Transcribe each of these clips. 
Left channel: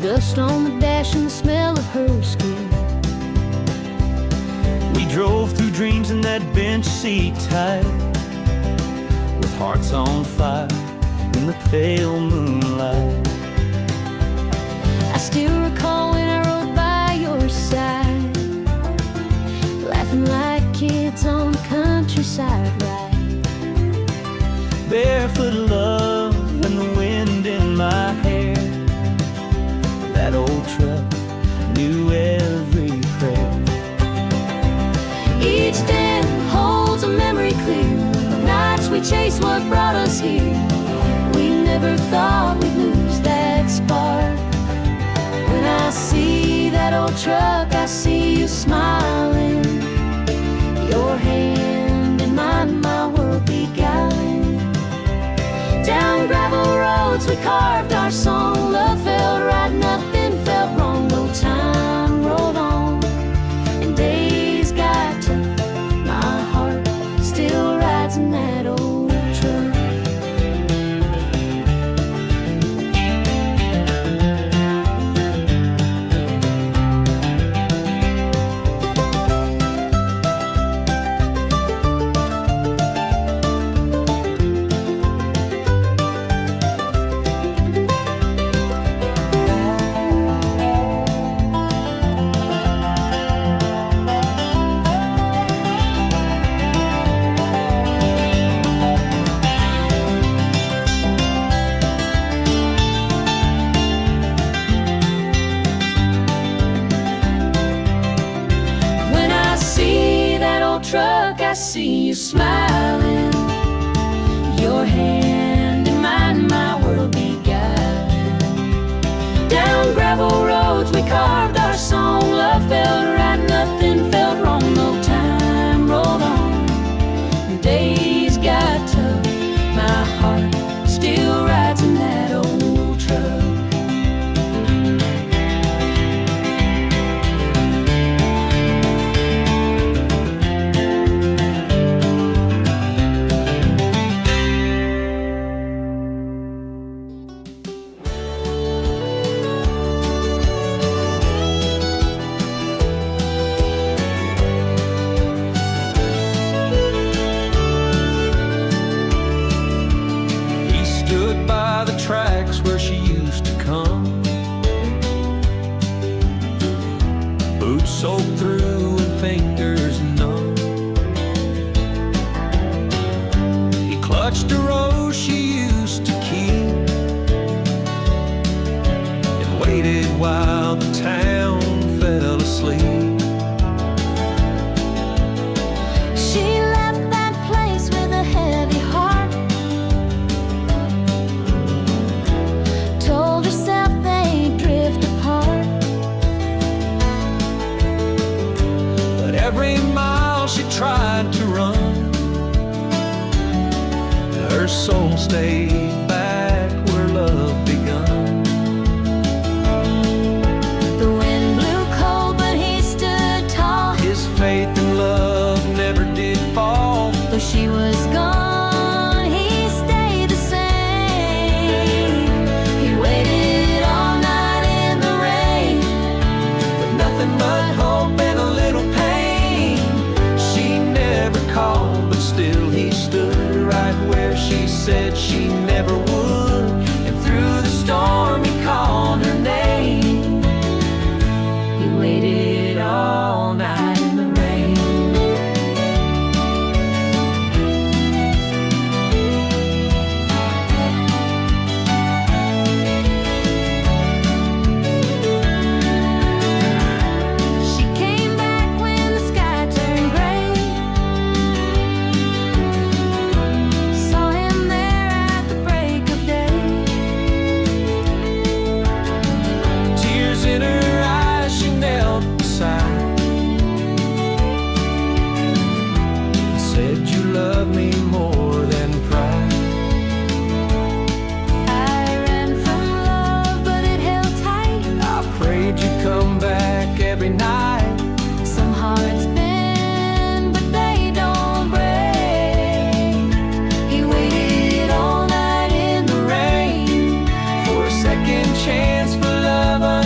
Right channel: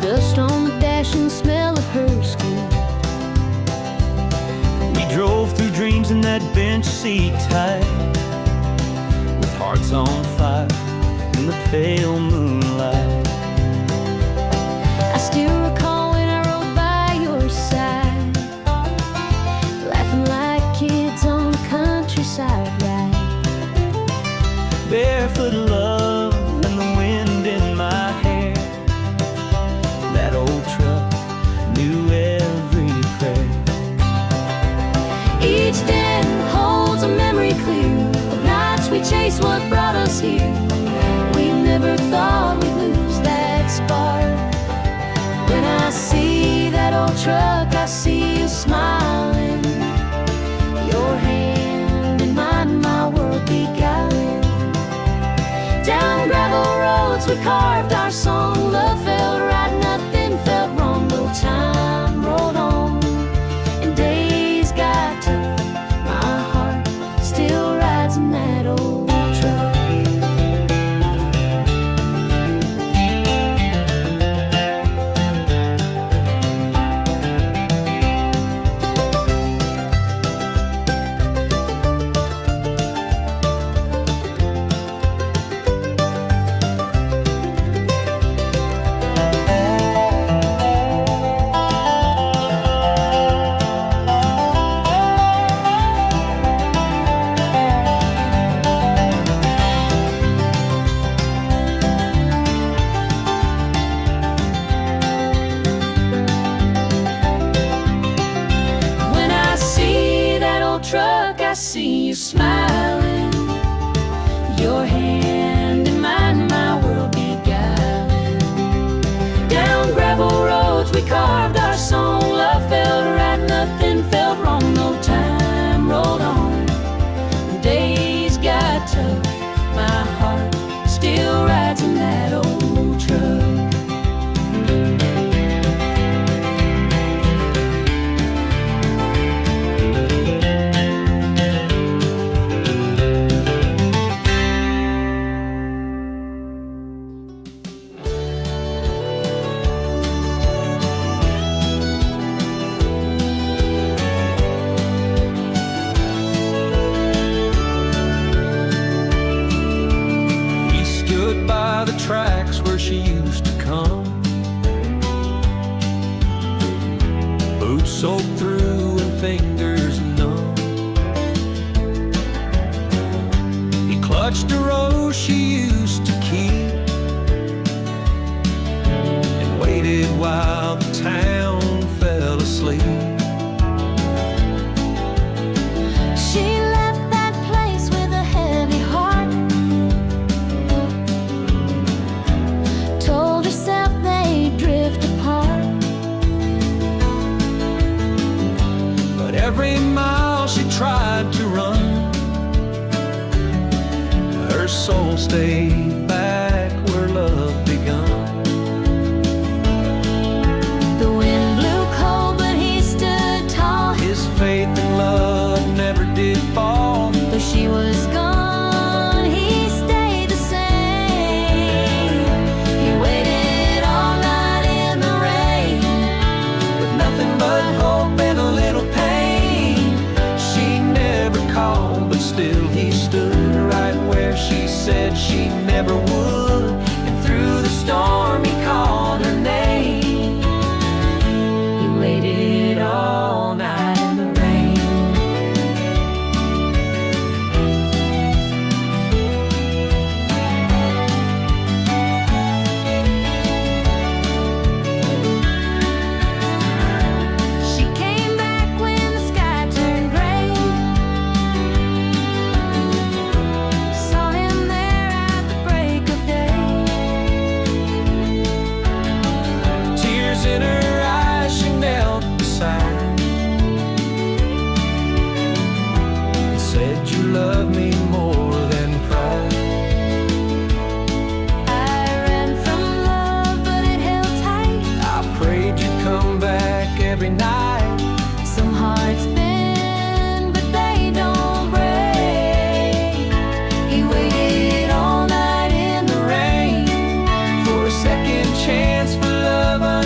dust on the dash and the smell of her skin. We drove through dreams in that bench seat tight, with hearts on fire in the pale moonlight. I still recall when I rode by your side, laughing like kids on the countryside ride. Barefoot love and the wind in my hair. That old truck knew every prayer. Each den holds a memory clear of nights we chased what brought us here. We never thought we'd lose that spark. When I see that old truck, I see you smiling, your hand in mine, my world beguiling. Down gravel roads we carved our song. Love felt right, nothing felt wrong. No time rolled on and days got tough. My heart still rides in that old truck. Truck, I see you smiling, your hand in mine, my world beguiling. Down gravel roads we carved our song. Love felt right, nothing felt wrong. No time rolled on and days got tough. My heart still rides in that old truck. Stood by the tracks where she used to come, boots soaked through and fingers numb. He clutched a rose she used to keep and waited while the town fell asleep. She left that place with a heavy heart, told herself they'd drift apart. But every mile she tried to run, her soul stayed back where love begun. The wind blew cold, but he stood tall. His faith in love never did fall. Though she was gone, he stayed the same. He waited all night in the rain, With nothing but hope and a little pain. She never called, but still he stood right where she said she never would. And through the storm he called her name. he waited all night in the rain. She came back when the sky turned gray, saw him there at the break of day. Tears in her eyes, she knelt beside and said, "You love me more than pride." I ran from love, but it held tight. I prayed you'd come back every night. Some hearts bend, but they don't break. He waited all night in the rain For a second chance for love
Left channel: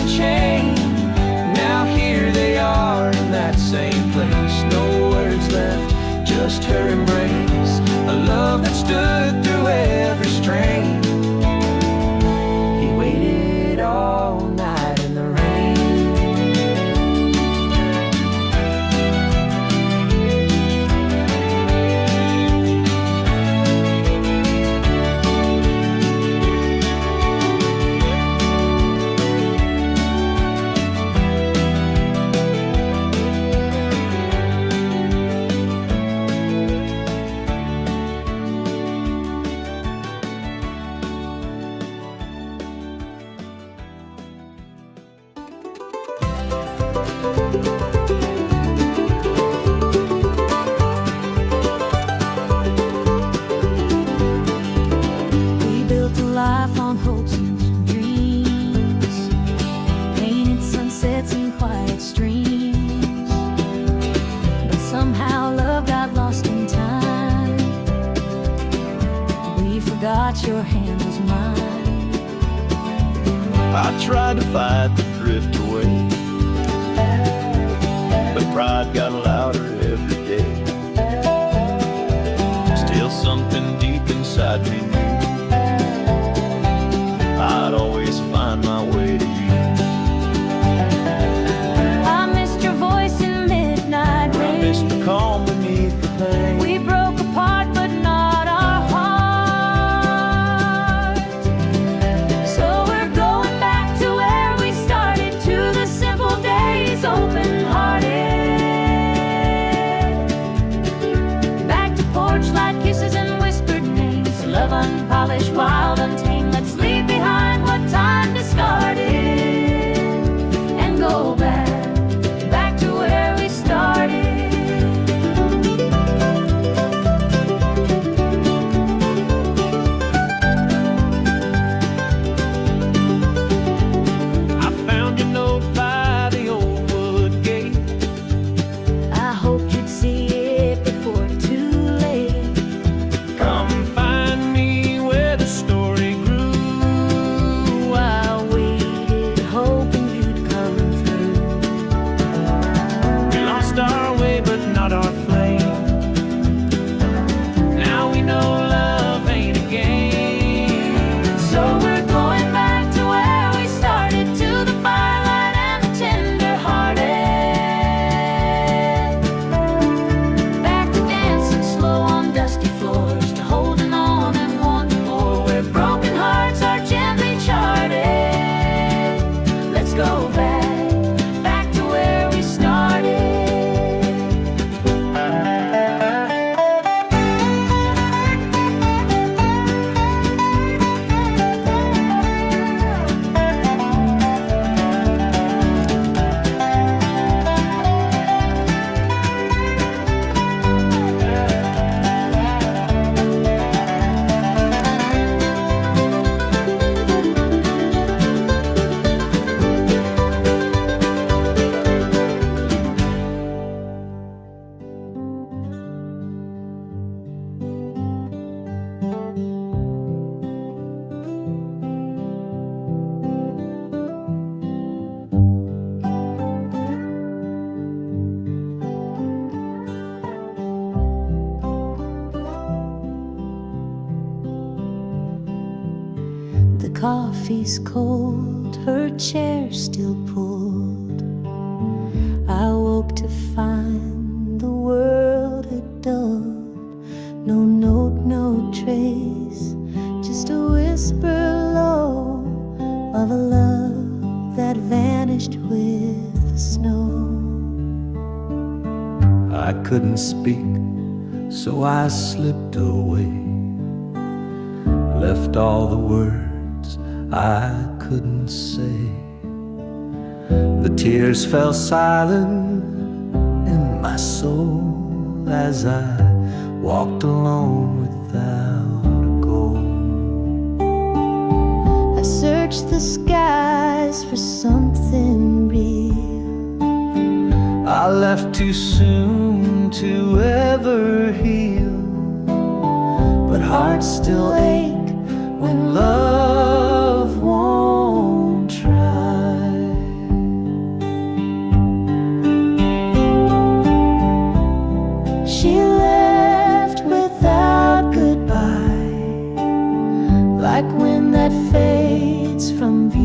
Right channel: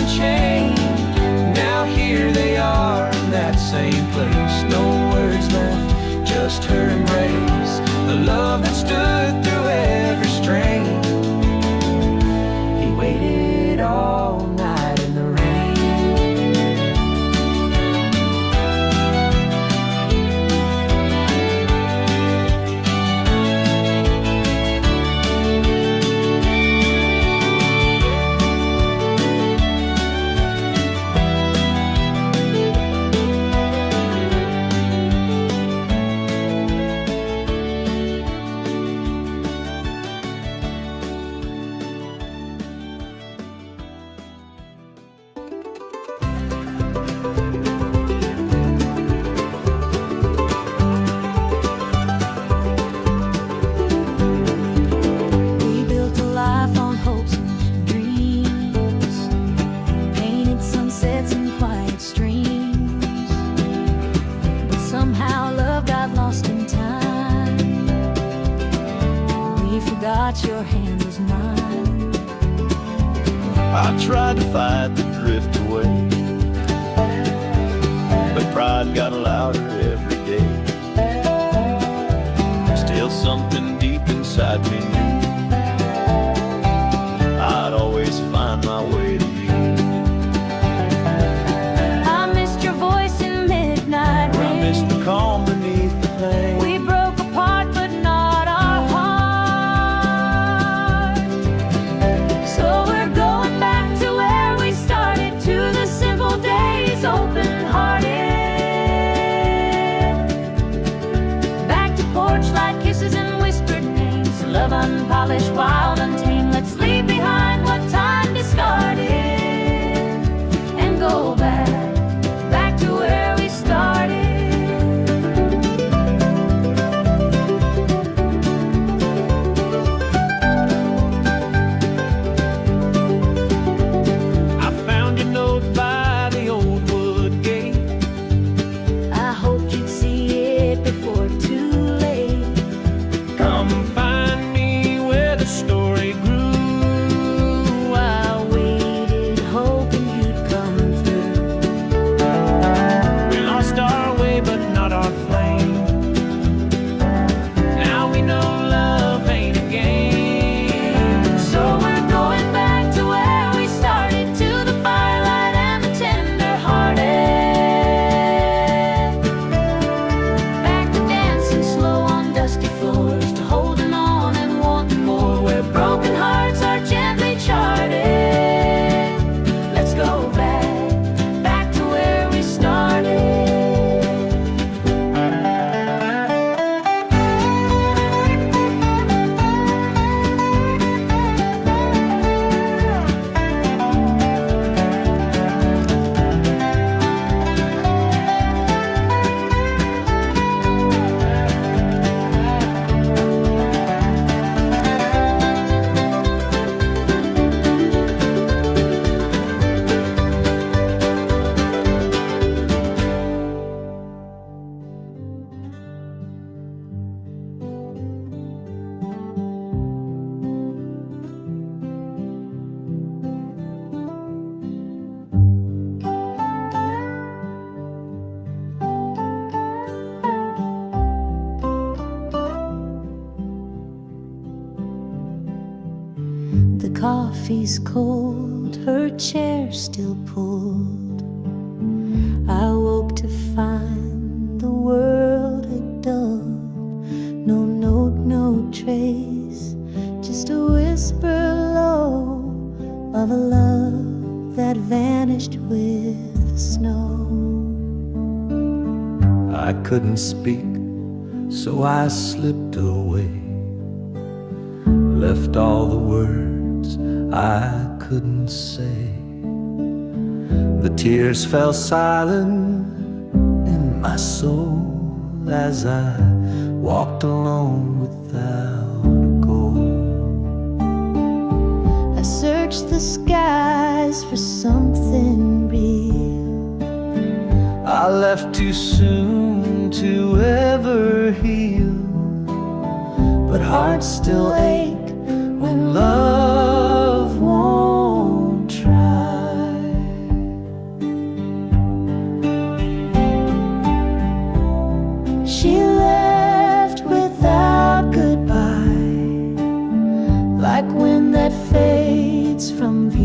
and chain. Now here they are in that same place. No words left, just her embrace. A love that stood through every strain. He waited all night in the rain. Life on hopes and dreams, painted sunsets and quiet streams. But somehow love got lost in time. We forgot your hand was mine. I tried to fight the drift away, but pride got louder every day. Still something deep inside me knew I'd always find my way to you. I missed your voice in midnight rain. I missed the calm beneath the pain. We broke apart but not our heart. So we're going back to where we started, to the simple days, open-hearted. Back to porch light kisses and whispered names. Love unpolished, wild, untamed. Let's leave behind what time discarded and go back to where we started. I found your note by the old wood gate. I hoped you'd see it before too late. Come find me where the story grew. I waited, hoping you'd come through. We lost our way, but not our flame. Now we know love ain't a game. So we're going back to where we started, to the firelight and the tender-hearted. Back to dancing slow on dusty floors, to holding on and wanting more, where broken hearts are gently charted. Let's go back to where we started. The coffee's cold, her chair still pulled. I woke to find the world had dulled. No note, no trace, just a whisper low of a love that vanished with the snow. I couldn't speak, so I slipped away, left all the words I couldn't say. The tears fell silent in my soul as I walked alone without a goal. I searched the skies for something real. I left too soon to ever heal, but hearts still ache when love won't try.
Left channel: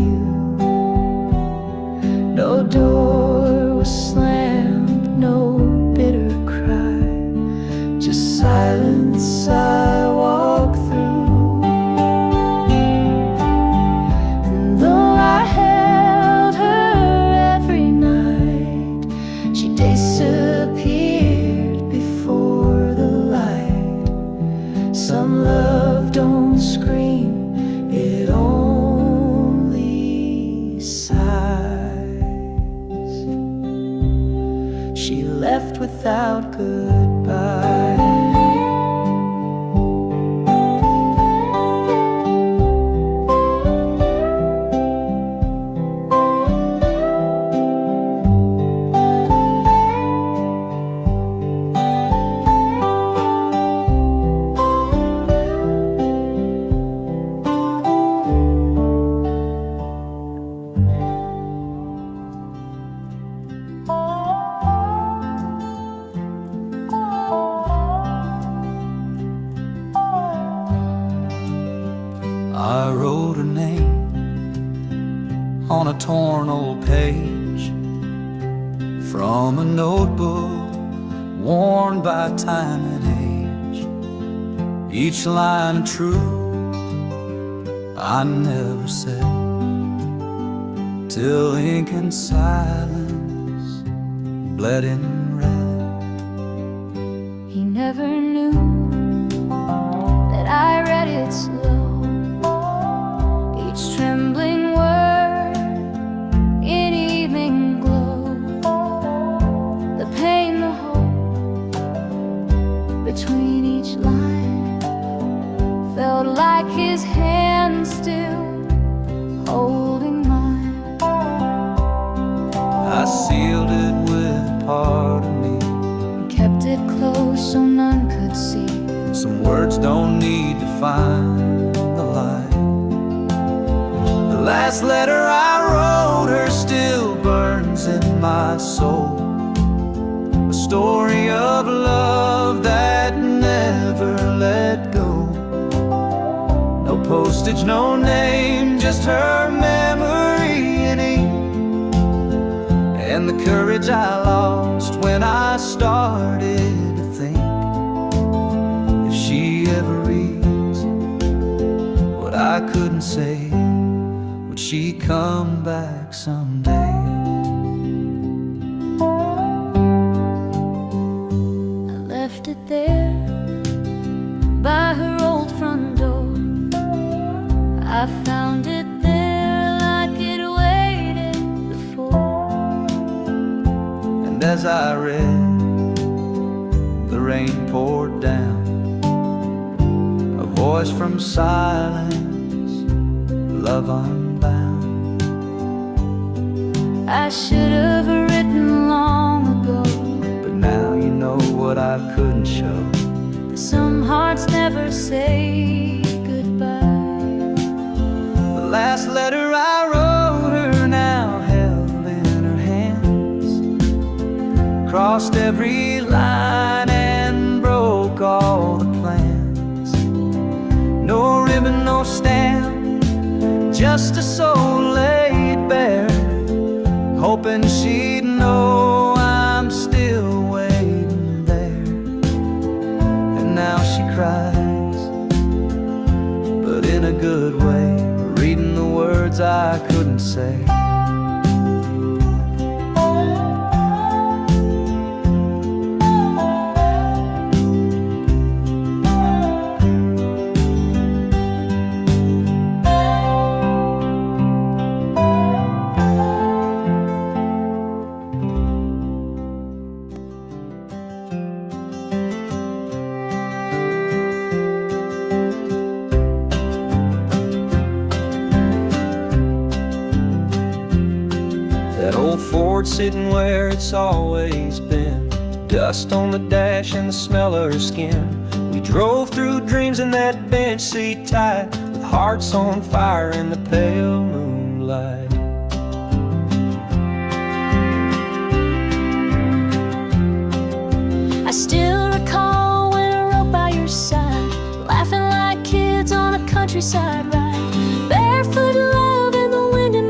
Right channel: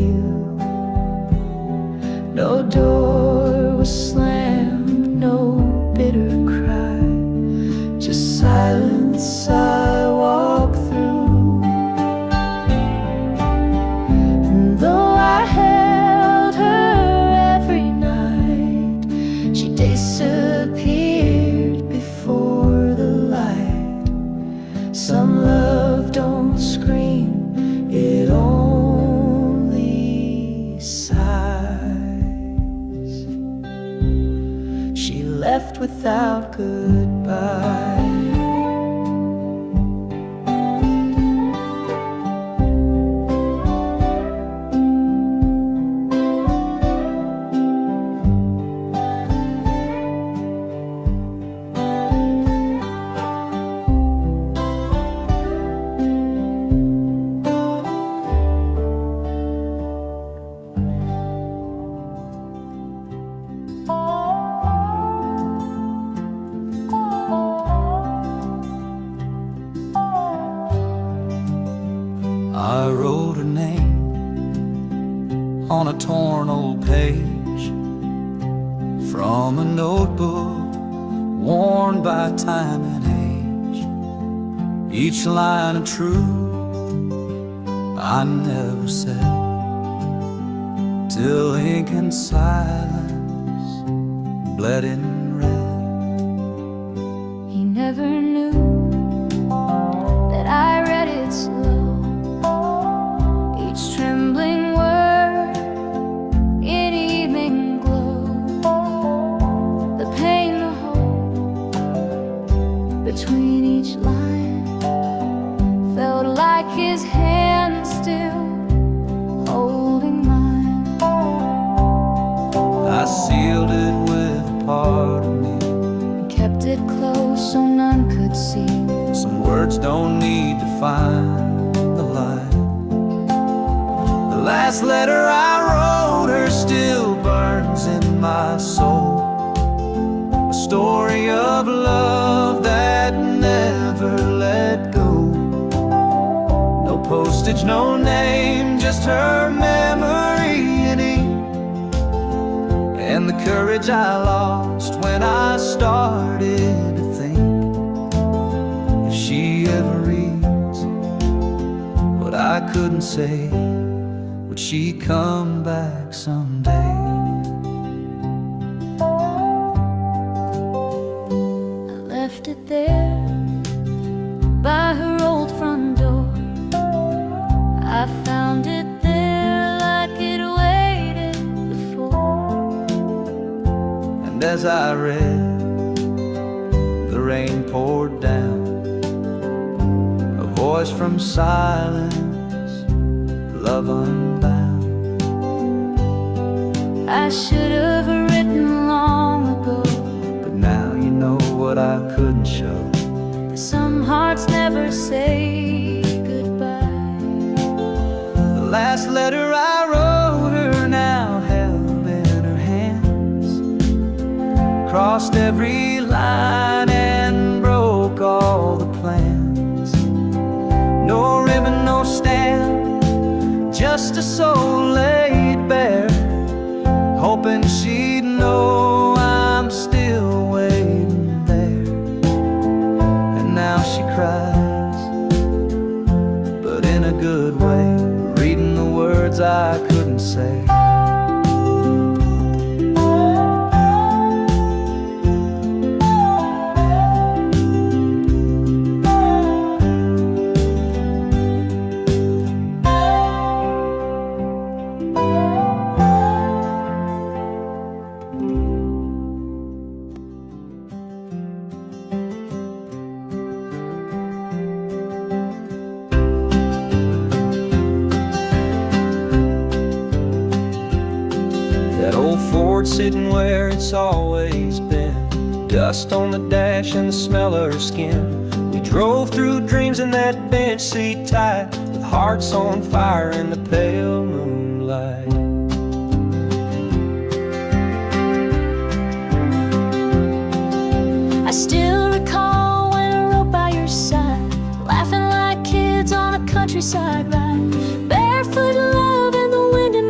you. No door was slammed, no bitter cry, just silence I walk through. And though I held her every night, she disappeared before the light. Some love don't scream, it only sighs. She left without goodbye. I wrote her name on a torn old page from a notebook worn by time and age. Each line of truth I never said, till ink and silence bled in red. He never knew that I read it slow, each trembling word in evening glow. The pain, the hope between each line felt like his hand still holding mine. I sealed it with a part of me, And kept it close so none could see. some words don't need to find the light. The last letter I wrote her still burns in my soul, a story of love that never let go. No postage, no name, just her memory in ink, and the courage I lost when I started to think, if she ever reads what I couldn't say, would she come back someday? I left it there by her old front door. I found it there like it waited before. And as I read, the rain poured down, a voice from silence, love unbound. I should have written long ago, But now you know what I couldn't show. that some hearts never say goodbye. The last letter I wrote her now held in her hands, crossed every line and broke all the plans. No ribbon, no stamp, just a soul laid bare, hoping she'd know I'm still waiting there. And now she cries, but in a good way, reading the words I couldn't say. That old Ford sitting where it's always been, dust on the dash and the smell of her skin. We drove through dreams in that bench seat tight, with hearts on fire in the pale moonlight. I still recall when I rode by your side, laughing like kids on a countryside ride, barefoot love in the wind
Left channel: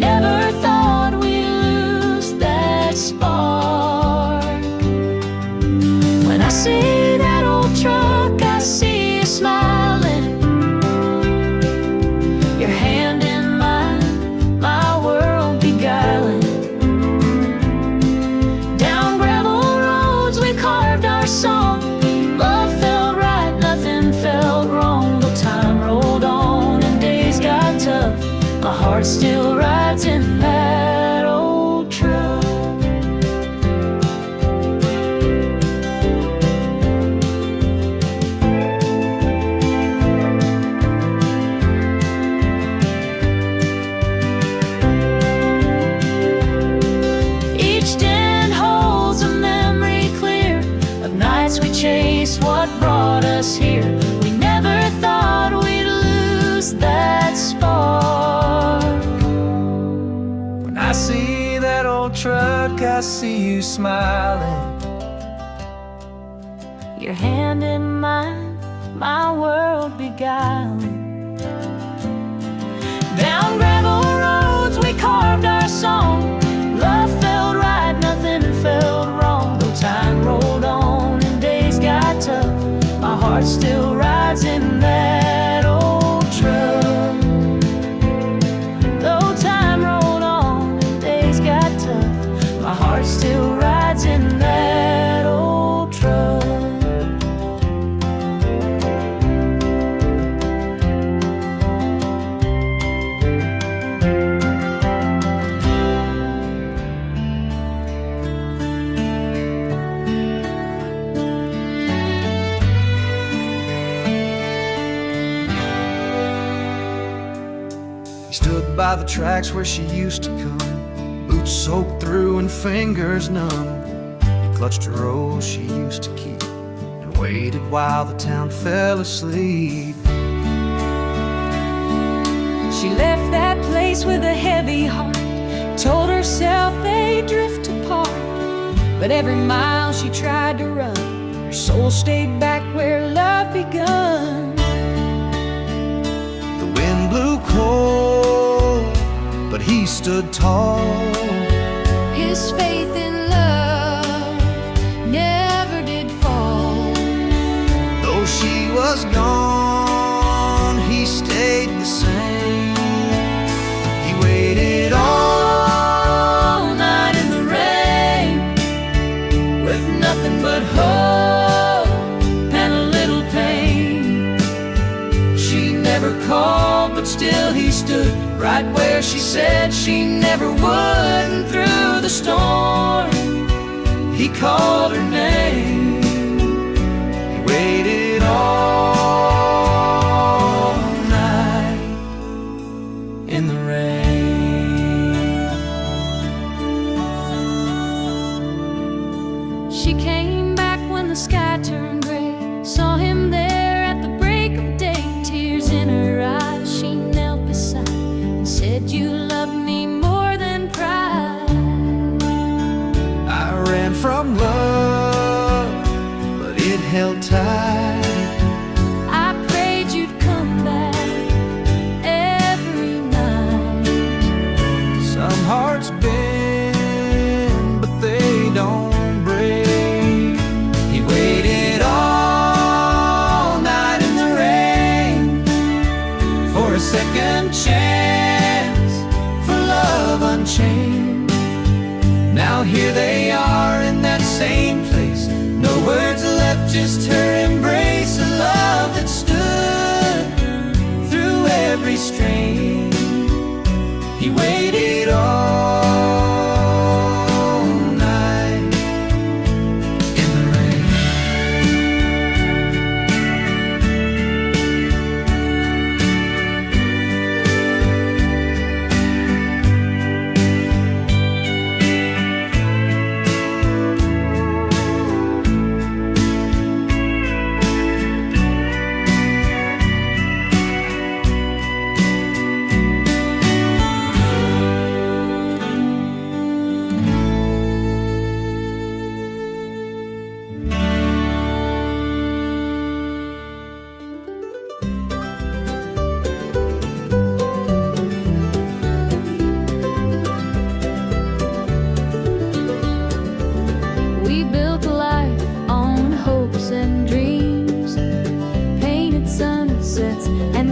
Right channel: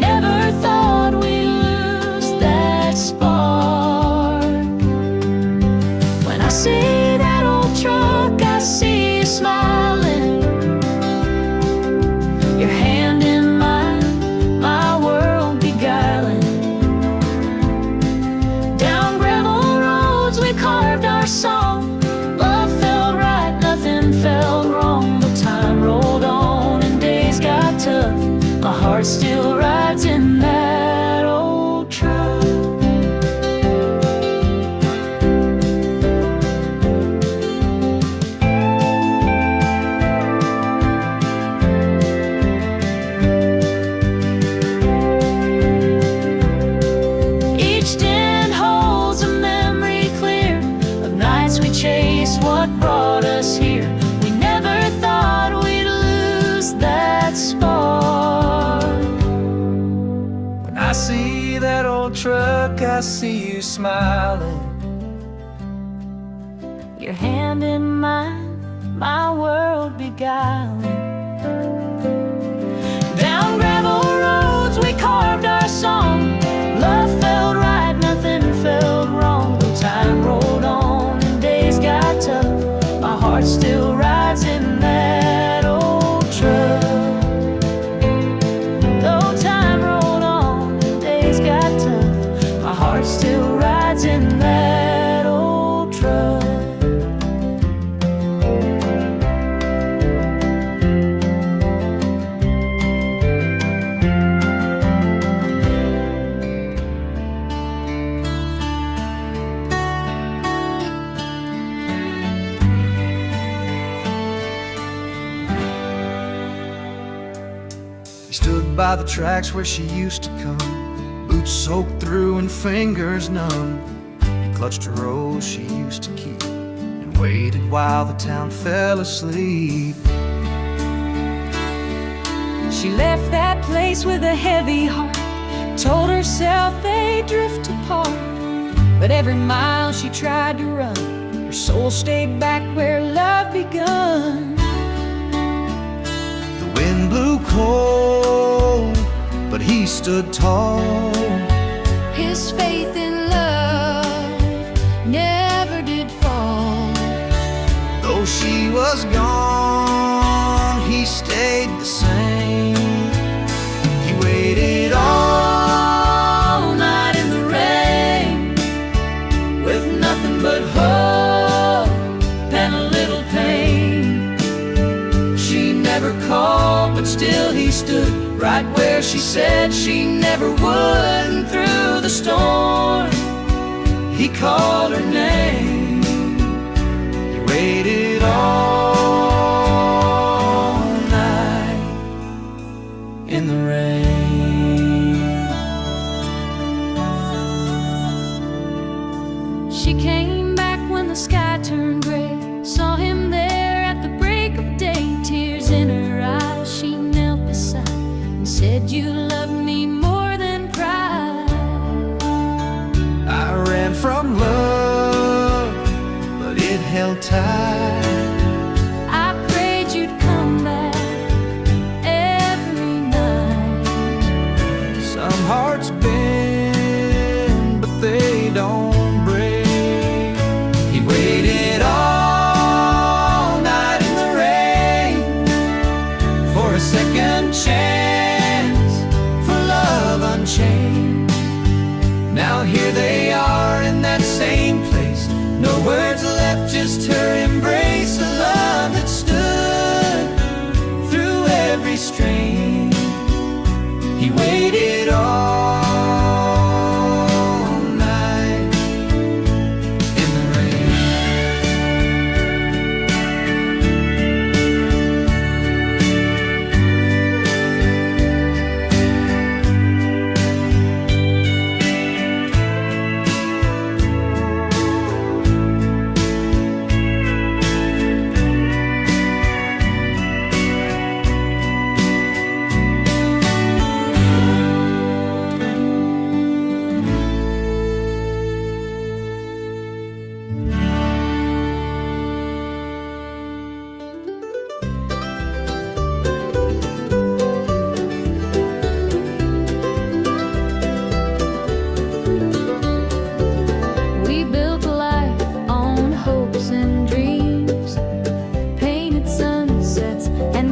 never thought we'd lose that spark. When I see that old truck, I see you smiling, your hand in mine, my world beguiling. Down gravel roads we carved our song. Love felt right, nothing felt wrong. Though time rolled on and days got tough, my heart still rides in that old truck. Each den holds a memory clear of nights we chased what brought us here. We never thought we'd lose that spark. When I see that old truck, I see you smiling, Your hand in mine, my world beguiling. Down gravel roads we carved our song. Love felt right, nothing felt wrong. Though time rolled on and days got tough, my heart still rides in that old truck. Though time rolled on and days got tough, my heart still rides in that old truck. He stood by the tracks where she used to come, boots soaked through and fingers numb. He clutched a rose she used to keep and waited while the town fell asleep. She left that place with a heavy heart, told herself they'd drift apart. But every mile she tried to run, her soul stayed back where love begun. The wind blew cold, but he stood tall. His faith in love never did fall. Though she was gone, he stayed the same. He waited all night in the rain, With nothing but hope and a little pain. she never called, but still he stood right where she said she never would. And through the storm, he called her name. He waited all night in the rain. She came back when the sky turned gray, saw him there at the break of day. Tears in her eyes, she knelt beside and said, "You love me more than pride." I ran from love, but it held tight. I prayed you'd come back every night. Some hearts bend, but they don't break. He waited all night in the rain for a second chance, for love unchained. Now here they are in that same place, no words left, just her embrace. A love that stood through every strain. He waited all night in the rain.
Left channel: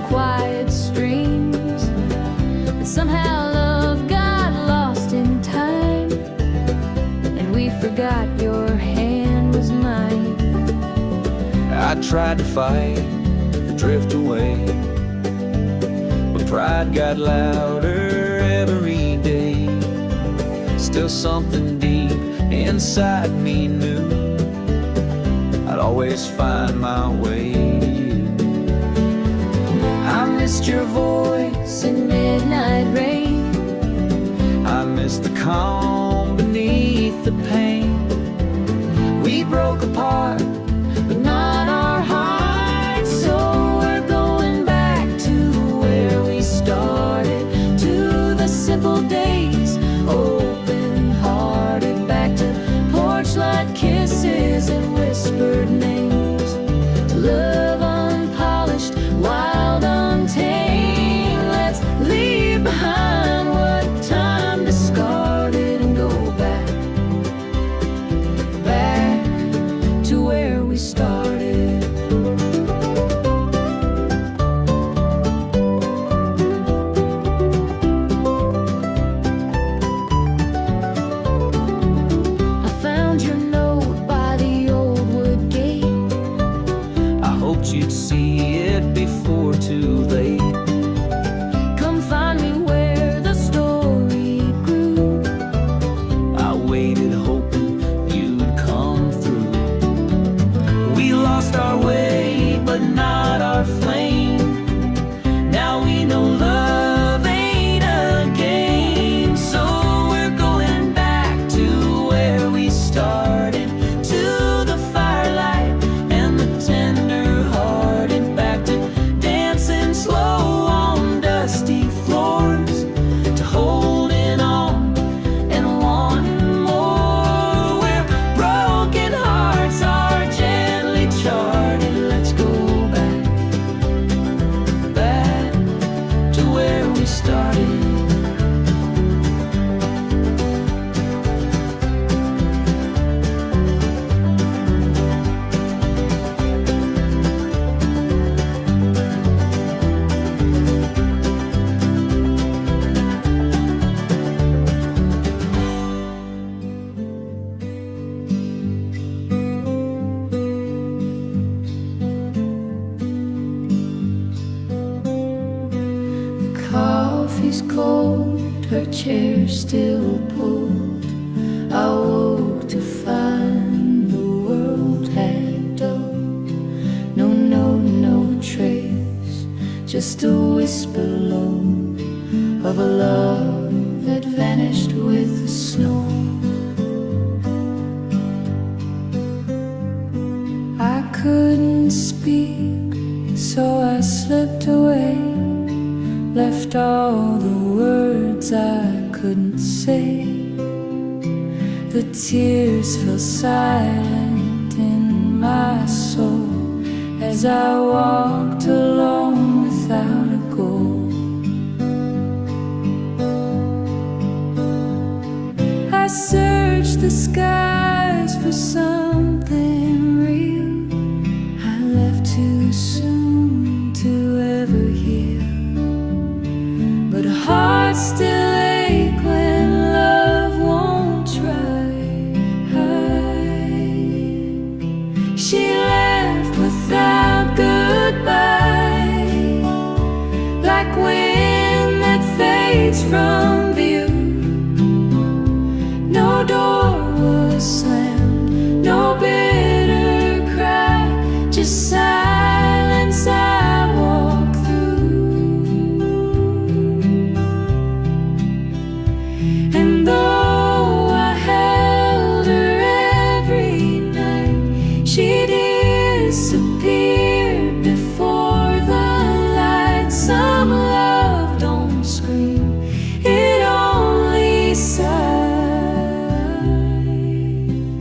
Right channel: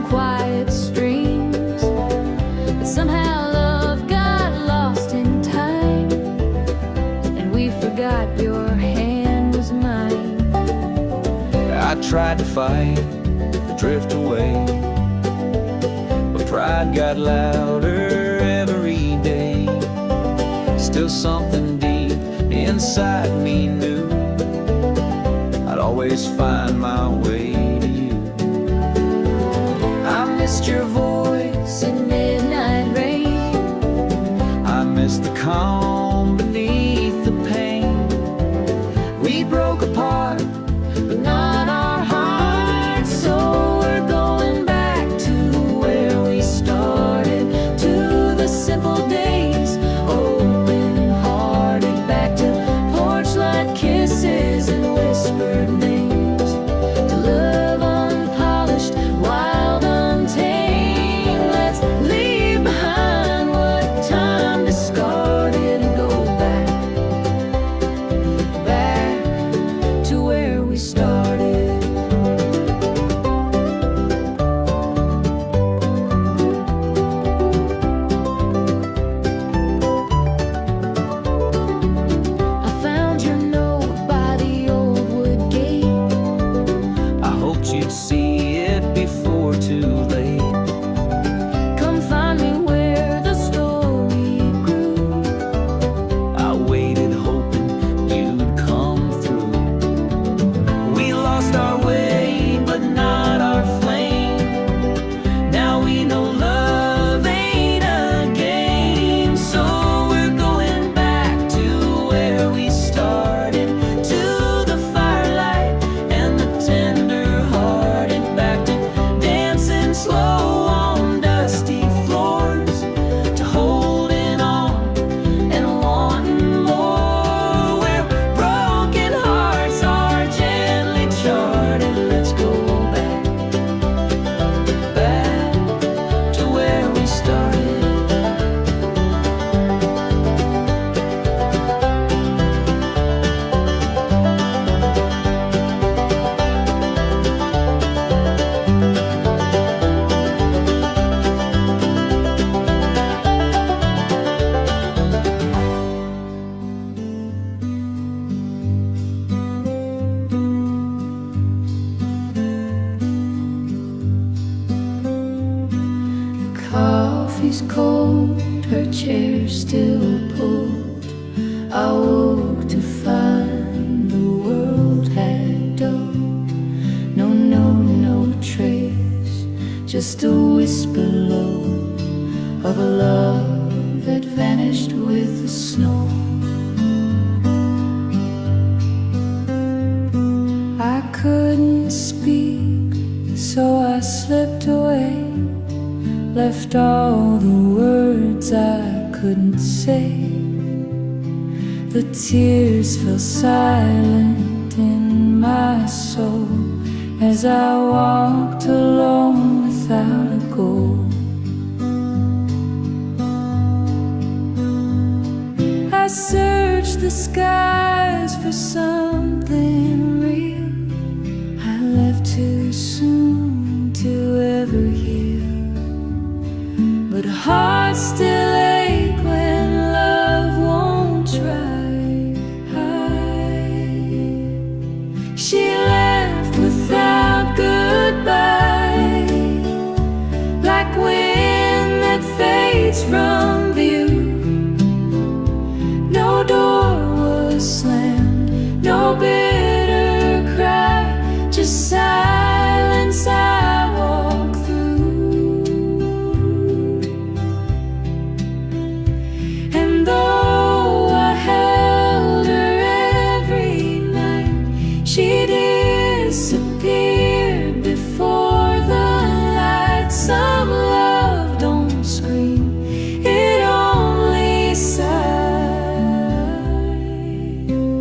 quiet streams. But somehow love got lost in time, and we forgot your hand was mine. I tried to fight, to drift away, but pride got louder every day. Still something deep inside me knew I'd always find my way to you. I missed your voice In midnight rain, I missed the calm beneath the pain. We broke apart, but not our hearts. So we're going back to where we started, to the simple days, open-hearted, back to porch light kisses and whispered names, to love unpolished, wild, untamed. Let's leave behind what time discarded and go back, back to where we started. I found your note by the old wood gate. I hoped you'd see it before too late. Come find me where the story grew. I waited hoping you'd come through. We lost our way, but not our flame. Now we know love ain't a game. So we're going back to where we started, to the firelight and the tender-hearted, back to dancing slow on dusty floors, to holding on and wanting more, where broken hearts are gently charted. Let's go back, back to where we started. Coffee's cold, her chair still pulled. I woke to find the world had dulled. No note, no trace, just a whisper low of a love that vanished with the snow. I couldn't speak, so I slipped away, left all the words I couldn't say. The tears fell silent in my soul as I walked alone without a goal. I searched the skies for something real. I left too soon to ever heal, but hearts still ache when love won't try. She left without goodbye, like wind that fades from view. No door was slammed, no bitter cry, just silence I walk through. And though I held her every night, she disappeared before the light. Some love don't scream, it only sighs.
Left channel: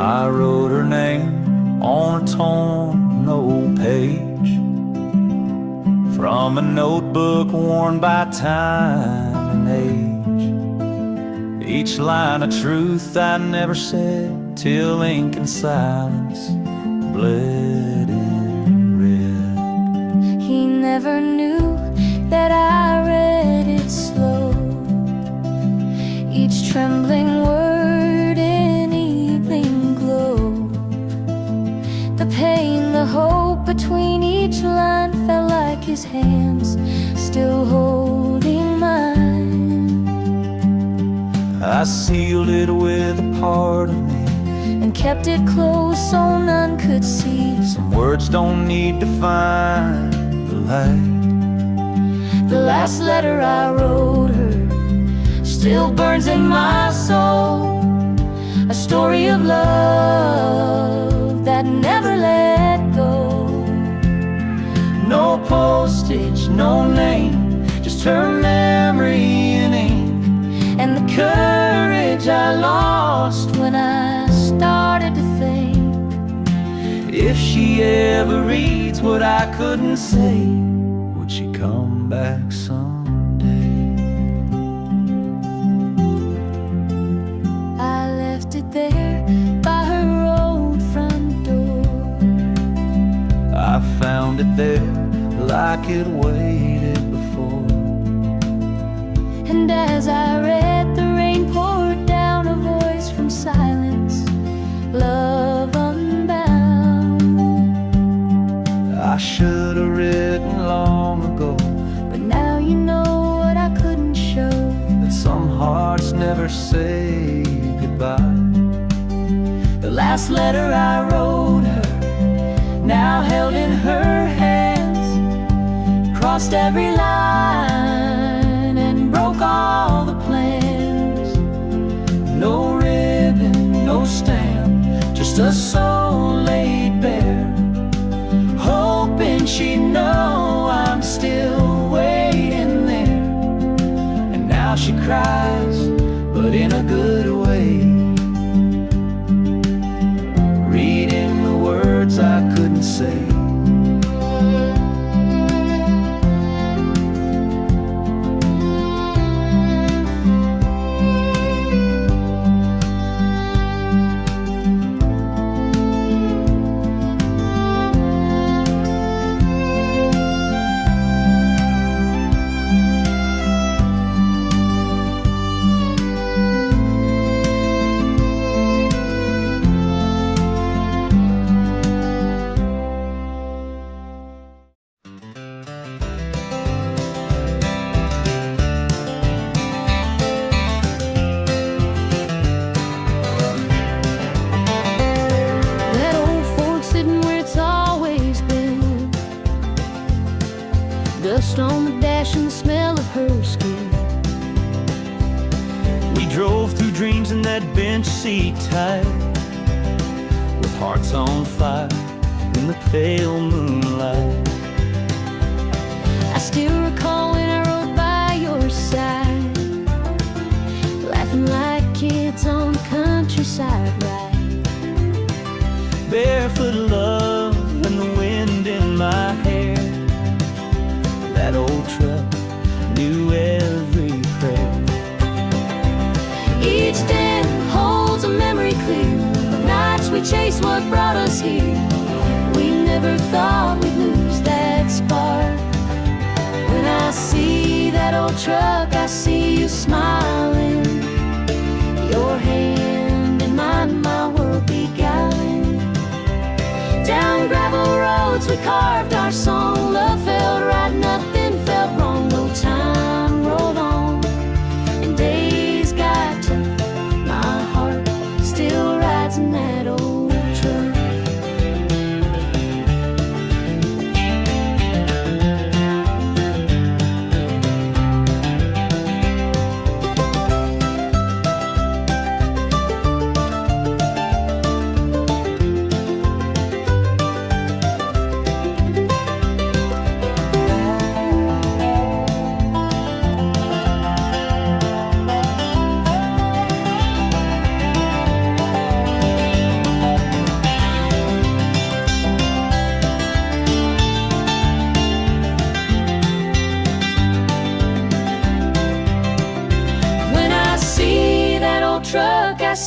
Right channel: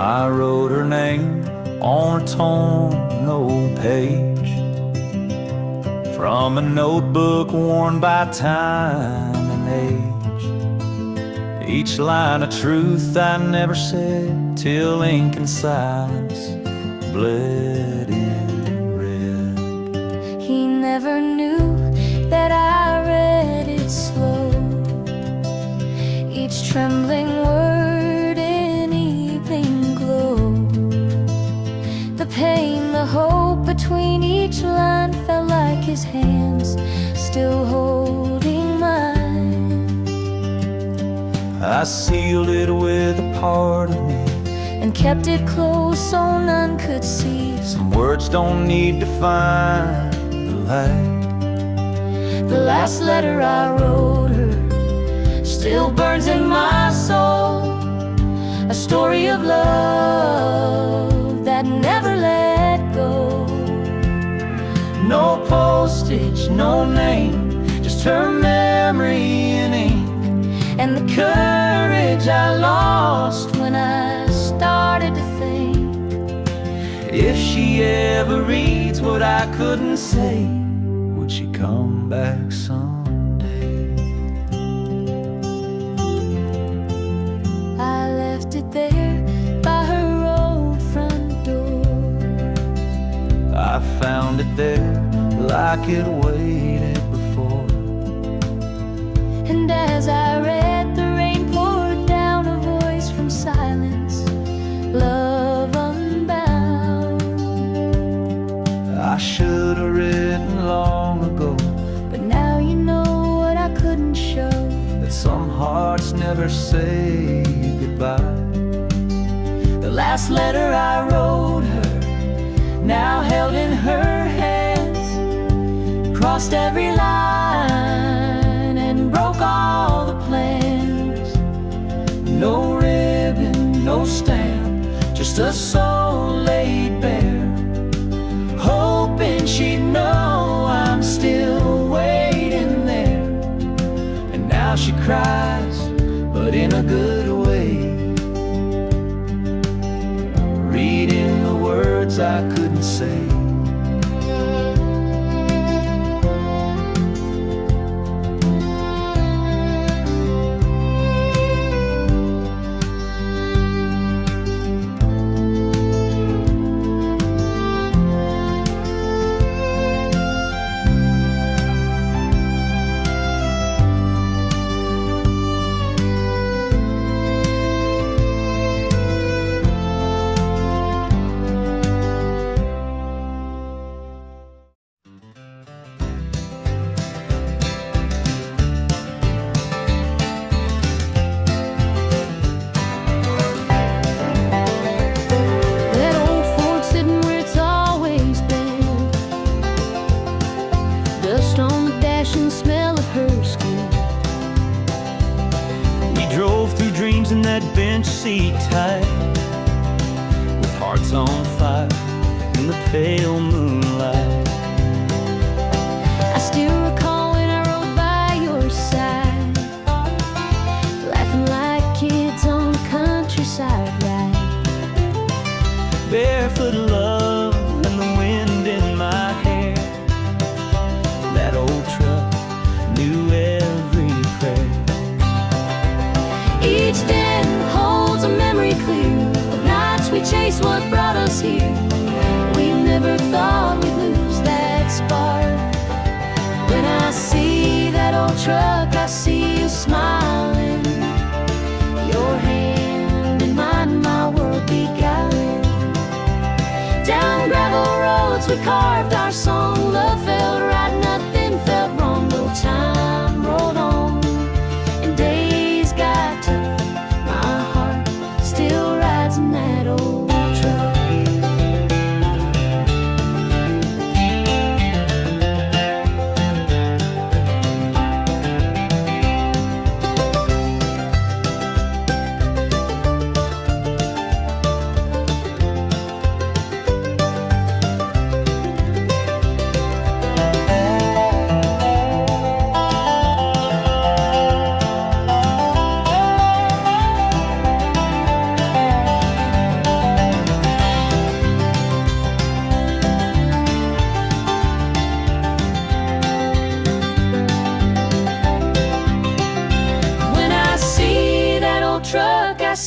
I wrote her name on a torn old page from a notebook worn by time and age. Each line a truth I never said till ink and silence bled in red. He never knew that I read it slow, each trembling word in evening glow. The pain, the hope between each line felt like his hands still holding mine. I sealed it with a part of me and kept it close so none could see. Some words don't need to find the light. The last letter I wrote her still burns in my soul, a story of love that never let go. No postage, no name, just her memory in ink, and the courage I lost when I started to think, if she ever reads what I couldn't say, would she come back someday? I left it there by her old front door. I found it there like it waited before. And as I read, the rain poured down, a voice from silence, love unbound. I should have written long ago, but now you know what I couldn't show, that some hearts never say goodbye. The last letter I wrote her, now held in her hands, crossed every line and broke all the plans. No ribbon, no stamp, just a soul laid bare, hoping she'd know I'm still waiting there. And now she cries, but in a good way, reading the words I couldn't say. Dust on the dash and the smell of her skin. We drove through dreams in that bench seat tight, with hearts on fire in the pale moonlight. I still recall when I rode by your side, laughing like kids on the countryside ride. Barefoot love and the wind in my hair. That old truck knew every prayer. Each den holds a memory clear of nights we chased what brought us here. We never thought we'd lose that spark. When I see that old truck, I see you smiling, your hand in mine, my world beguiling. Down gravel roads we carved our song. Love felt right, nothing felt wrong. No time rolled on and days got tough. My heart still rides in that old truck.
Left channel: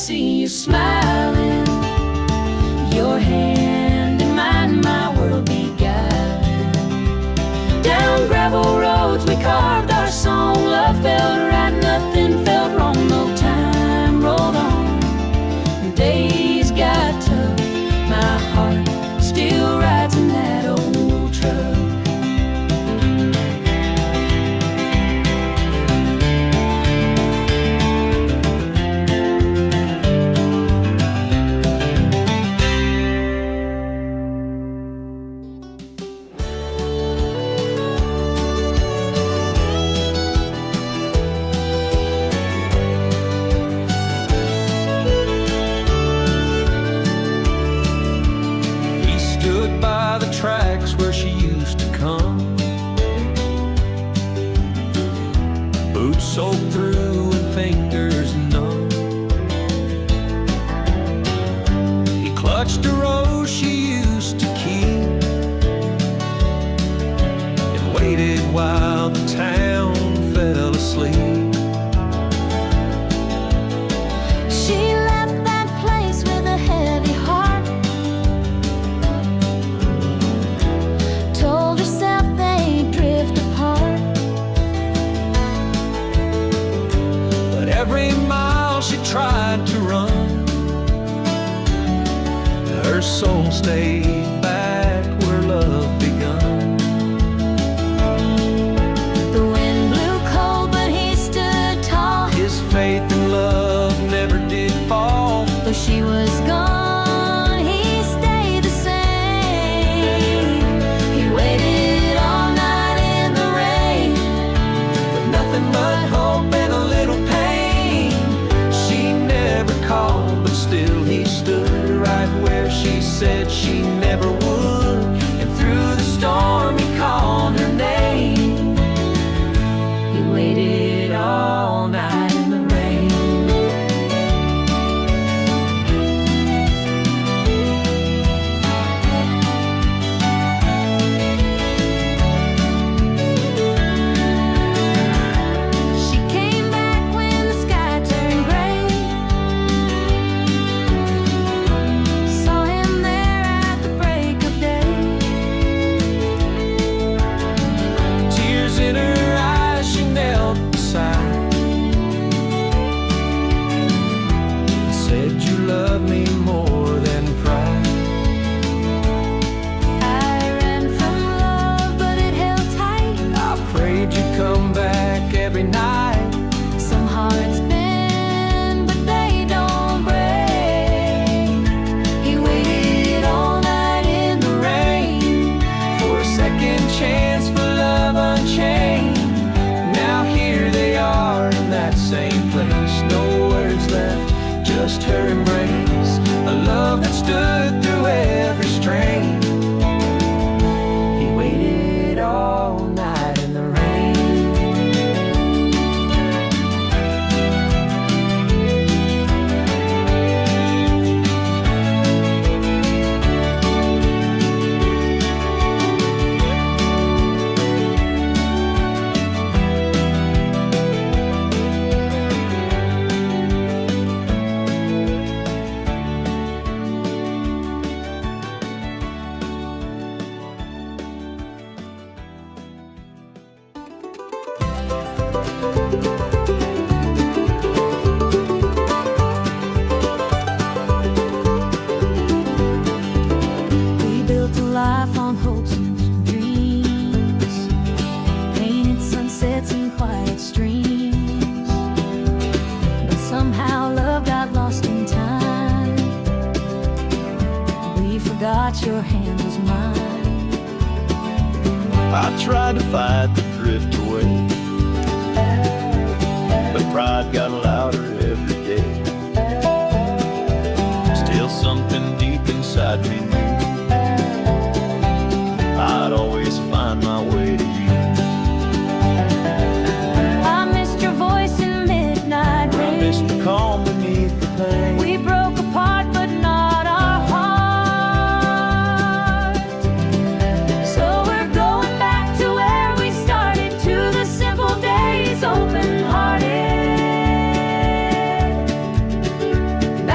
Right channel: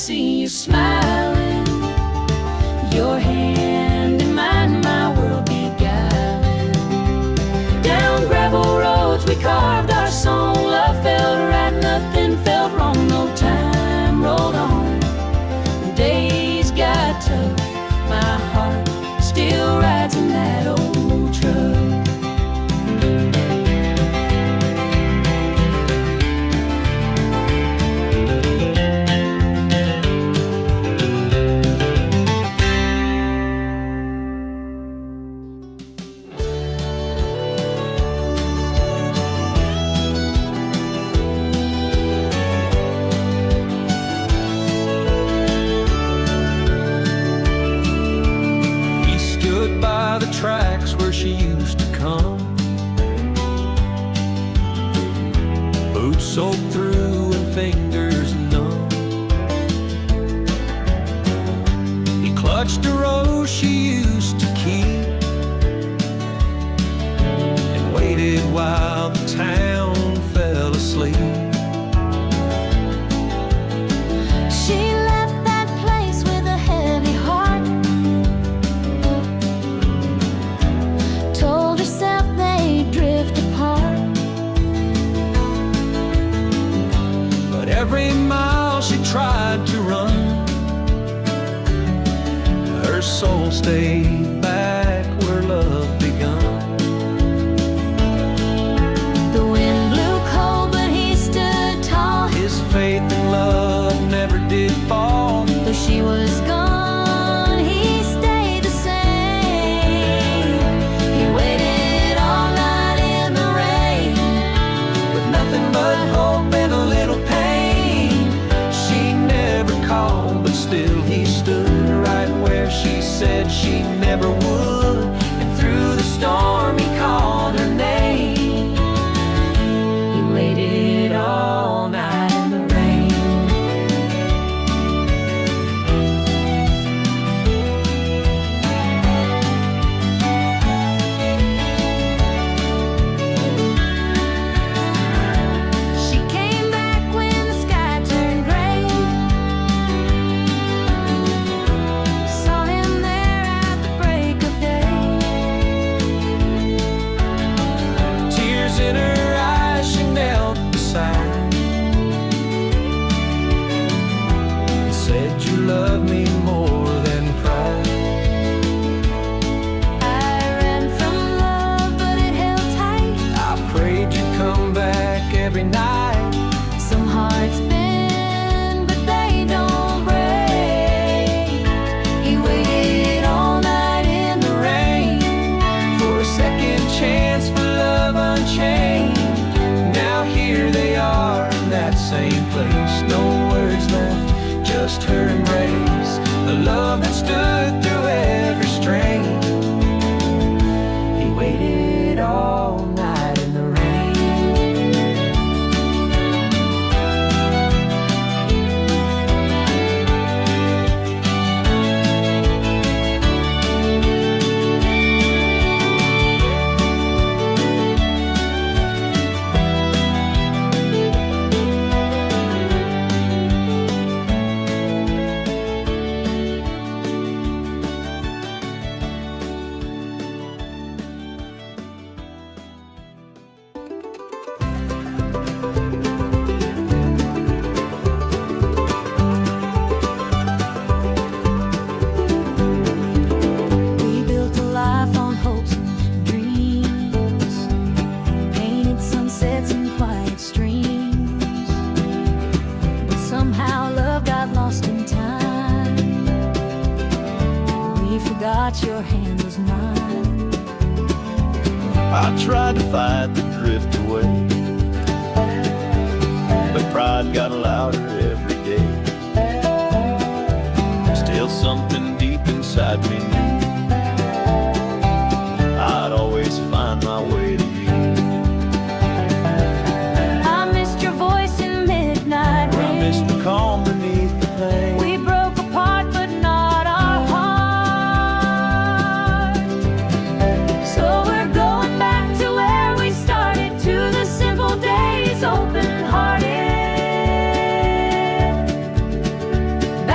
see you smiling, your hand in mine, my world beguiling. Down gravel roads we carved our song, love felt right, nothing felt wrong, no time rolled on. Days got tough, my heart still rides in that old truck. Stood by the tracks where she used to come, boots soaked through and fingers numb. He clutched a rose she used to keep and waited while the town fell asleep. She left that place with a heavy heart, told herself they'd drift apart. But every mile she tried to run, her soul stayed back where love begun. The wind blew cold, but he stood tall. His faith in love never did fall. Though she was gone, he stayed the same. He waited all night in the rain, With nothing but hope and a little pain. She never called, but still he stood right where she said she never would. And through the storm he called her name. he waited all night in the rain. She came back when the sky turned gray, saw him there at the break of day. Tears in her eyes, she knelt beside and said, "You love me more than pride." I ran from love, but it held tight. I prayed you'd come back every night. Some hearts bend, but they don't break. He waited all night in the rain For a second chance for love unchained. Now here they are in that same place. No words left, just her embrace. A love that stood through every strain. He waited all night in the rain. We built a life on hopes and dreams, painted sunsets and quiet streams. But somehow love got lost in time. We forgot your hand was mine. I tried to fight the drift away, but pride got louder every day. Still something deep inside me knew I'd always find my way to you. I missed your voice in midnight I rain. missed the calm beneath the pain. We broke apart, but not our heart. So we're going back to where we started, to the simple days, open-hearted.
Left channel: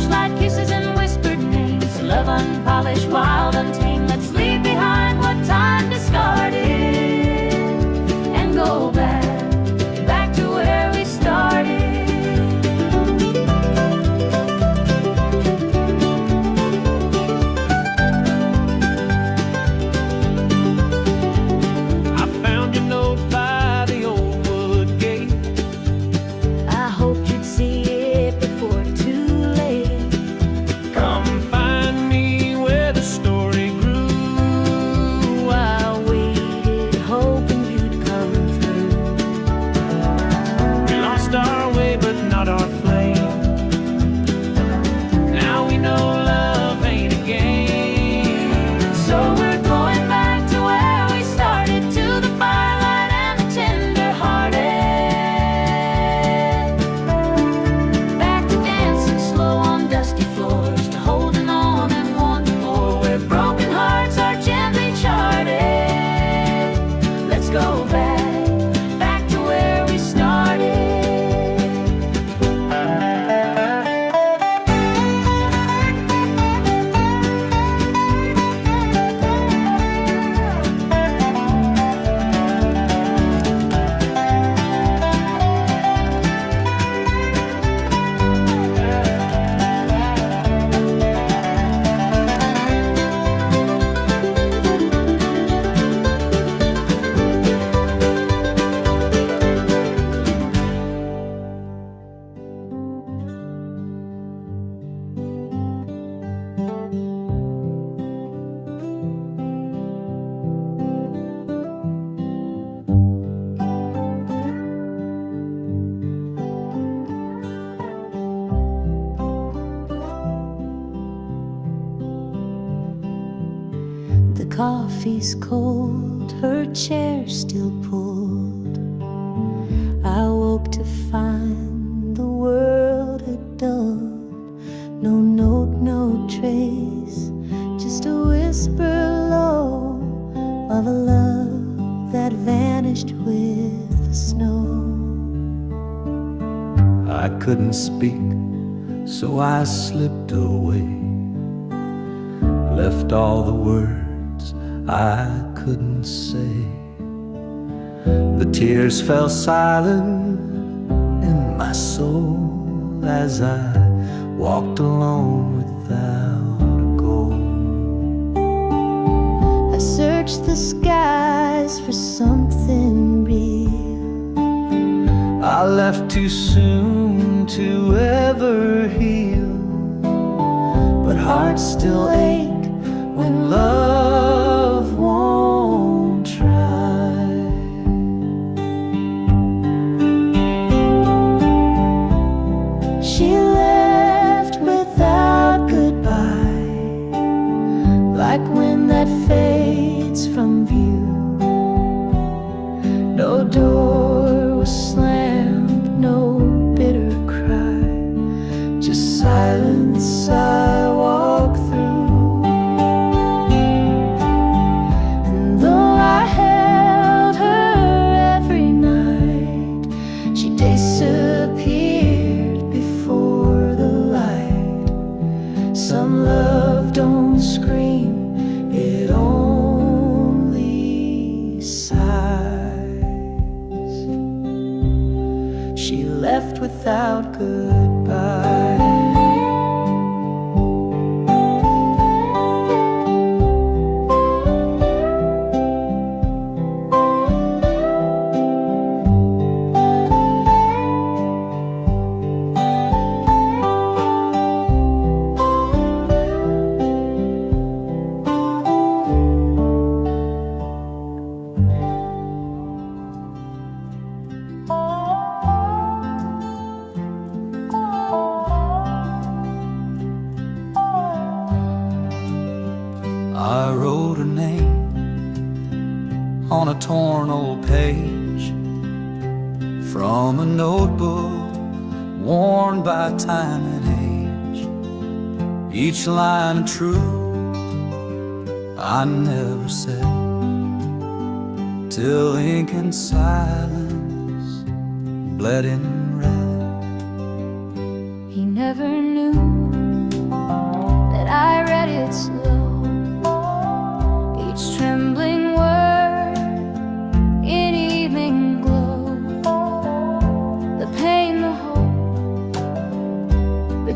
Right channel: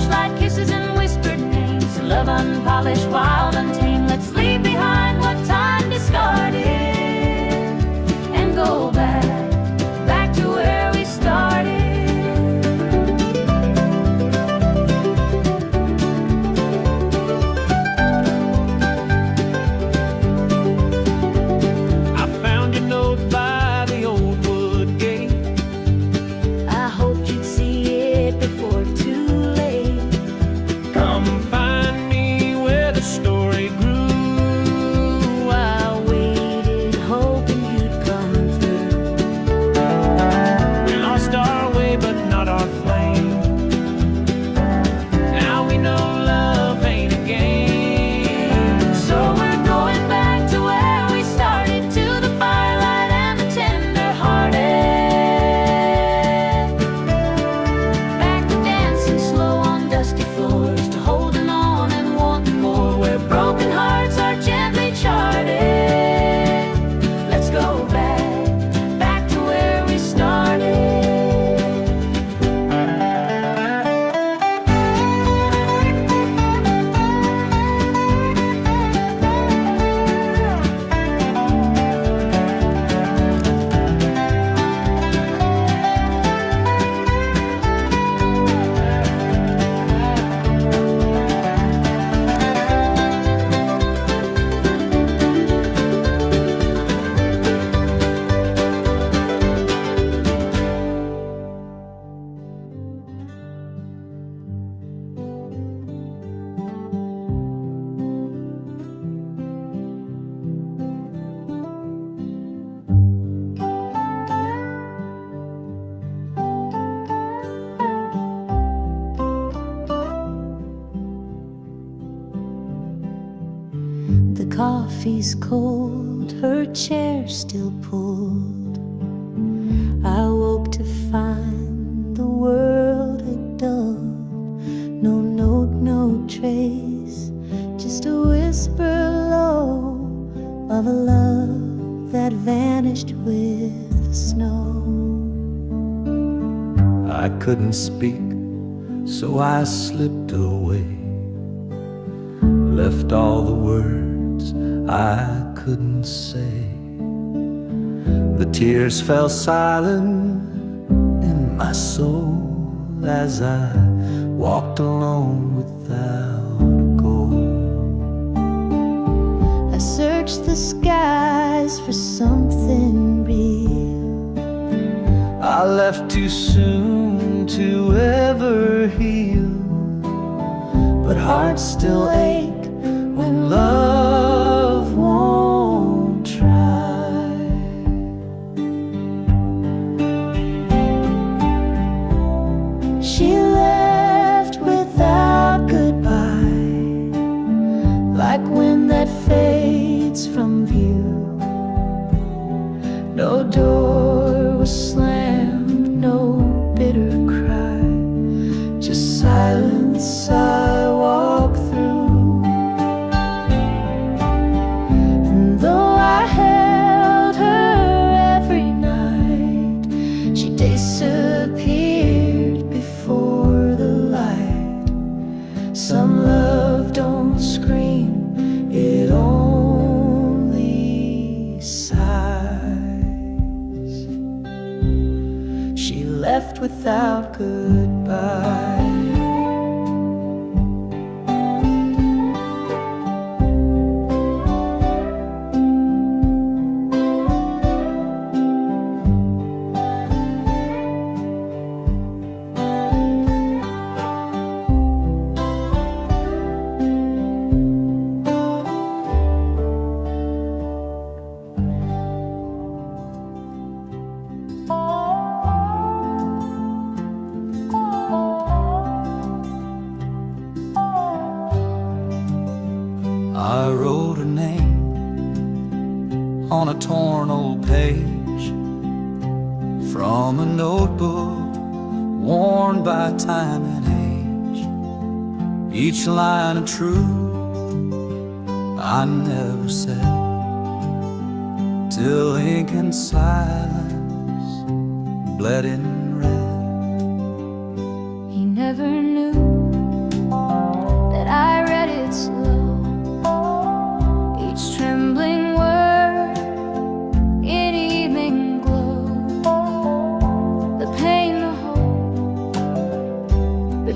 torchlight kisses and whispered names. Love unpolished, wild, untamed. Let's leave behind what time discarded and go back to where we started. I found your note by the old wood gate. I hoped you'd see it before too late. Come find me where the story grew. I waited, hoping you'd come through. We lost our way, but not our flame. Now we know love ain't a game. So we're going back to where we started, to the firelight and the tender-hearted. Back to dancing slow on dusty floors, to holding on and wanting more, where broken hearts are gently charted. Let's go back to where we started. The coffee's cold, her chair still pulled. I woke to find the world had dulled. No note, no trace, just a whisper low of a love that vanished with the snow. I couldn't speak, so I slipped away, left all the words I couldn't say. The tears fell silent in my soul as I walked alone without a goal. I searched the skies for something real. I left too soon to ever heal, but hearts still ache when love won't try. She left without goodbye, like wind that fades from view. No door was slammed, no bitter cry, just silence I walk through. And though I held her every night, she disappeared before the light. Some love don't scream, it only sighs. She left without goodbye. I wrote her name on a torn old page from a notebook worn by time and age. Each line of truth I never said, till ink and silence bled in red. He never knew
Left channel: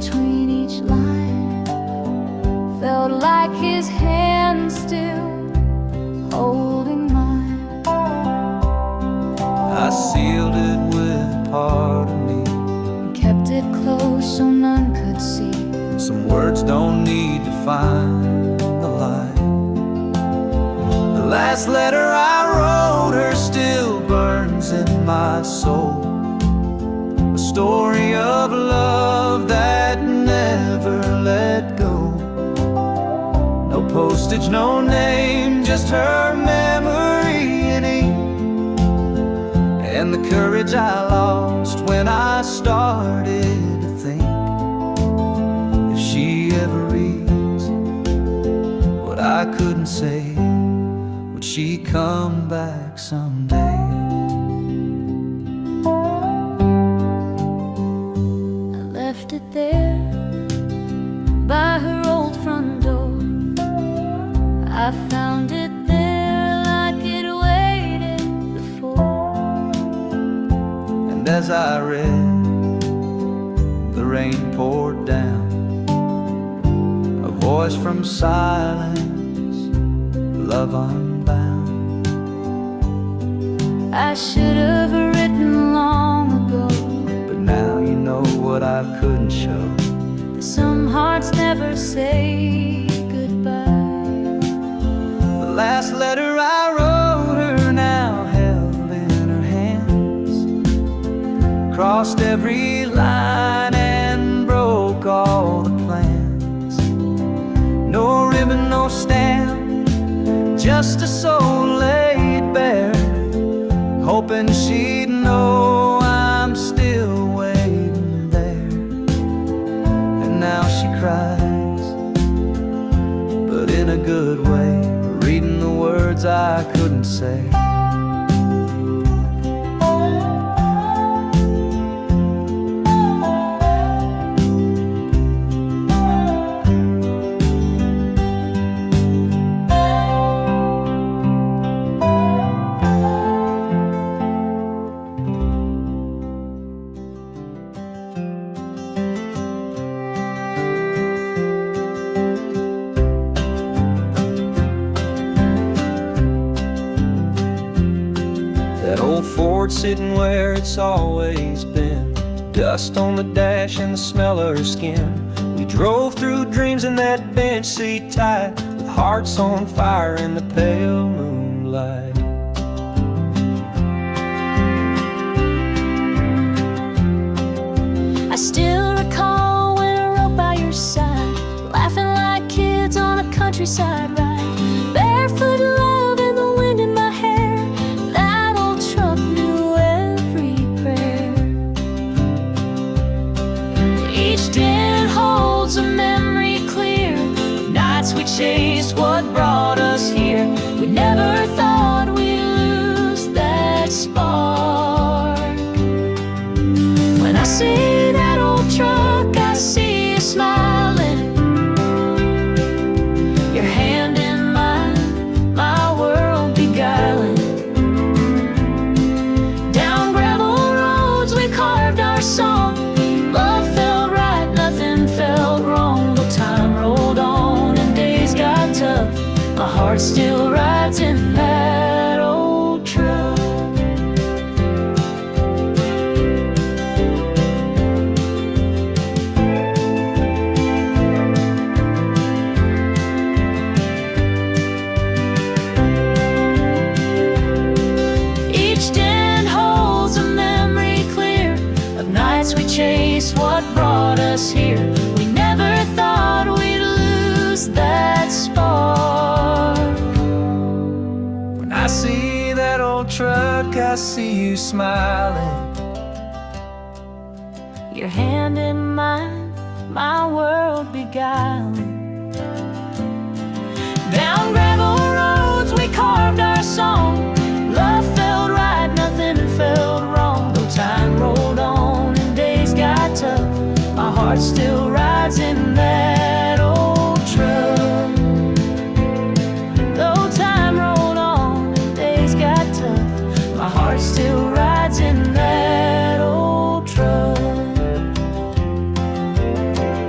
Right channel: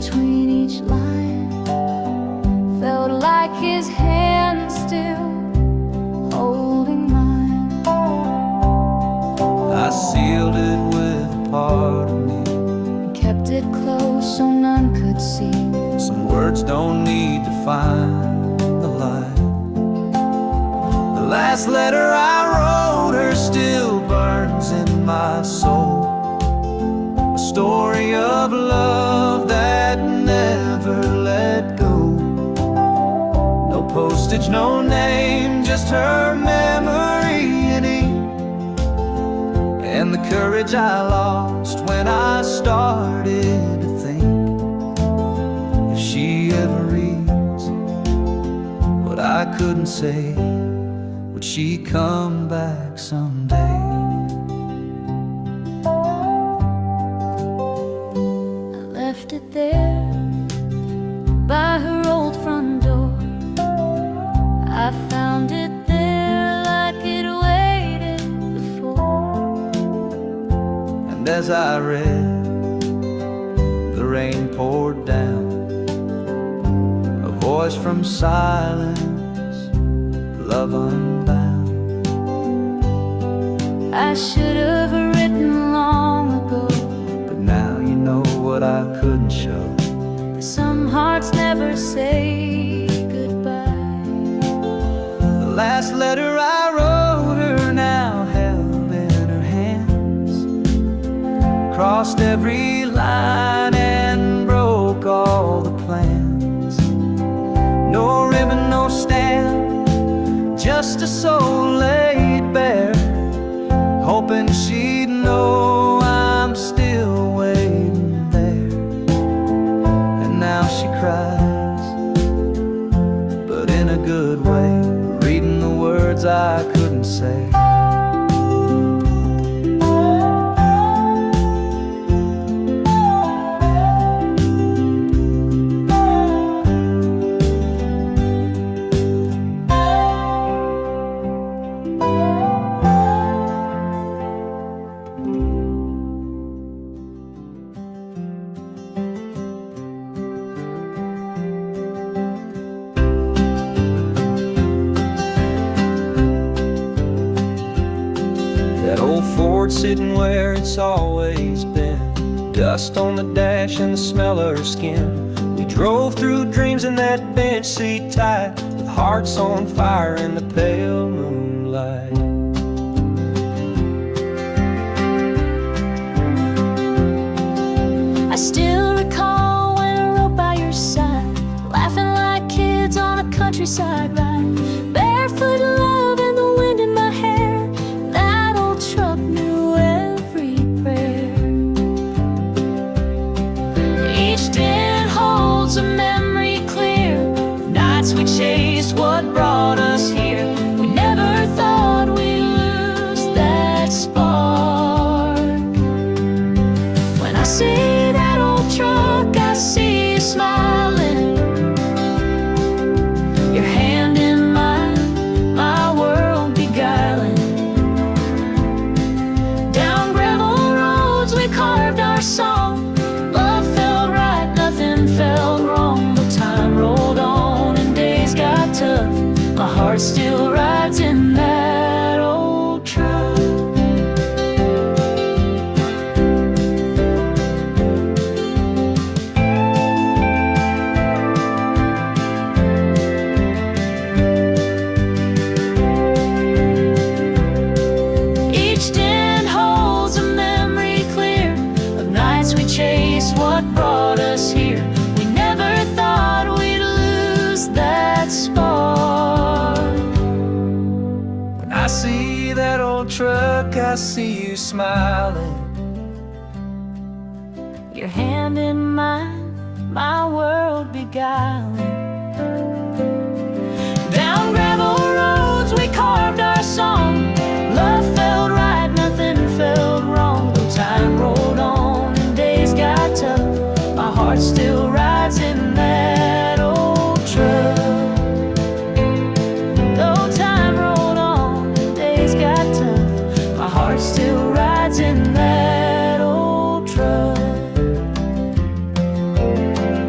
between each line. Felt like his hand still holding mine. I sealed it with a part of me And kept it close so none could see. Some words don't need to find the light. The last letter I wrote her still burns in my soul. A story of love that never let go. No postage, no name, just her memory in ink. And the courage I lost when I started to think, if she ever reads what I couldn't say, would she come back someday? I left it there by her old front door. I found it there like it waited before. And as I read, the rain poured down, a voice from silence, love unbound. I should have written long ago, But now you know what I couldn't show. that some hearts never say goodbye. The last letter I wrote her now held in her hands, crossed every line and broke all the plans. No ribbon, no stamp, just a soul laid bare, hoping she'd know I'm still waiting there. And now she cries, but in a good way, reading the words I couldn't say. That old Ford sitting where it's always been, dust on the dash and the smell of her skin. We drove through dreams in that bench seat tight, with hearts on fire in the pale moonlight. I still recall when I rode by your side, laughing like kids on a countryside ride. Barefoot love and the wind in my hair, that old truck knew every prayer. Each dent holds a memory clear, nights we chased what brought us here. We never thought we'd lose that spark. When I see that old truck, I see you smiling, your hand in mine, my world beguiling. Down gravel roads we carved our song, love felt right, nothing felt wrong. But time rolled on and days got tough, my heart still rides in that old truck. Each dent holds a memory clear of nights we chased what brought us here. We never thought we'd lose that spark. When I see that old truck, I see you smiling, Your hand in mine, my world beguiling. Down gravel roads we carved our song, love felt right, nothing felt wrong. Though time rolled on and days got tough, my heart still rides in that old truck. Though time rolled on and days got tough, my heart still rides in that old truck.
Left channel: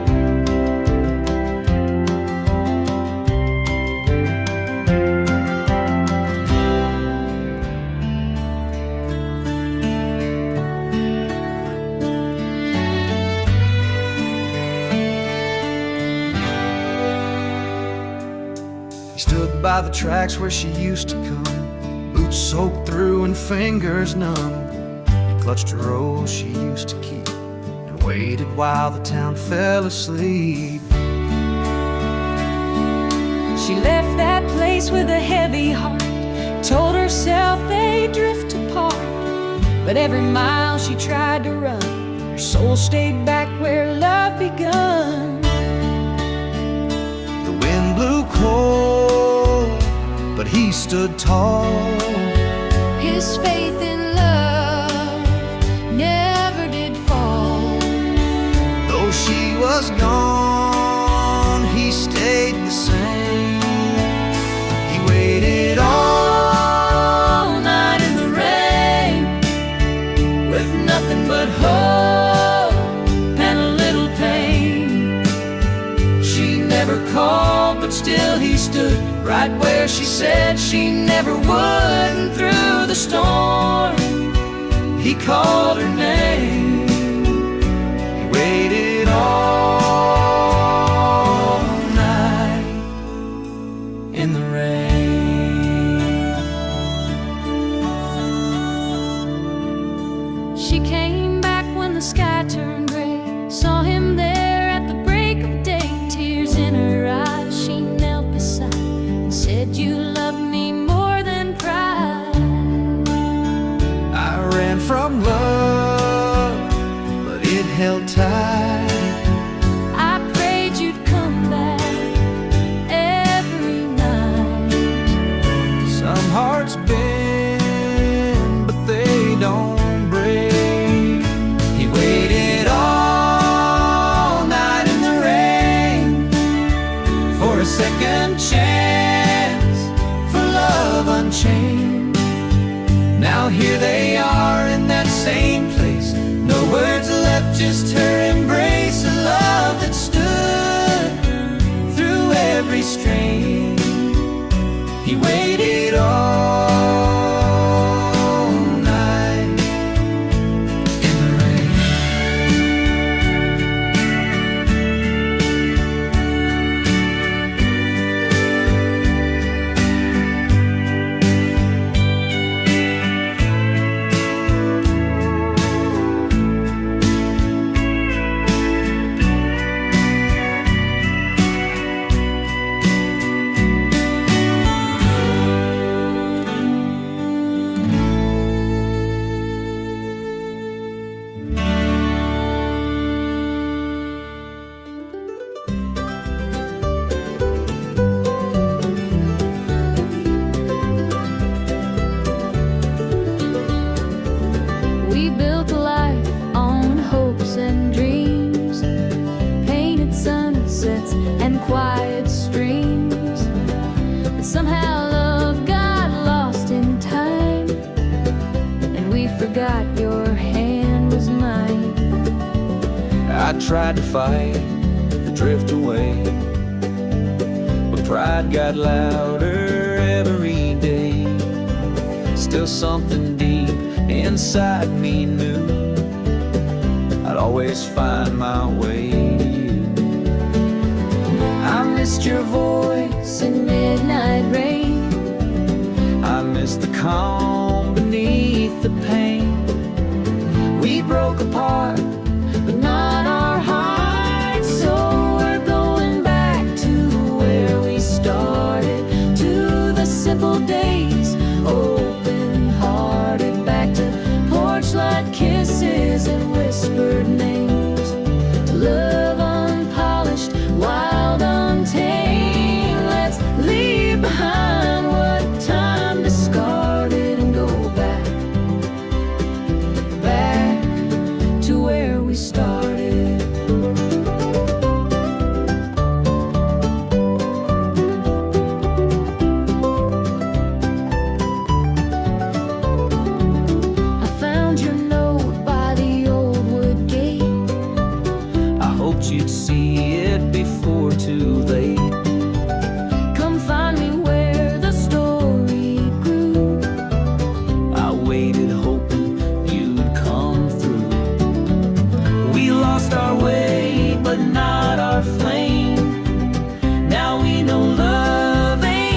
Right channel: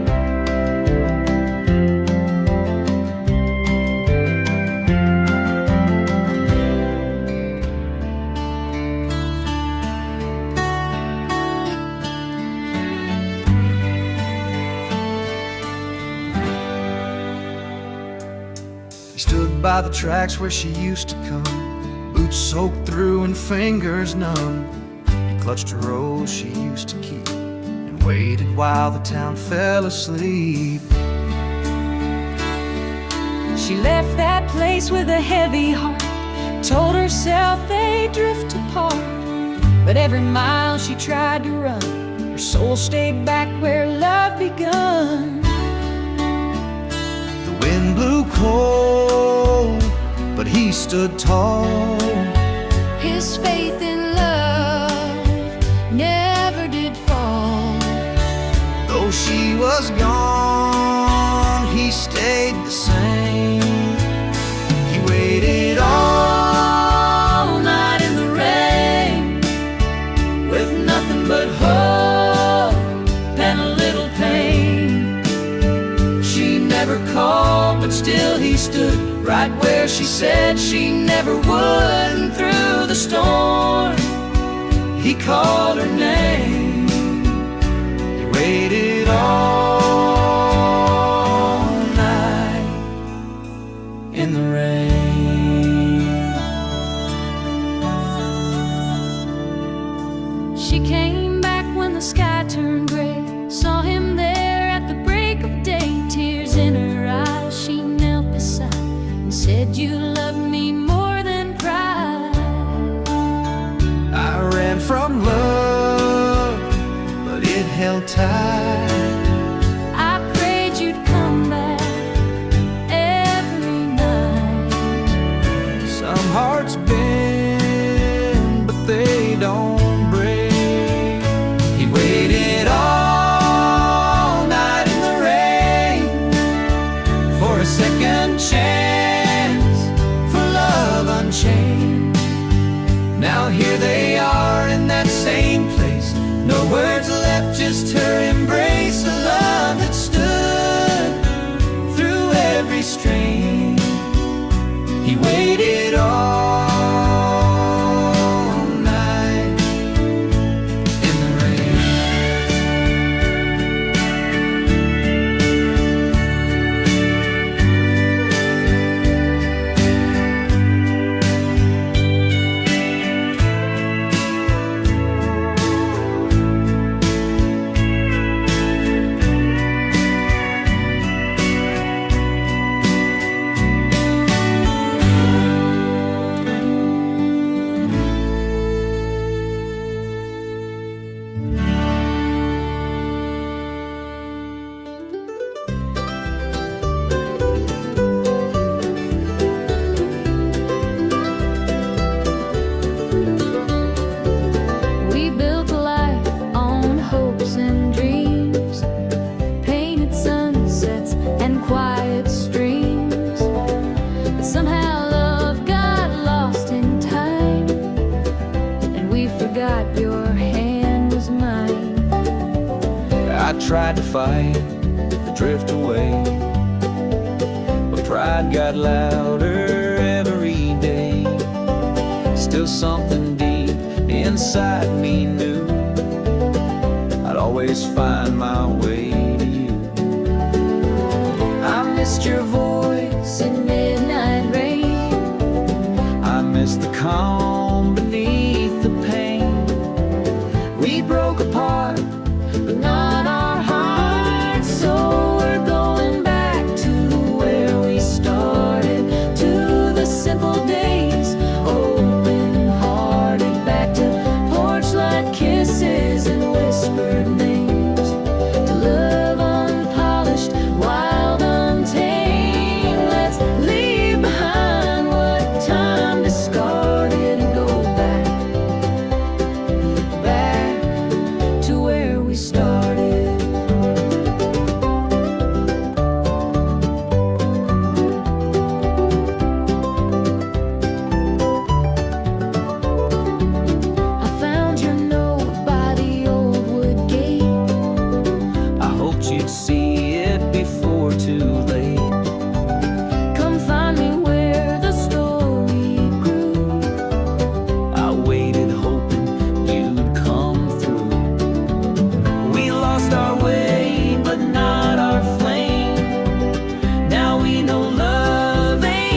He stood by the tracks where she used to come, boots soaked through and fingers numb. He clutched a rose she used to keep and waited while the town fell asleep. She left that place with a heavy heart, told herself they'd drift apart. But every mile she tried to run, her soul stayed back where love begun. The wind blew cold, but he stood tall. His faith in love never did fall. Though she was gone, he stayed the same. He waited all night in the rain, With nothing but hope and a little pain. she never called, but still he stood right where she said she never would. And through the storm, he called her name. He waited all night in the rain. She came back when the sky turned gray, saw him there at the break of day. Tears in her eyes, she knelt beside and said, "You love me more than pride." I ran from love, but it held tight. I prayed you'd come back every night. Some hearts bend, but they don't break. He waited all night in the rain for a second chance, for love unchained. Now here they are in that same place, no words left, just her embrace. A love that stood through every strain. He waited all night in the rain. We built a life on hopes and dreams, painted sunsets and quiet streams. But somehow love got lost in time, and we forgot your hand was mine. I tried to fight the drift away, but pride got louder every day. Still something deep inside me knew I'd always find my way to you. I missed your voice in midnight rain. I missed the calm beneath the pain. We broke apart, but not our hearts. So we're going back to where we started, to the simple days, open-hearted, back to porch light kisses and whispered names, to love unpolished, wild, untamed. Let's leave behind what time discarded and go back to where we started. I found your note by the old wood gate. I hoped you'd see it before too late. Come find me where the story grew. I waited hoping you'd come through. We lost our way, but not our flame. Now we know love ain't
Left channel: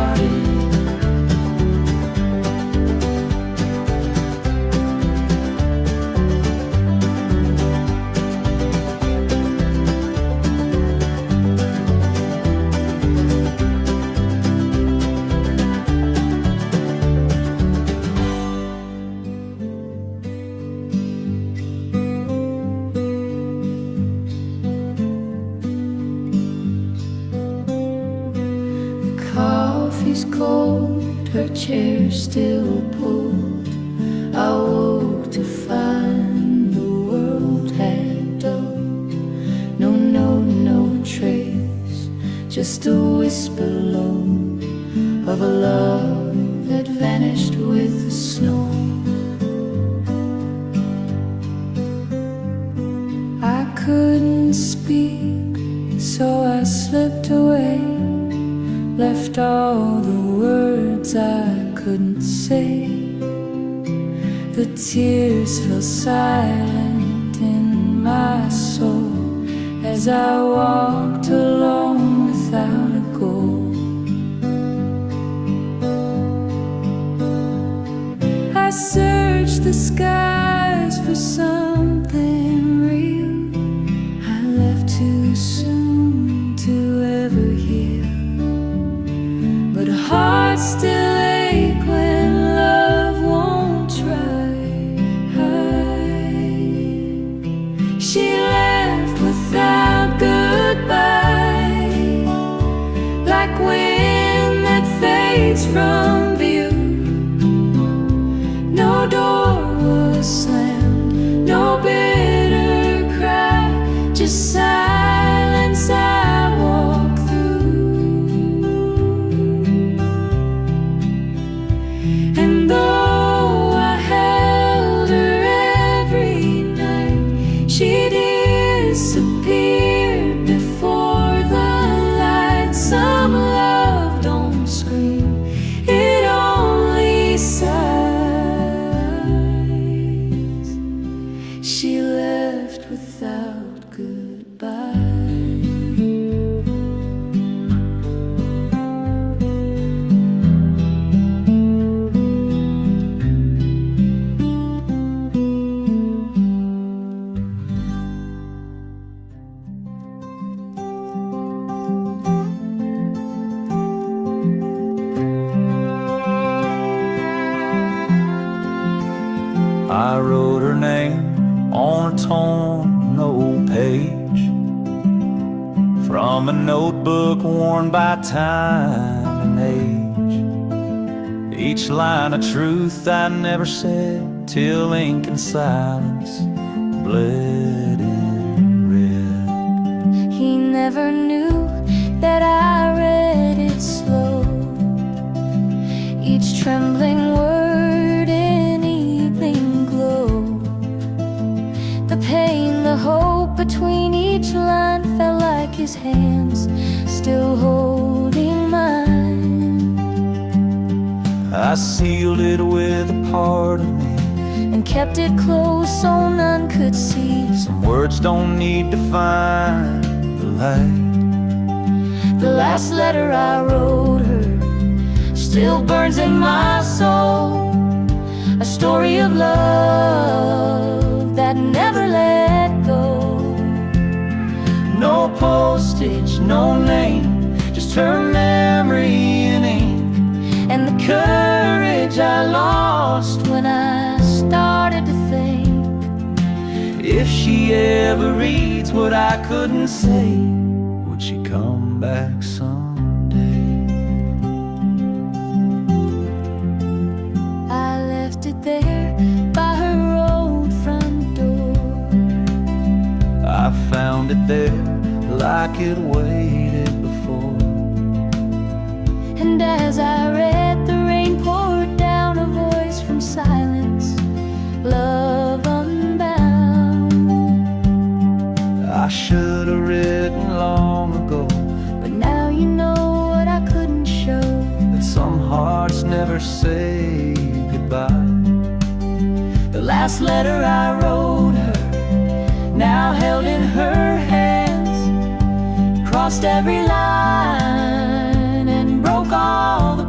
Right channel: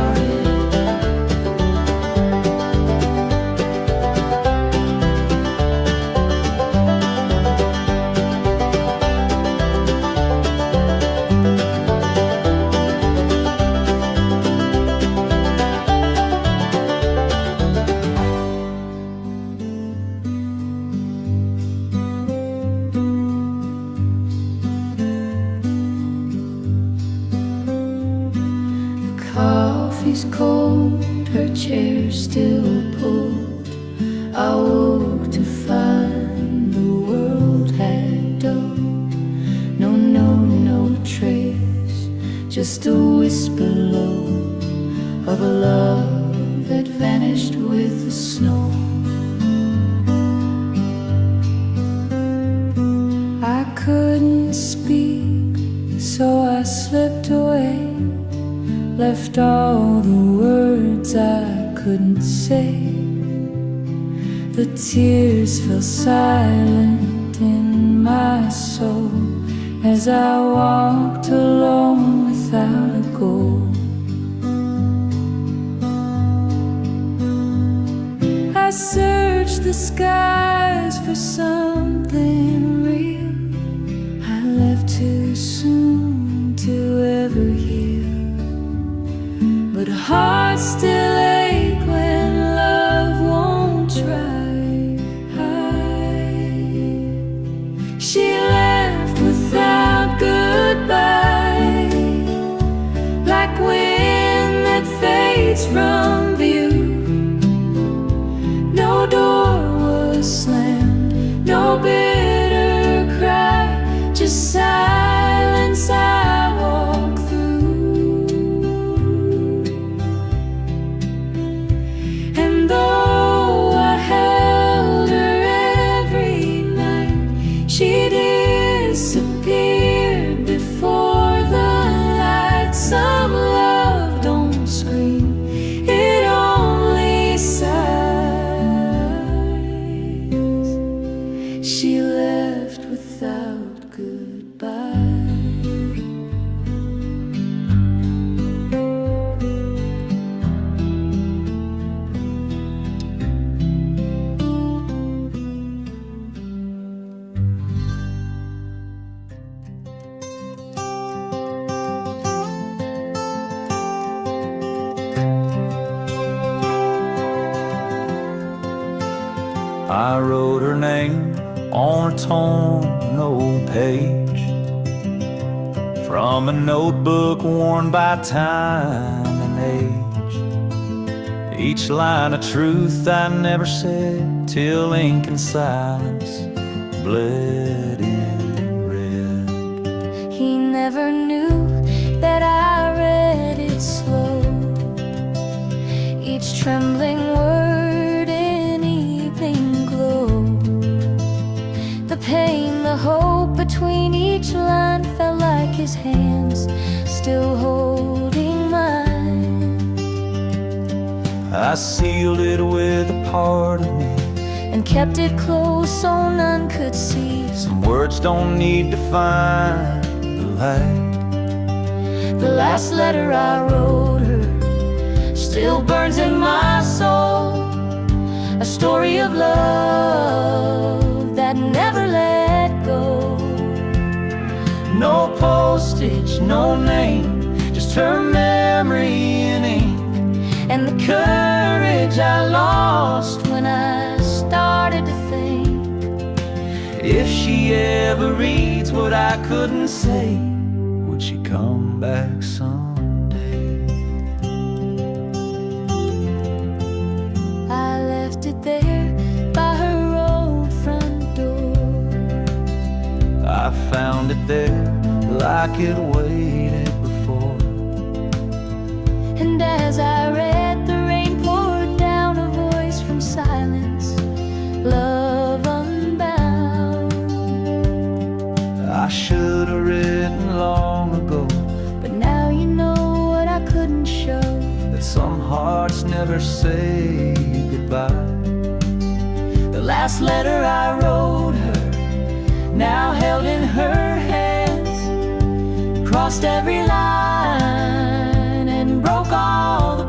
started. Coffee's cold, her chair still pulled. I woke to find the world had dulled. No trace, just a whisper low of a love that vanished with the snow. I couldn't speak, so I slipped away, left all the words I couldn't say. The tears fell silent in my soul as I walked alone without a goal. I searched the skies for something real. I left too soon to ever heal, but hearts still ache when love won't try. She left without goodbye, like wind that fades from view. No door was slammed, no bitter cry, just silence I walk through. And though I held her every night, she disappeared before the light. Some love don't scream, it only sighs. She left without goodbye. I wrote her name on a torn old page from a notebook worn by time and age. Each line a truth I never said, till ink and silence bled in red. He never knew that I read it slow, each trembling word in evening glow. The pain, the hope between each line felt like his hands still holding mine. I sealed it with a part of me and kept it close so none could see. Some words don't need to find the light. The last letter I wrote her still burns in my soul, a story of love that never let go. No postage, no name, just her memory in ink, and the courage I lost when I started to think. If she ever reads what I couldn't say, would she come back someday? I left it there by her old front door. I found it there like it waited before. And as I read, the rain poured down, a voice from silence, love unbound. I should have written long ago, but now you know what I couldn't show, that some hearts never say goodbye. the last letter I wrote her, now held in her hands, crossed every line and broke all the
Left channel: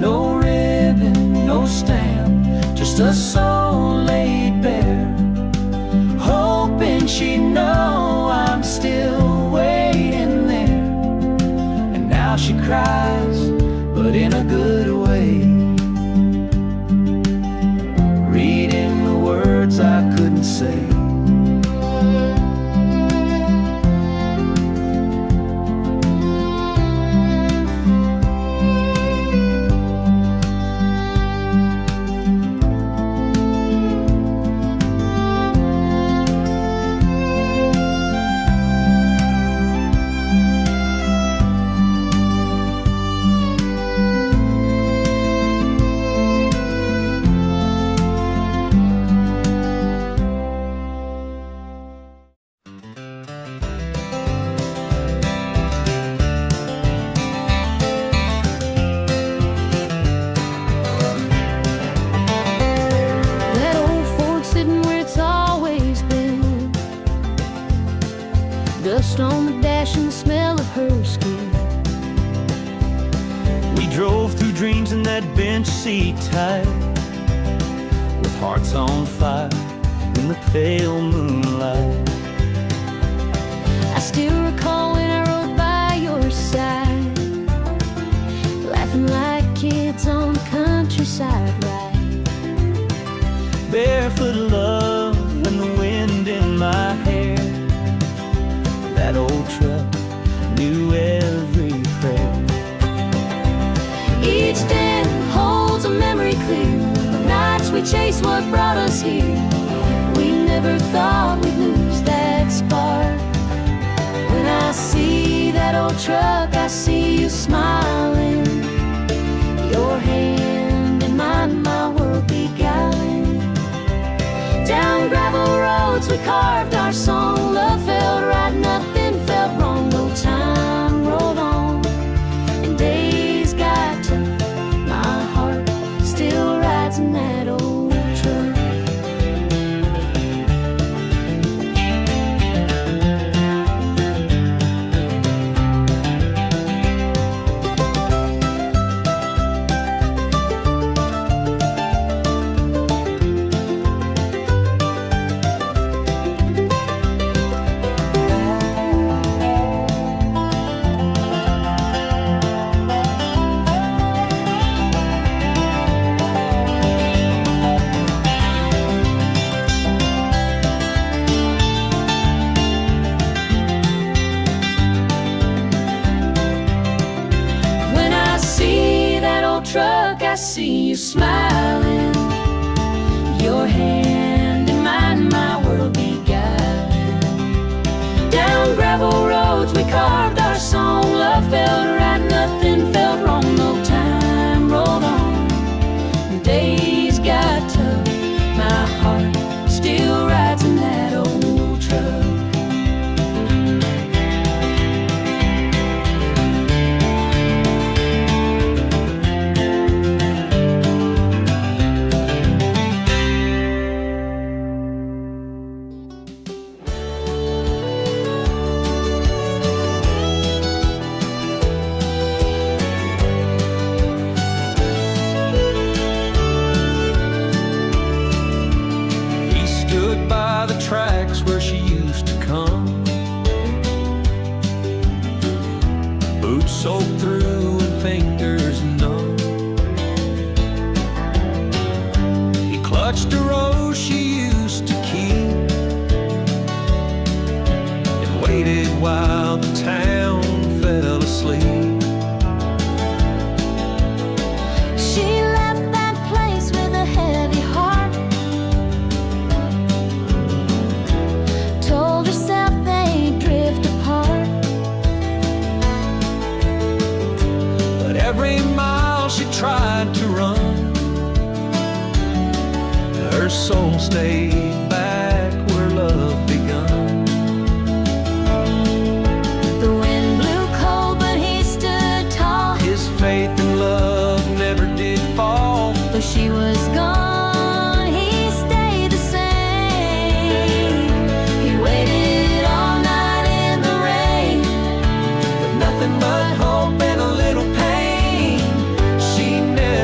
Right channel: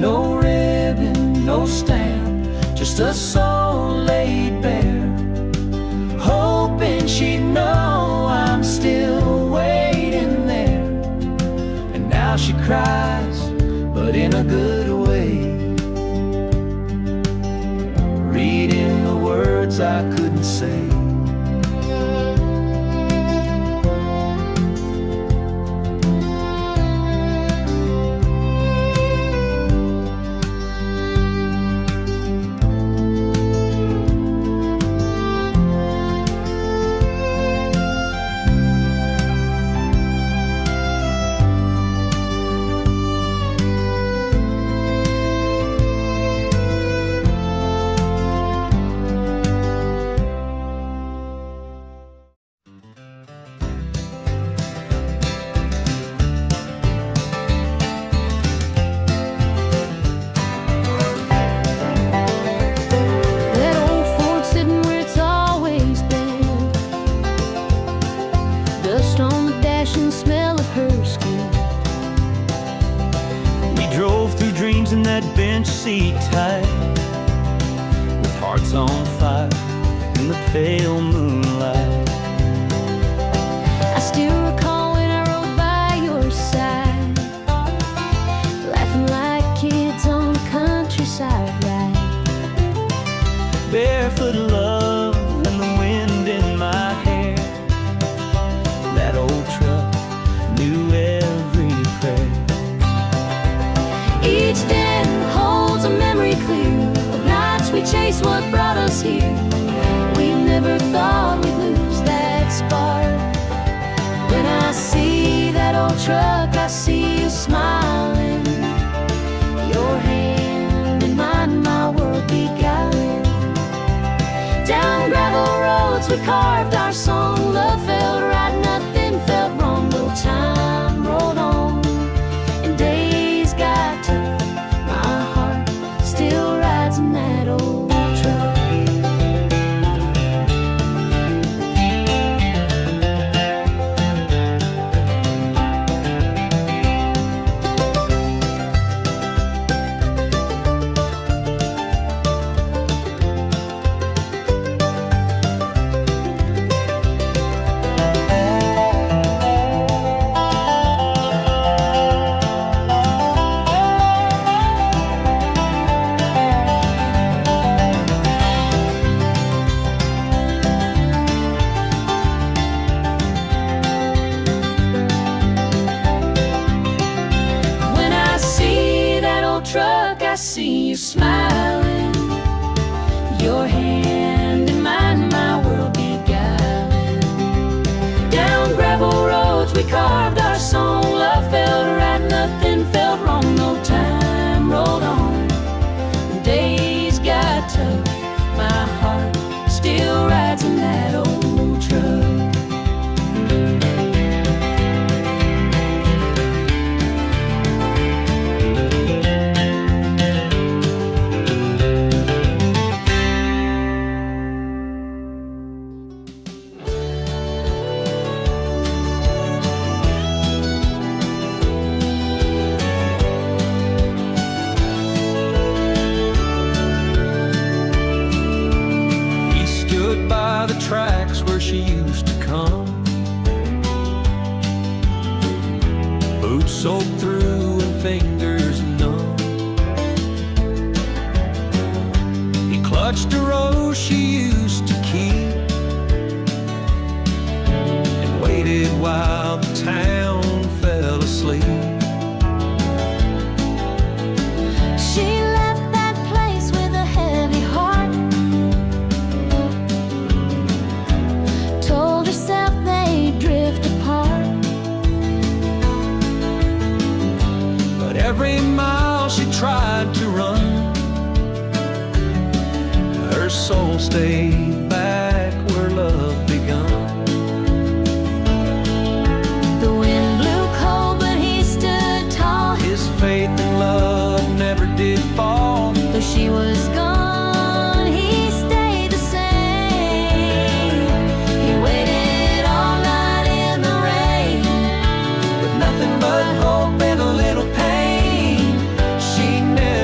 No ribbon, no stamp, just a soul laid bare, hoping she'd know I'm still waiting there. And now she cries, but in a good way, reading the words I couldn't say. That old Ford sitting where it's always been, dust on the dash and the smell of her skin. We drove through dreams in that bench seat tight, with hearts on fire in the pale moonlight. I still recall when I rode by your side, laughing like kids on the countryside ride. Barefoot love and the wind in my hair. That old truck knew every prayer. Each day holds a memory clear of nights we chased what brought us here. We never thought we'd lose that spark. When I see that old truck, I see you smiling, your hand in mine, my world beguiling. Down gravel roads we carved our song. Love felt right, nothing felt wrong. No time rolled on and days got tough. My heart still rides in that old truck. Truck, I see you smiling, your hand in mine, my world beguiling. Down gravel roads we carved our song. Love felt right, nothing felt wrong. No time rolled on, days got tough. My heart still rides in that old truck. Stood by the tracks where she used to come, boots soaked through and fingers numb. He clutched a rose she used to keep and waited while the town fell asleep. She left that place with a heavy heart, told herself they'd drift apart. But every mile she tried to run, her soul stayed back where love begun. The wind blew cold, but he stood tall. His faith in love never did fall. Though she was gone, he stayed the same. He waited all night in the rain, with nothing but hope and a little pain. She never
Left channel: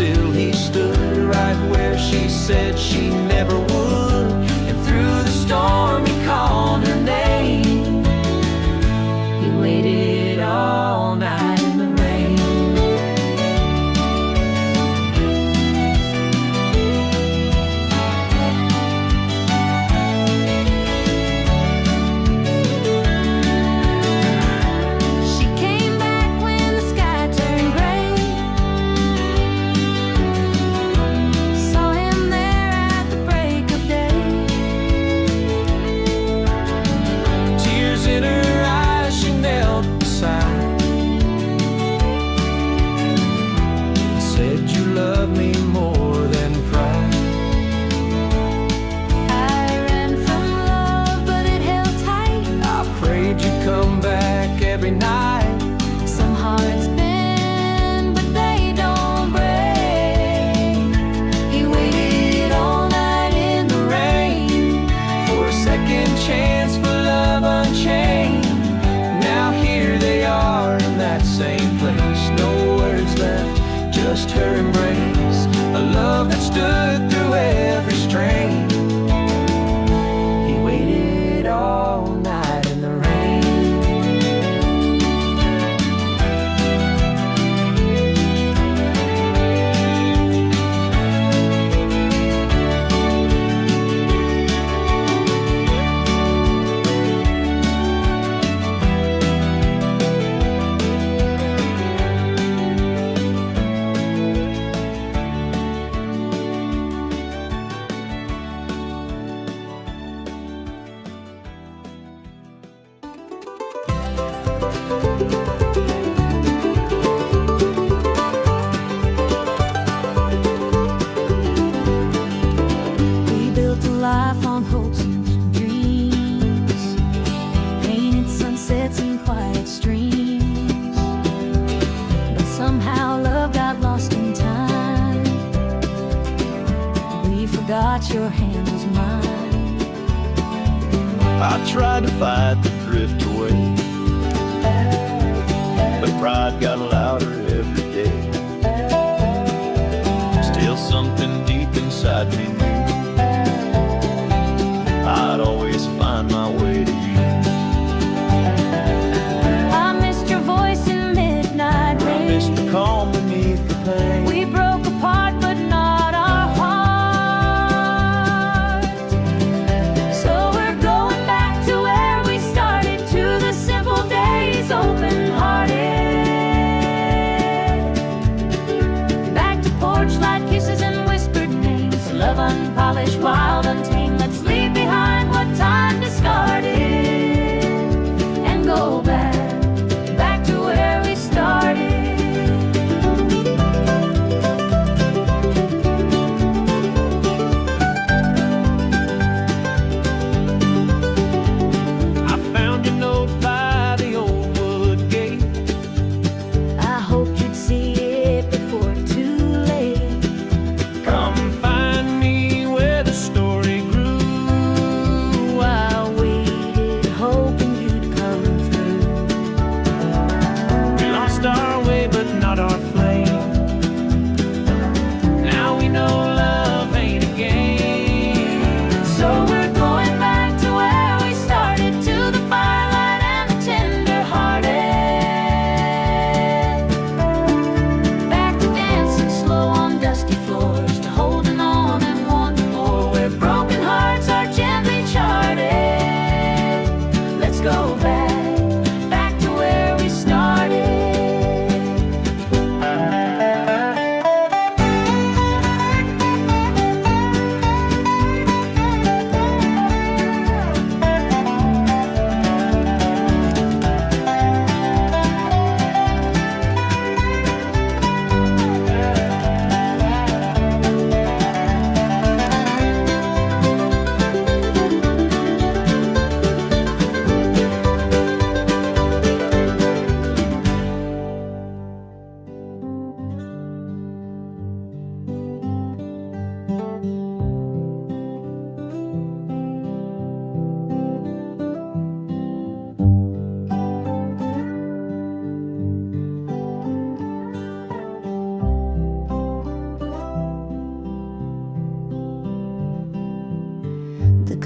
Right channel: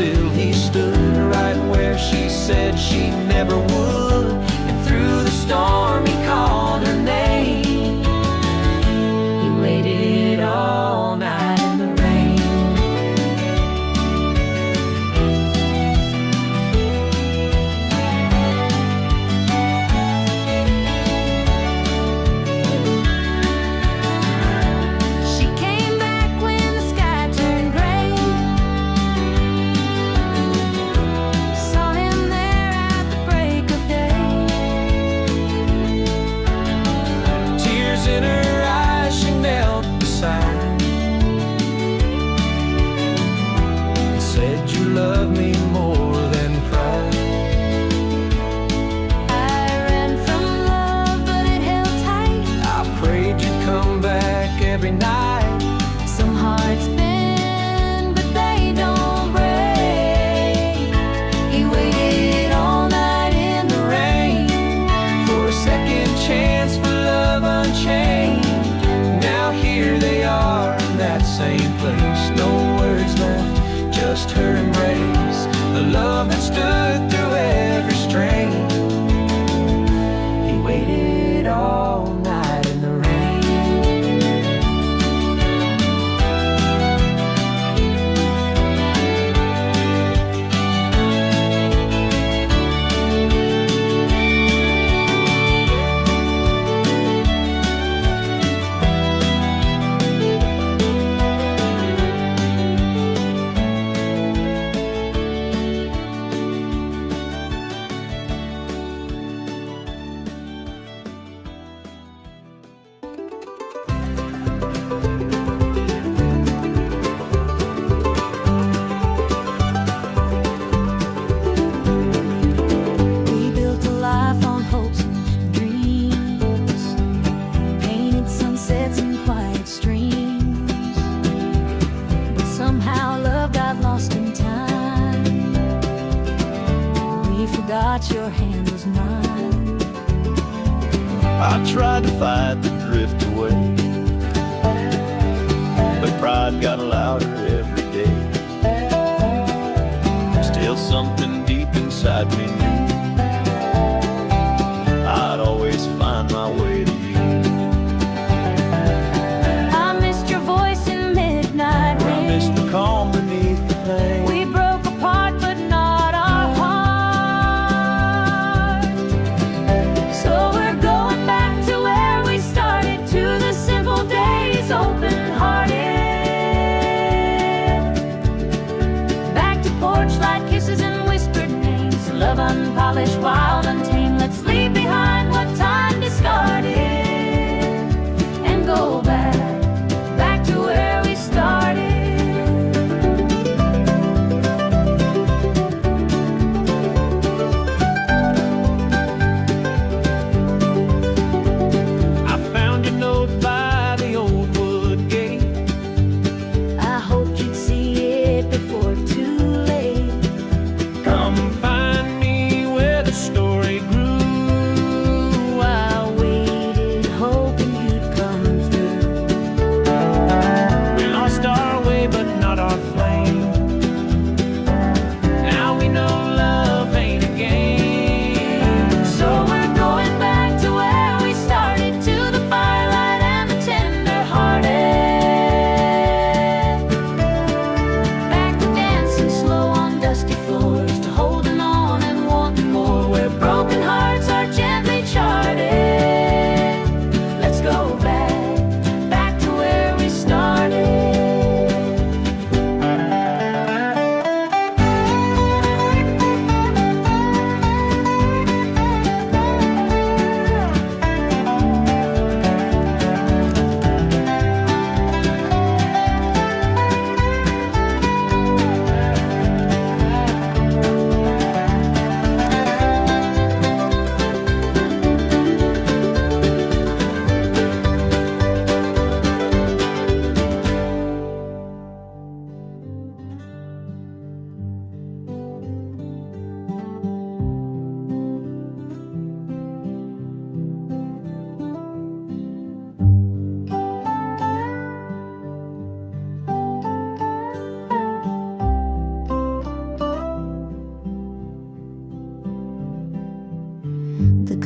still he stood right where she said she never would. And through the storm he called her name. He waited all night in the rain. She came back when the sky turned gray. Saw him there at the break of day. Tears in her eyes, she knelt beside and said, "You love me more than pride." I ran from love, but it held tight. I prayed you'd come back every night. Some hearts bend, but they don't break. He waited all night in the rain For a second chance for love unchained. Now here they are in that same place. No words left, just her embrace. A love that stood through every strain. He waited all night in the rain. Life on hopes and dreams, painted sunsets and quiet streams. But somehow love got lost in time. We forgot your hand was mine. I tried to fight the drift away, but pride got louder every day. Still something deep inside me knew I'd always find my way to you. I missed your voice in midnight rain. I missed the calm beneath the pain. We broke apart, but not our heart. So we're going back to where we started, to the simple days, open-hearted. Back to porch light kisses and whispered names. Love unpolished, wild, untamed. Let's leave behind what time discarded and go back to where we started. I found your note by the old wood gate. I hoped you'd see it before too late. Come find me where the story grew. I waited, hoping you'd come through. We lost our way, but not our flame. Now we know love ain't a game. So we're going back to where we started, to the firelight and the tender-hearted. Back to dancing slow on dusty floors, to holding on and wanting more, where broken hearts are gently charted. Let's go back to where we started.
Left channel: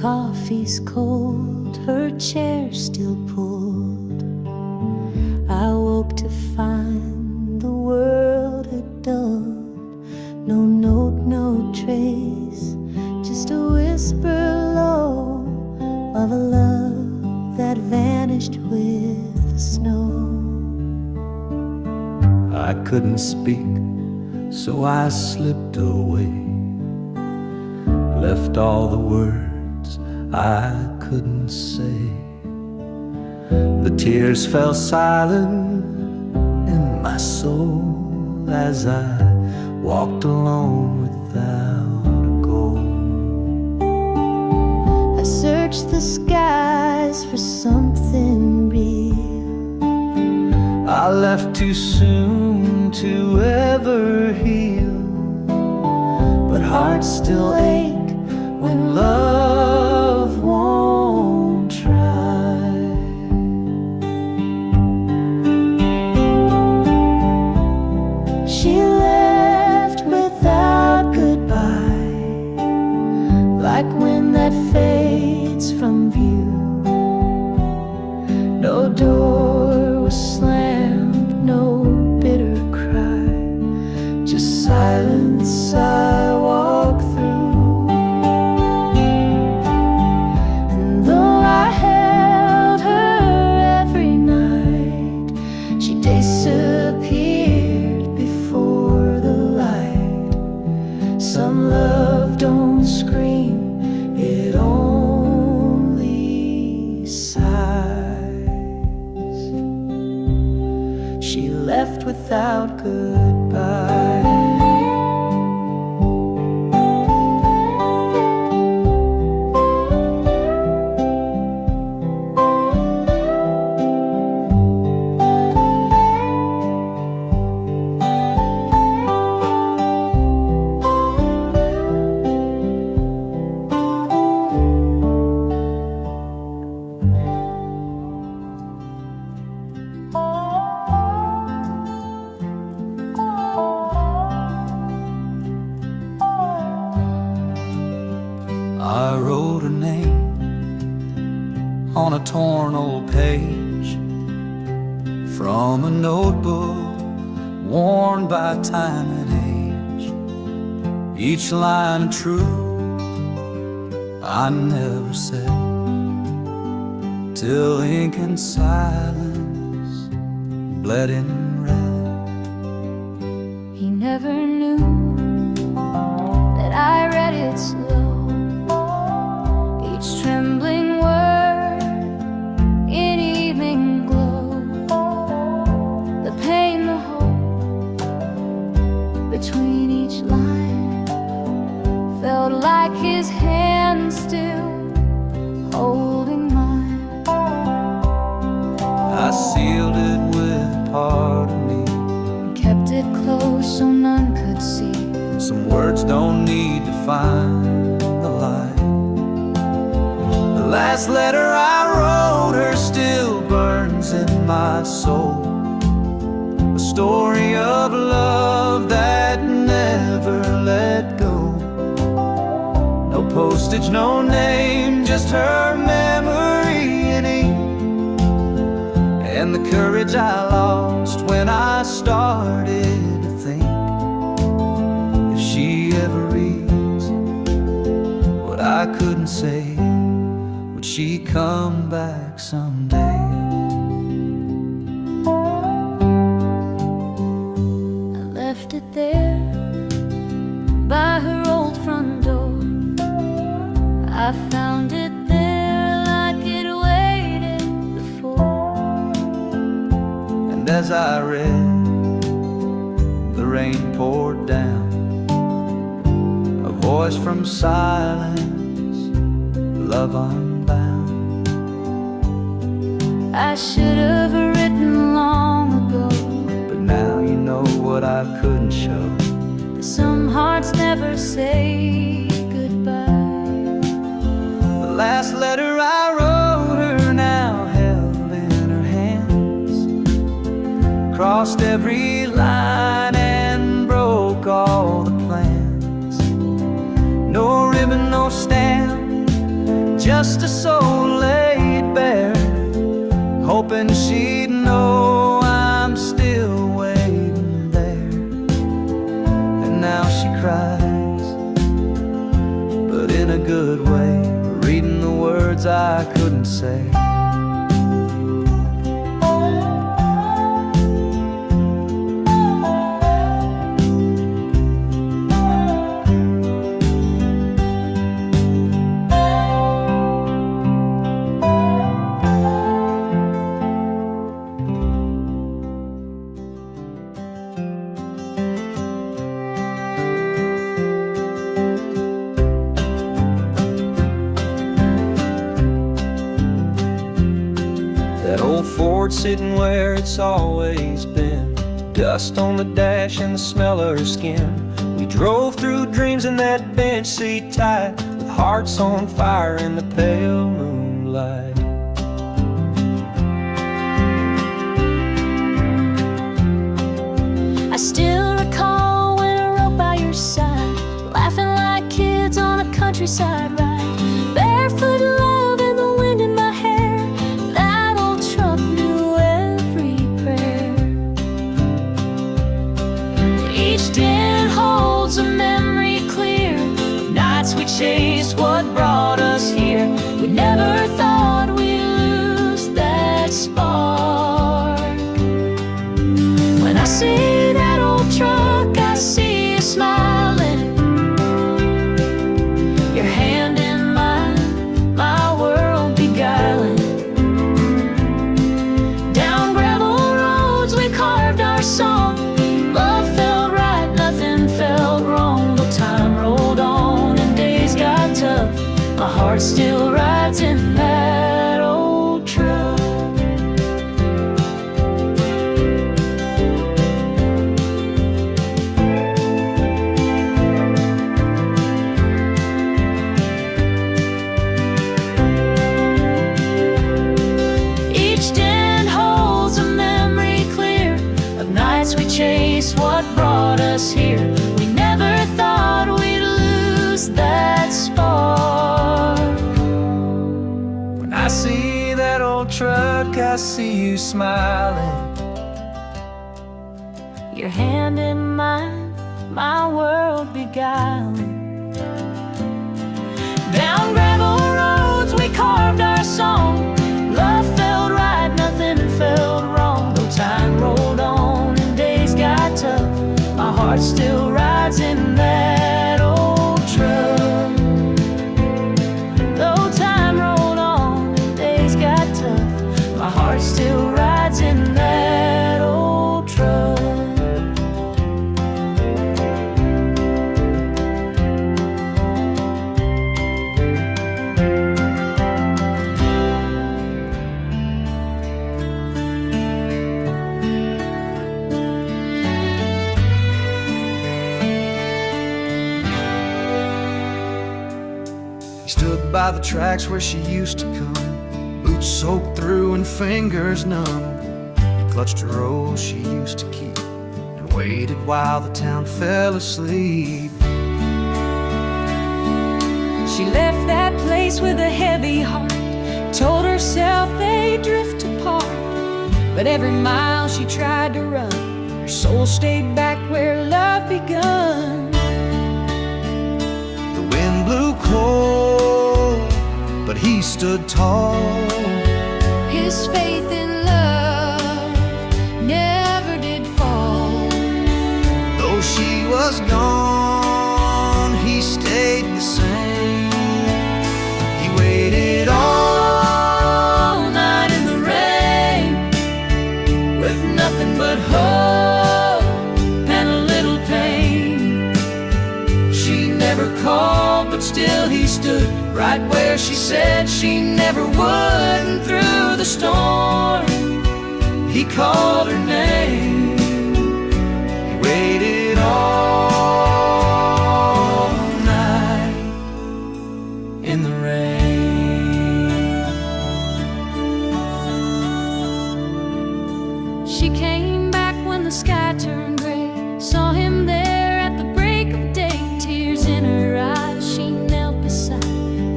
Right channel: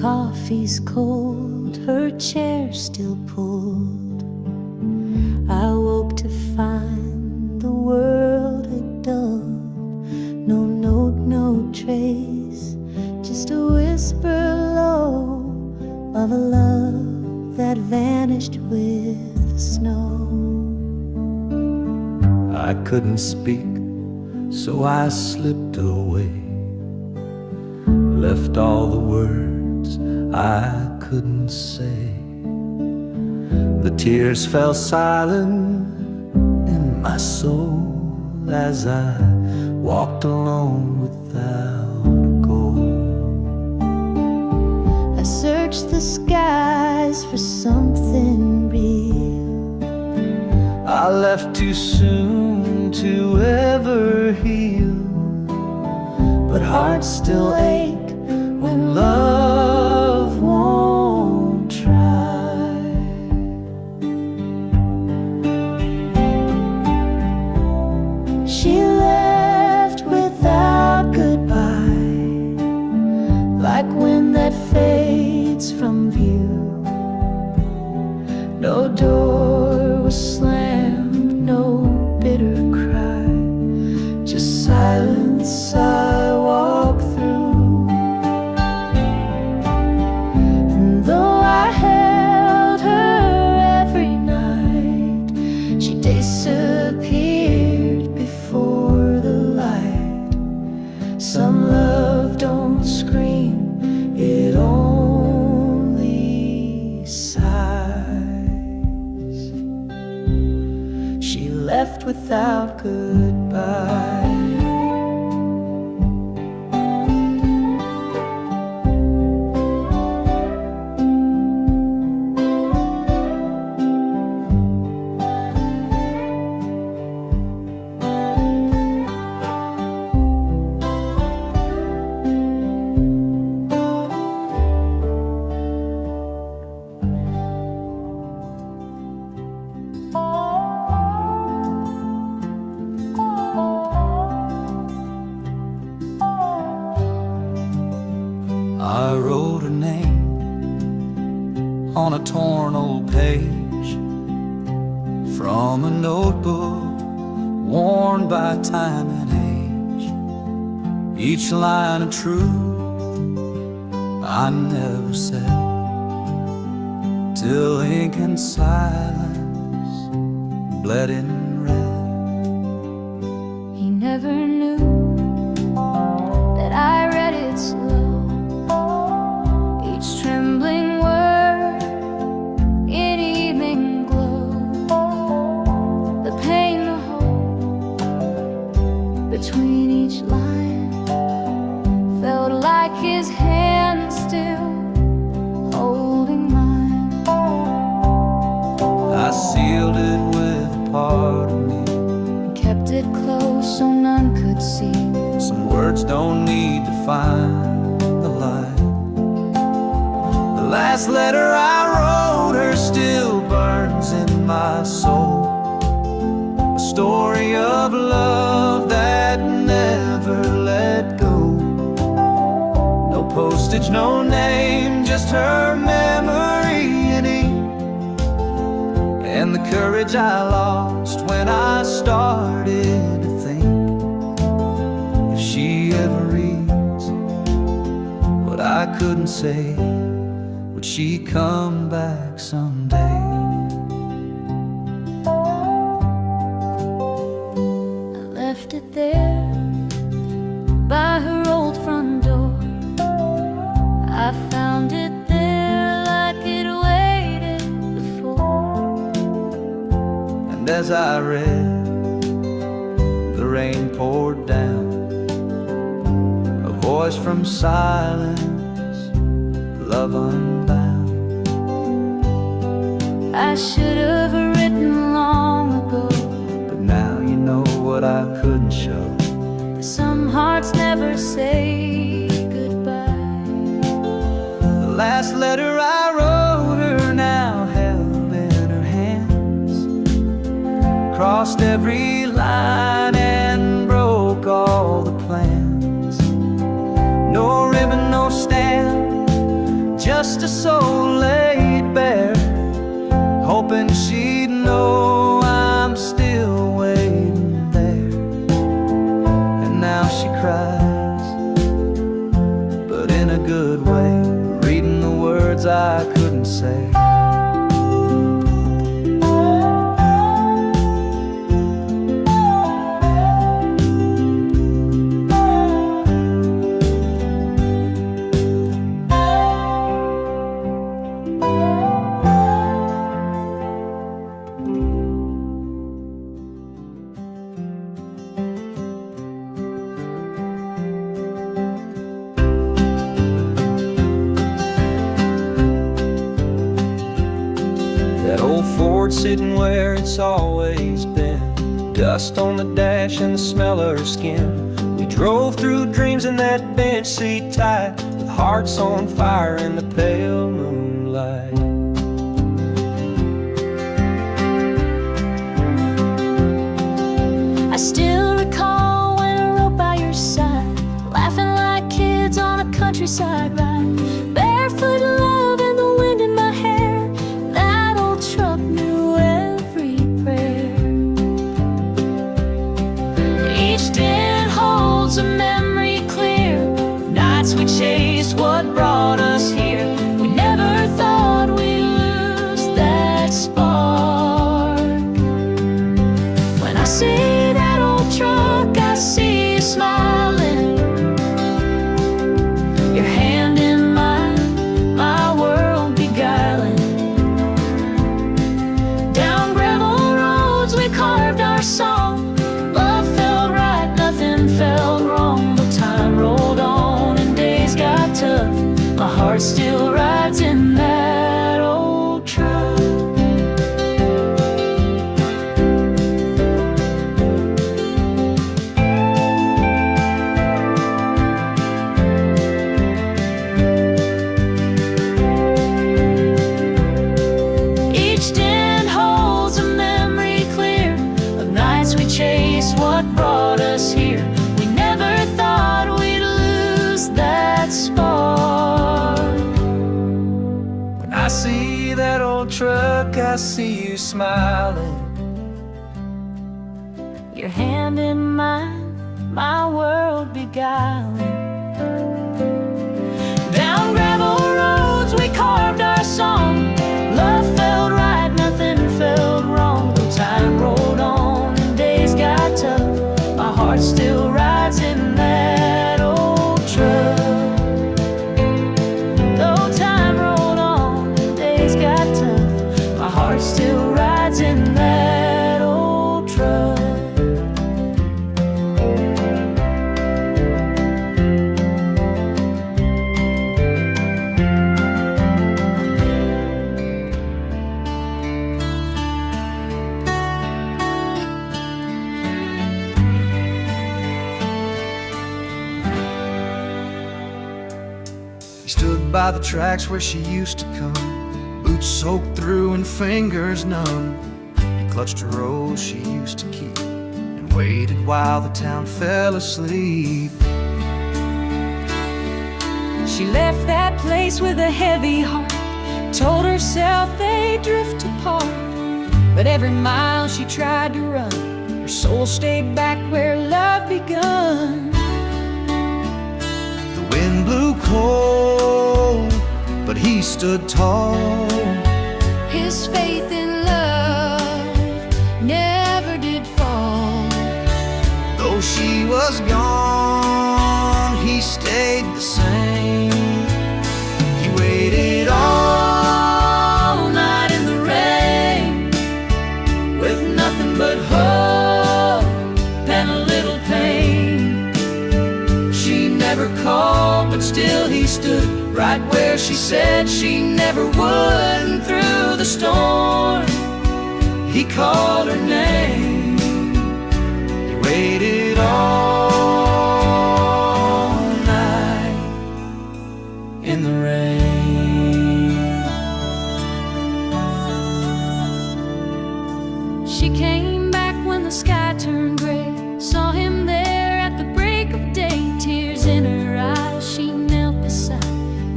coffee's cold, her chair still pulled. I woke to find the world had dulled. No note, no trace, just a whisper low of a love that vanished with the snow. I couldn't speak, so I slipped away, left all the words I couldn't say. The tears fell silent in my soul as I walked alone without a goal. I searched the skies for something real. I left too soon to ever heal, but hearts still ache when love won't try. She left without goodbye, like wind that fades from view. No door was slammed, no bitter cry, just silence I walk through. And though I held her every night, she disappeared before the light. Some love don't scream, it only sighs. She left without goodbye. I wrote her name on a torn old page from a notebook worn by time and age. Each line of truth I never said, till ink and silence bled in red. He never knew that I read it slow, each trembling word in evening glow. The pain, the hope between each line felt like his hand still holding mine. I sealed it with a part of me, And kept it close so none could see. some words don't need to find the light. The last letter I wrote her still burns in my soul, a story of love that never let go. No postage, no name, just her memory in ink, and the courage I lost when I started to think, if she ever reads what I couldn't say, would she come back someday? I left it there by her old front door. I found it there like it waited before. And as I read, the rain poured down, a voice from silence, love unbound. I should have written long ago, But now you know what I couldn't show. that some hearts never say goodbye. The last letter I wrote her now held in her hands, crossed every line and broke all the plans. No ribbon, no stamp, just a soul laid bare, hoping she'd know I'm still waiting there. And now she cries, but in a good way, reading the words I couldn't say. That old Ford sitting where it's always been, dust on the dash and the smell of her skin. We drove through dreams in that bench seat tight, with hearts on fire in the pale moonlight. I still recall when I rode by your side, laughing like kids on a countryside ride, barefoot love and the wind in my hair. That old truck knew every prayer. Each dent holds a memory clear of nights we chased what brought us here. We never thought we'd lose that spark. When I see that old truck, I see you smiling, your hand in mine, my world beguiling. Down gravel roads we carved our song. Love felt right, nothing felt wrong. Though time rolled on and days got tough, my heart still rides in that old truck. Each dent holds a memory clear of nights we chased what brought us here. We never thought we'd lose that spark. When I see that old truck, I see you smiling, Your hand in mine, my world beguiling. Down gravel roads we carved our song. Love felt right, nothing felt wrong. Though time rolled on and days got tough, my heart still rides in that old truck. Though time rolled on and days got tough, my heart still rides in that old truck. He stood by the tracks where she used to come, boots soaked through and fingers numb. He clutched a rose she used to keep and waited while the town fell asleep. She left that place with a heavy heart, told herself they'd drift apart. But every mile she tried to run, her soul stayed back where love begun. The wind blew cold, but he stood tall. His faith in love never did fall. Though she was gone, he stayed the same. He waited all night in the rain, With nothing but hope and a little pain. She never called, but still he stood right where she said she never would. And through the storm, he called her name. he waited all Night in the rain. She came back when the sky turned gray, saw him there at the break of day. Tears in her eyes, she knelt beside and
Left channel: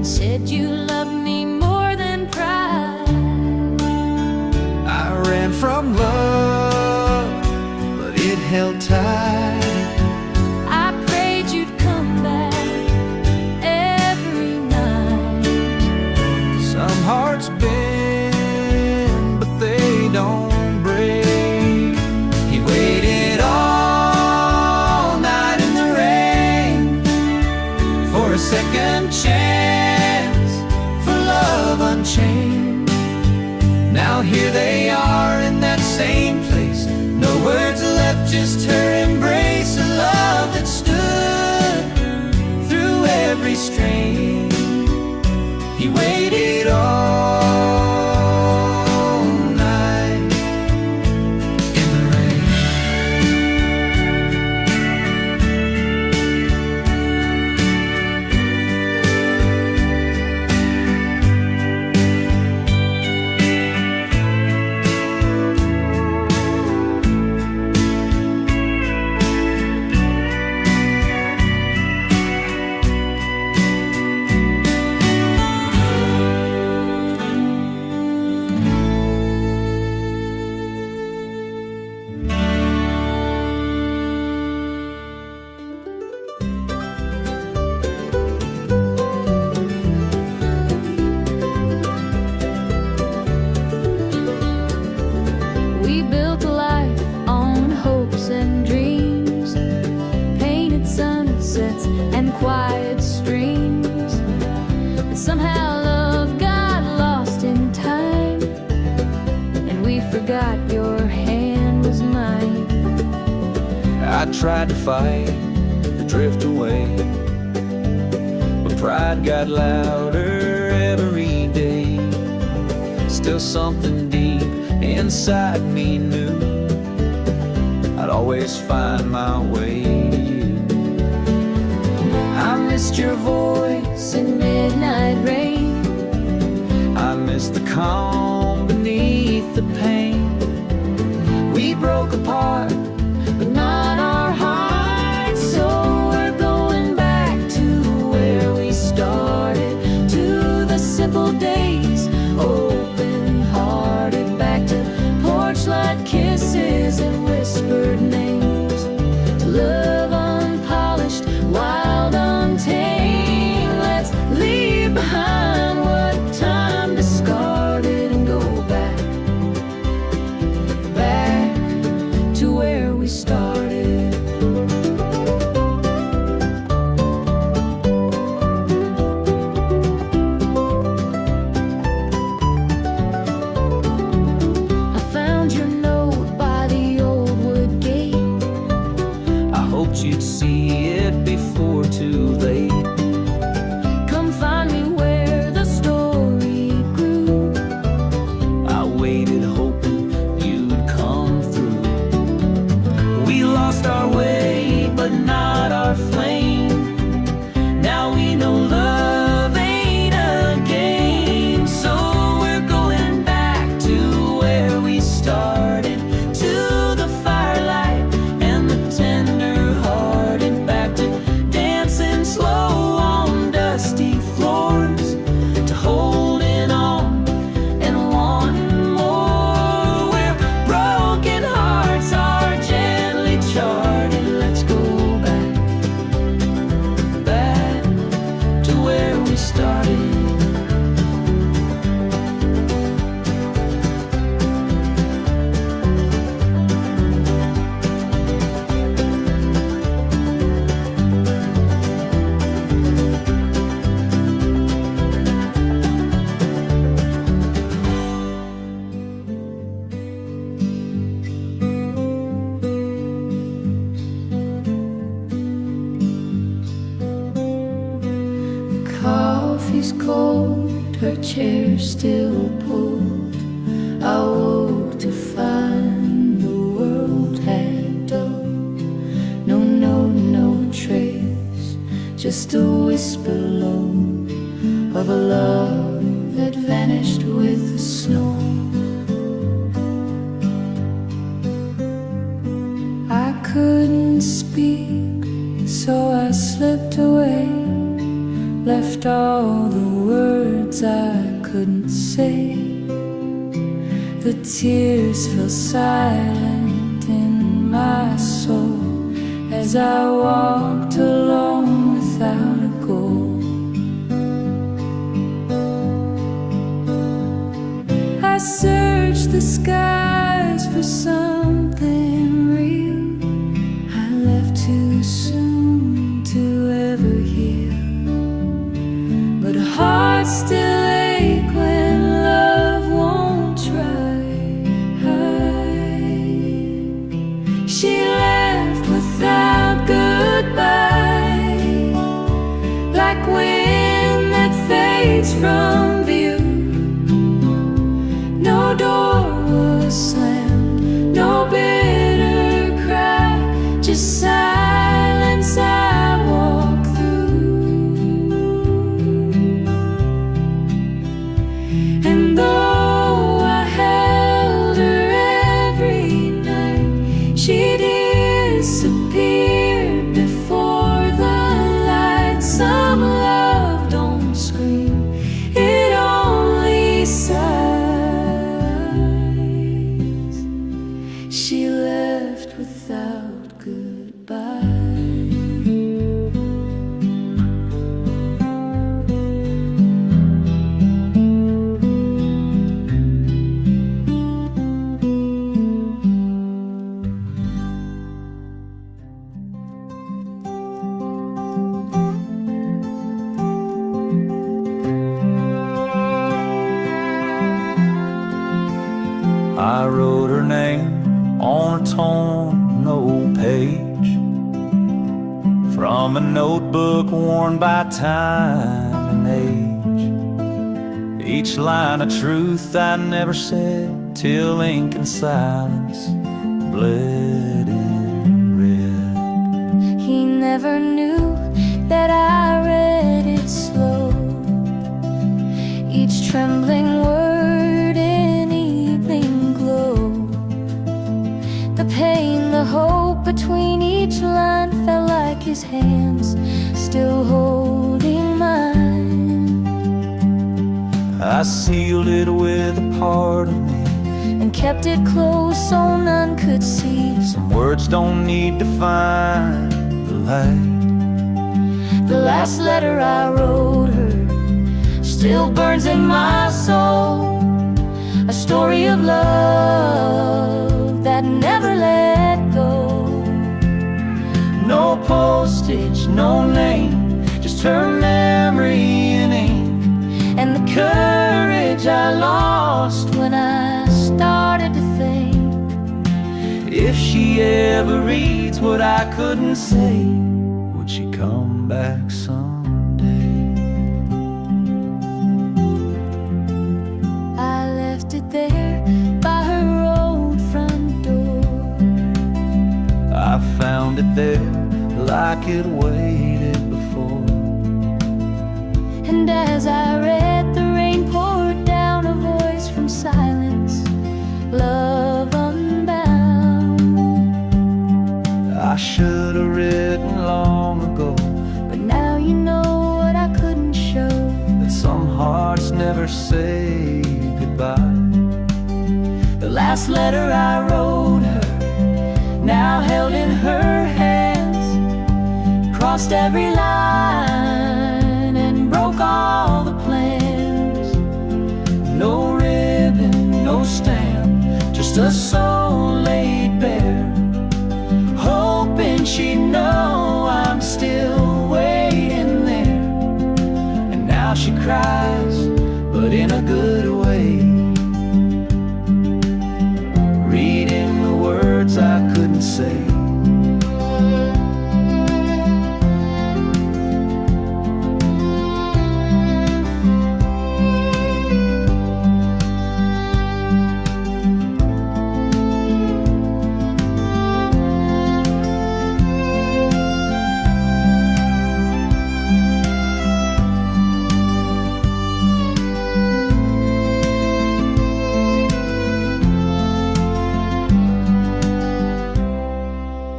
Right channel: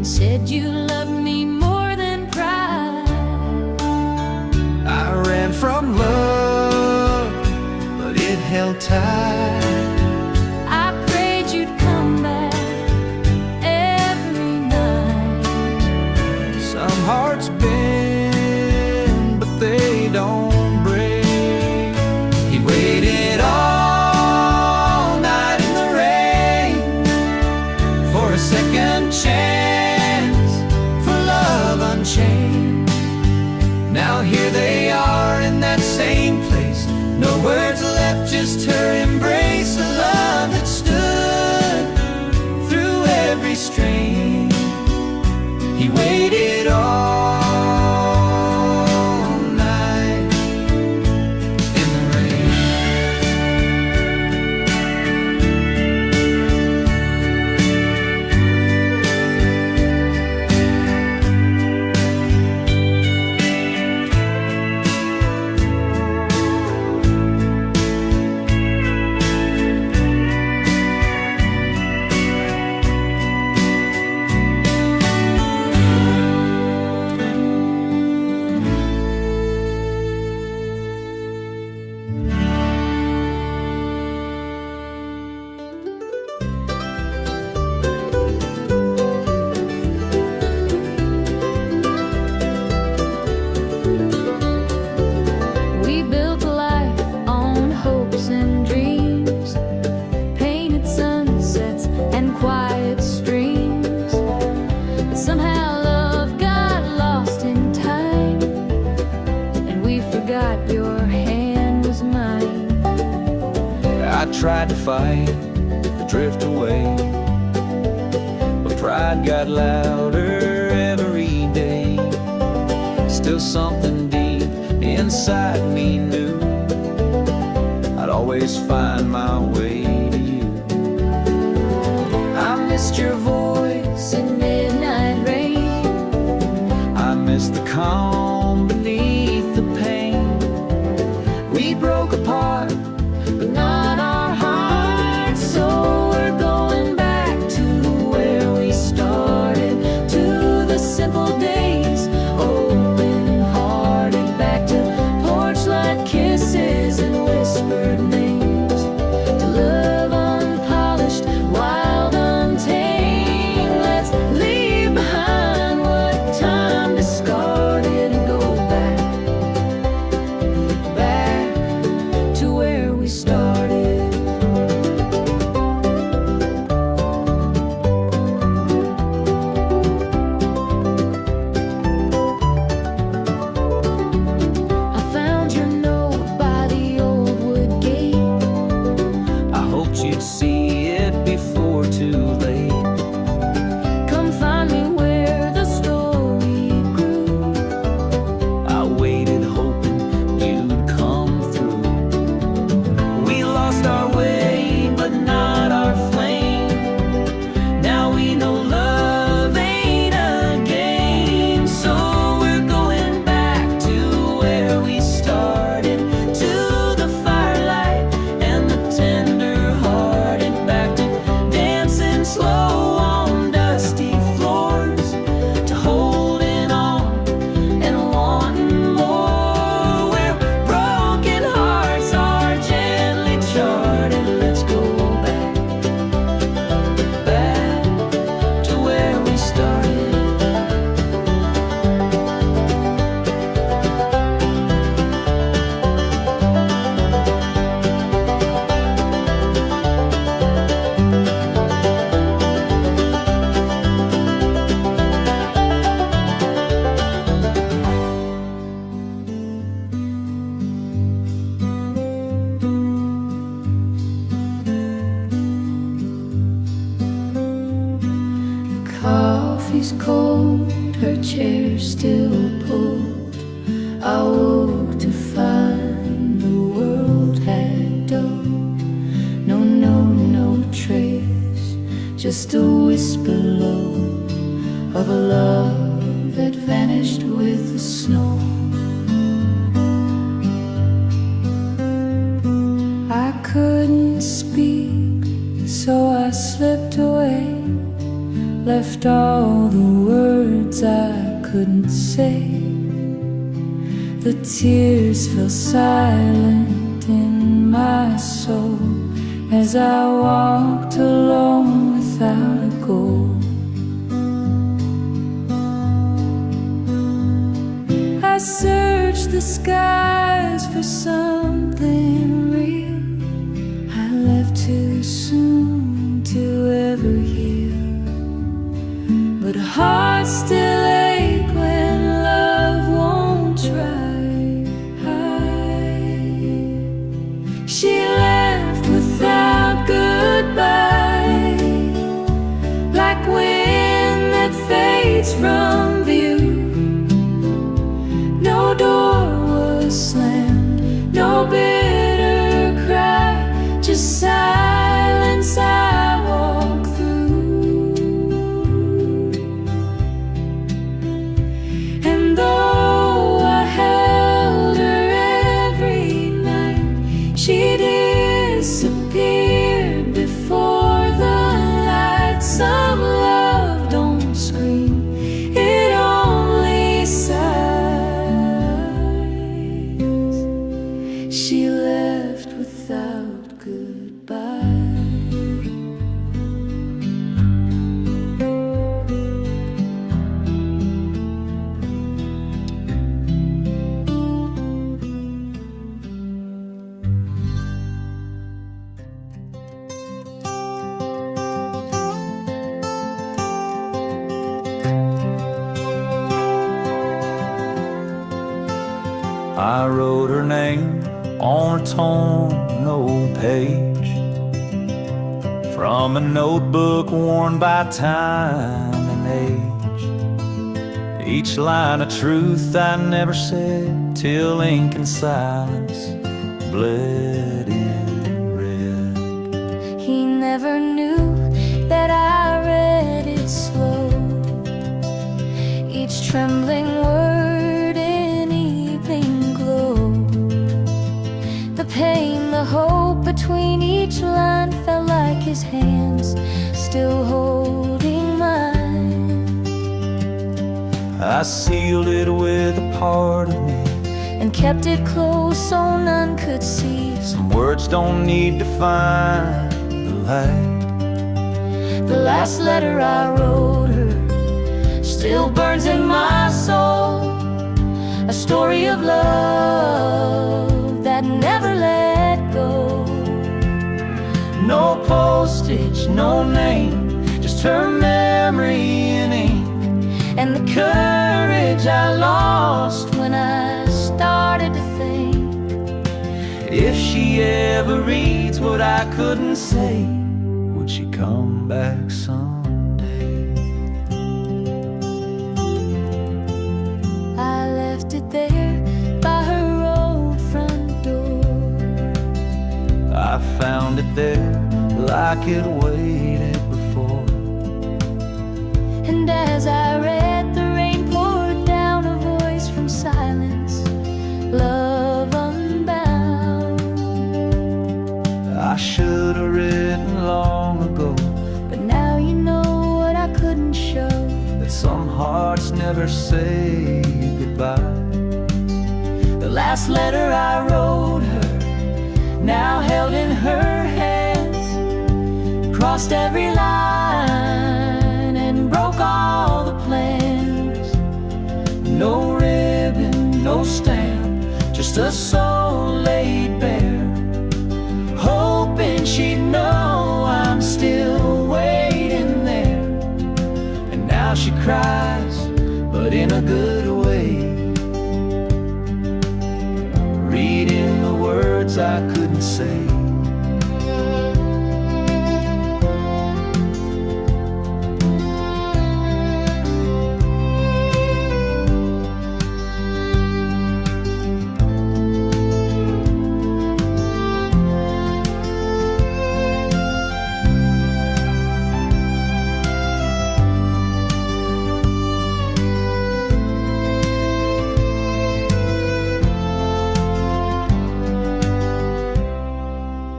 said you loved me more than pride. I ran from love, but it held tight. I prayed you'd come back every night. Some hearts bend, but they don't break. He waited all night in the rain for a second chance, for love unchained. Now here they are in that same place. No words left, just her embrace. A love that stood through every strain. He waited all night in the rain. We built a life on hopes and dreams, painted sunsets and quiet streams. But somehow love got lost in time, and we forgot your hand was mine. I tried to fight the drift away, but pride got louder every day. Still something deep inside me knew I'd always find my way to you. I missed your voice in midnight rain. I missed the calm beneath the pain. We broke apart, but not our hearts. So we're going back to where we started, to the simple days, open-hearted, back to porch light kisses and whispered names, to love unpolished, wild, untamed. Let's leave behind what time discarded and go back, back to where we started. I found your note by the old wood gate. I hoped you'd see it before too late. Come find me where the story grew. I waited hoping you'd come through. We lost our way, but not our flame. Now we know love ain't a game. So we're going back to where we started, to the firelight and the tender-hearted, back to dancing slow on dusty floors, to holding on and wanting more, where broken hearts are gently charted. Let's go back, back to where we started. The coffee's cold, her chair still pulled. I woke to find the world had dulled. No trace, just a whisper low of a love that vanished with the snow. I couldn't speak, so I slipped away, left all the words I couldn't say. The tears fell silent in my soul as I walked alone without a goal. I searched the skies for something real. I left too soon to ever heal, but hearts still ache when love won't try. She left without goodbye, like wind that fades from view. No door was slammed, no bitter cry, just silence I walk through. And though I held her every night, she disappeared before the light. Some love don't scream, it only sighs. She left without goodbye. I wrote her name on a torn old page from a notebook worn by time and age. Each line of truth I never said till ink and silence bled in red. He never knew that I read it slow, each trembling word in evening glow. The pain, the hope between each line felt like his hands still holding mine. I sealed it with a part of me and kept it close so none could see. Some words don't need to find the light. The last letter I wrote her still burns in my soul, a story of love that never let go. No postage, no name, just her memory in ink, and the courage I lost when I started to think. If she ever reads what I couldn't say, would she come back someday? I left it there by her old front door. I found it there like it waited before. And as I read, the rain poured down, a voice from silence, love unbound. I should have written long ago, but now you know what I couldn't show, that some hearts never say goodbye. the last letter I wrote her, now held in her hands, crossed every line and broke all the plans. No ribbon, no stamp, just a soul laid bare, hoping she'd know I'm still waiting there. And now she cries, but in a good way, reading the words I couldn't say.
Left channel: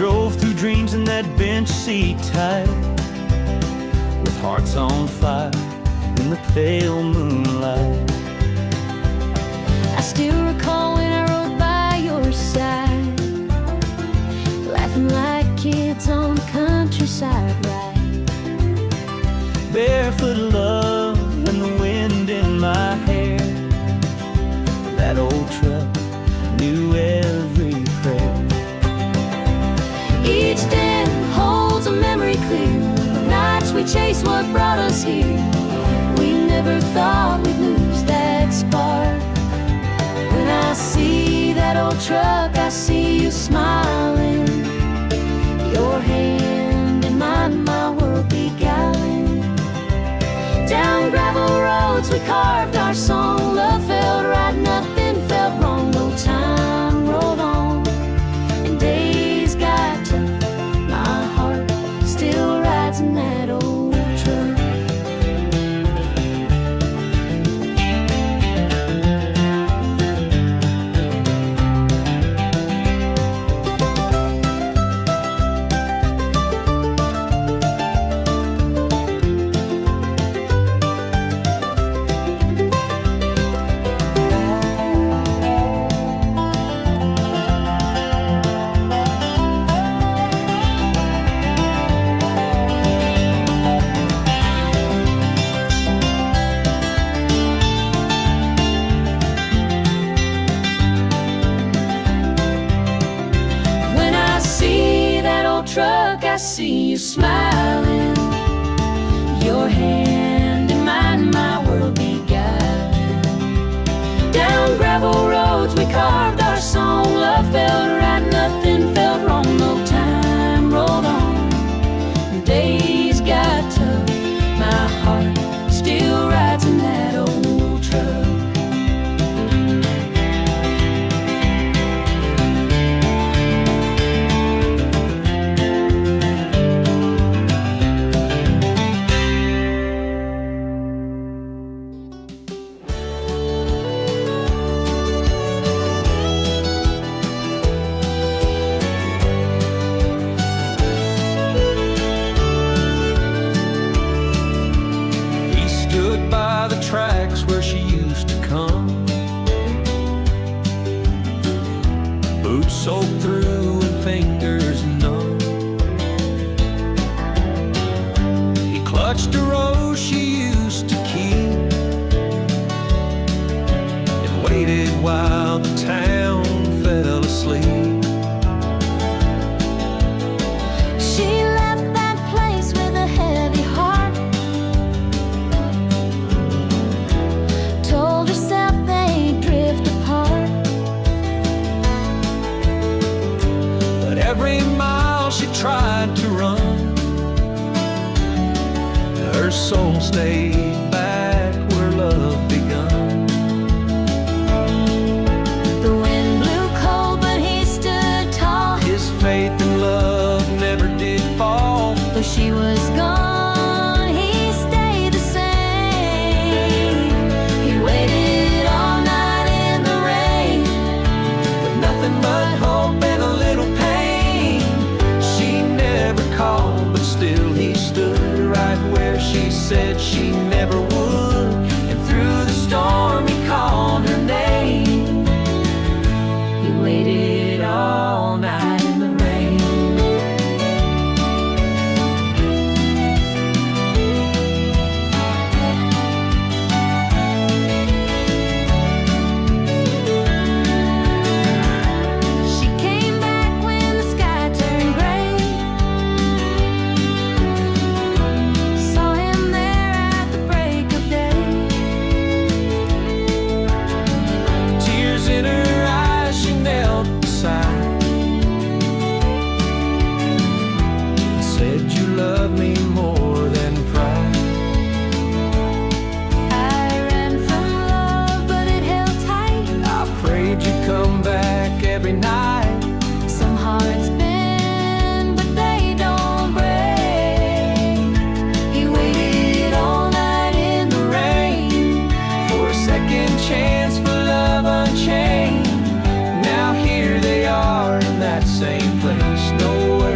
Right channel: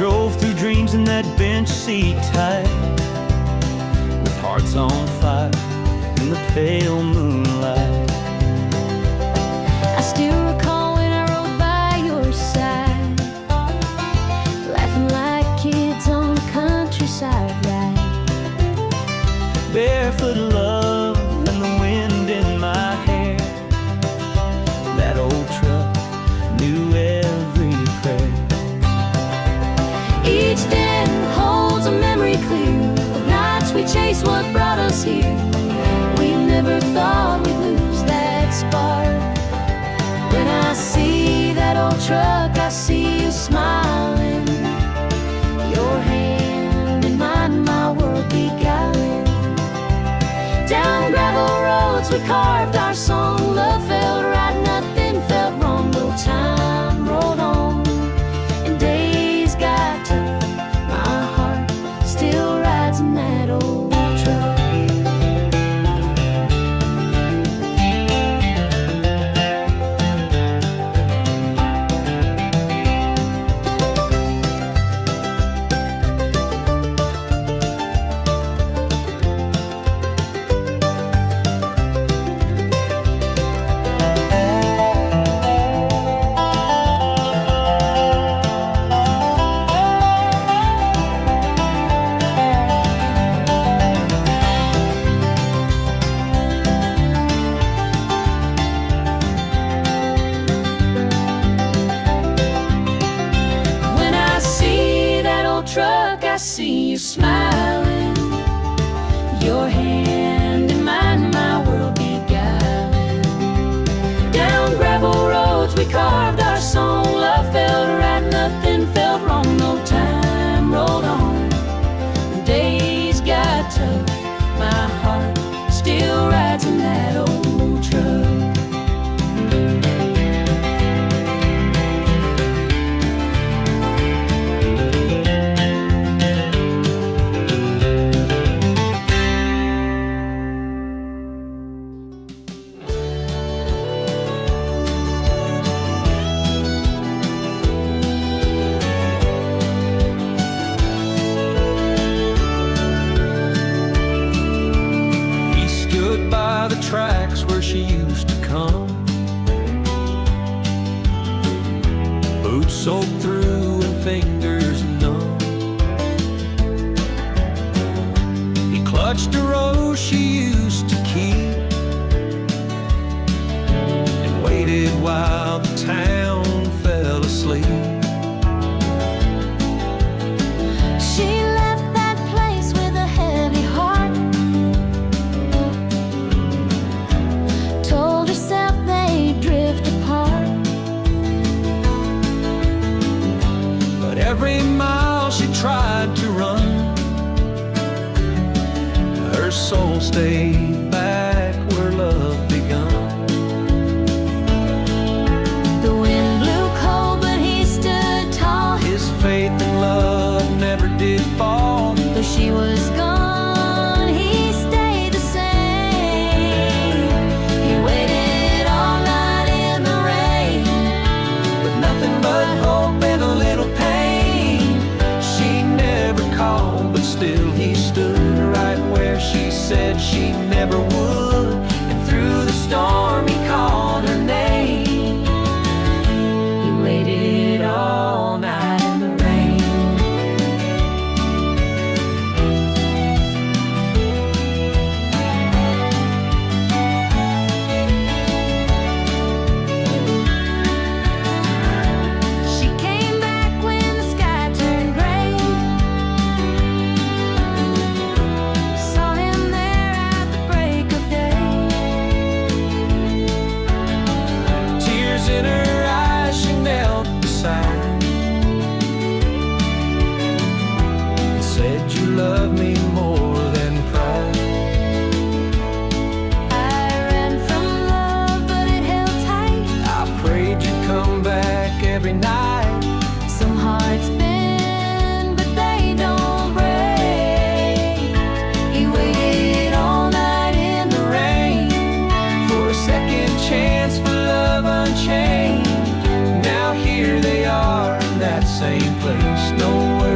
drove through dreams in that bench seat tight, with hearts on fire in the pale moonlight. I still recall when I rode by your side, laughing like kids on the countryside ride. Barefoot love and the wind in my hair, that old truck knew every prayer. Each den holds a memory clear of nights we chased what brought us here. We never thought we'd lose that spark. When I see that old truck, I see you smiling, your hand in mine, my world beguiling. Down gravel roads we carved our song. Love felt right, nothing felt wrong. No time rolled on and days got tough. My heart still rides in that old truck. Truck, I see you smiling, your hand in mine, my world beguiling. Down gravel roads we carved our song. Love felt right, nothing felt wrong. No time rolled on, days got tough. My heart still rides in that old truck. Stood by the tracks where she used to come, boots soaked through and fingers numb. He clutched a rose she used to keep and waited while the town fell asleep. She left that place with a heavy heart, told herself they'd drift apart. But every mile she tried to run, her soul stayed back where love begun. The wind blew cold, but he stood tall. His faith and love never did fall. Though she was gone, he stayed the same. He waited all night in the rain, With nothing but hope and a little pain. She never called, but still he stood right where she said she never would. And through the storm he called her name. he waited all night in the rain. She came back when the sky turned gray, saw him there at the break of day. Tears in her eyes, she knelt beside and said, "You love me more than pride." I ran from love, but it held tight. I prayed you'd come back every night. Some hearts bend, but they don't break. He waited all night in the rain For a second chance, for love unchained. Now here they are in that same place. No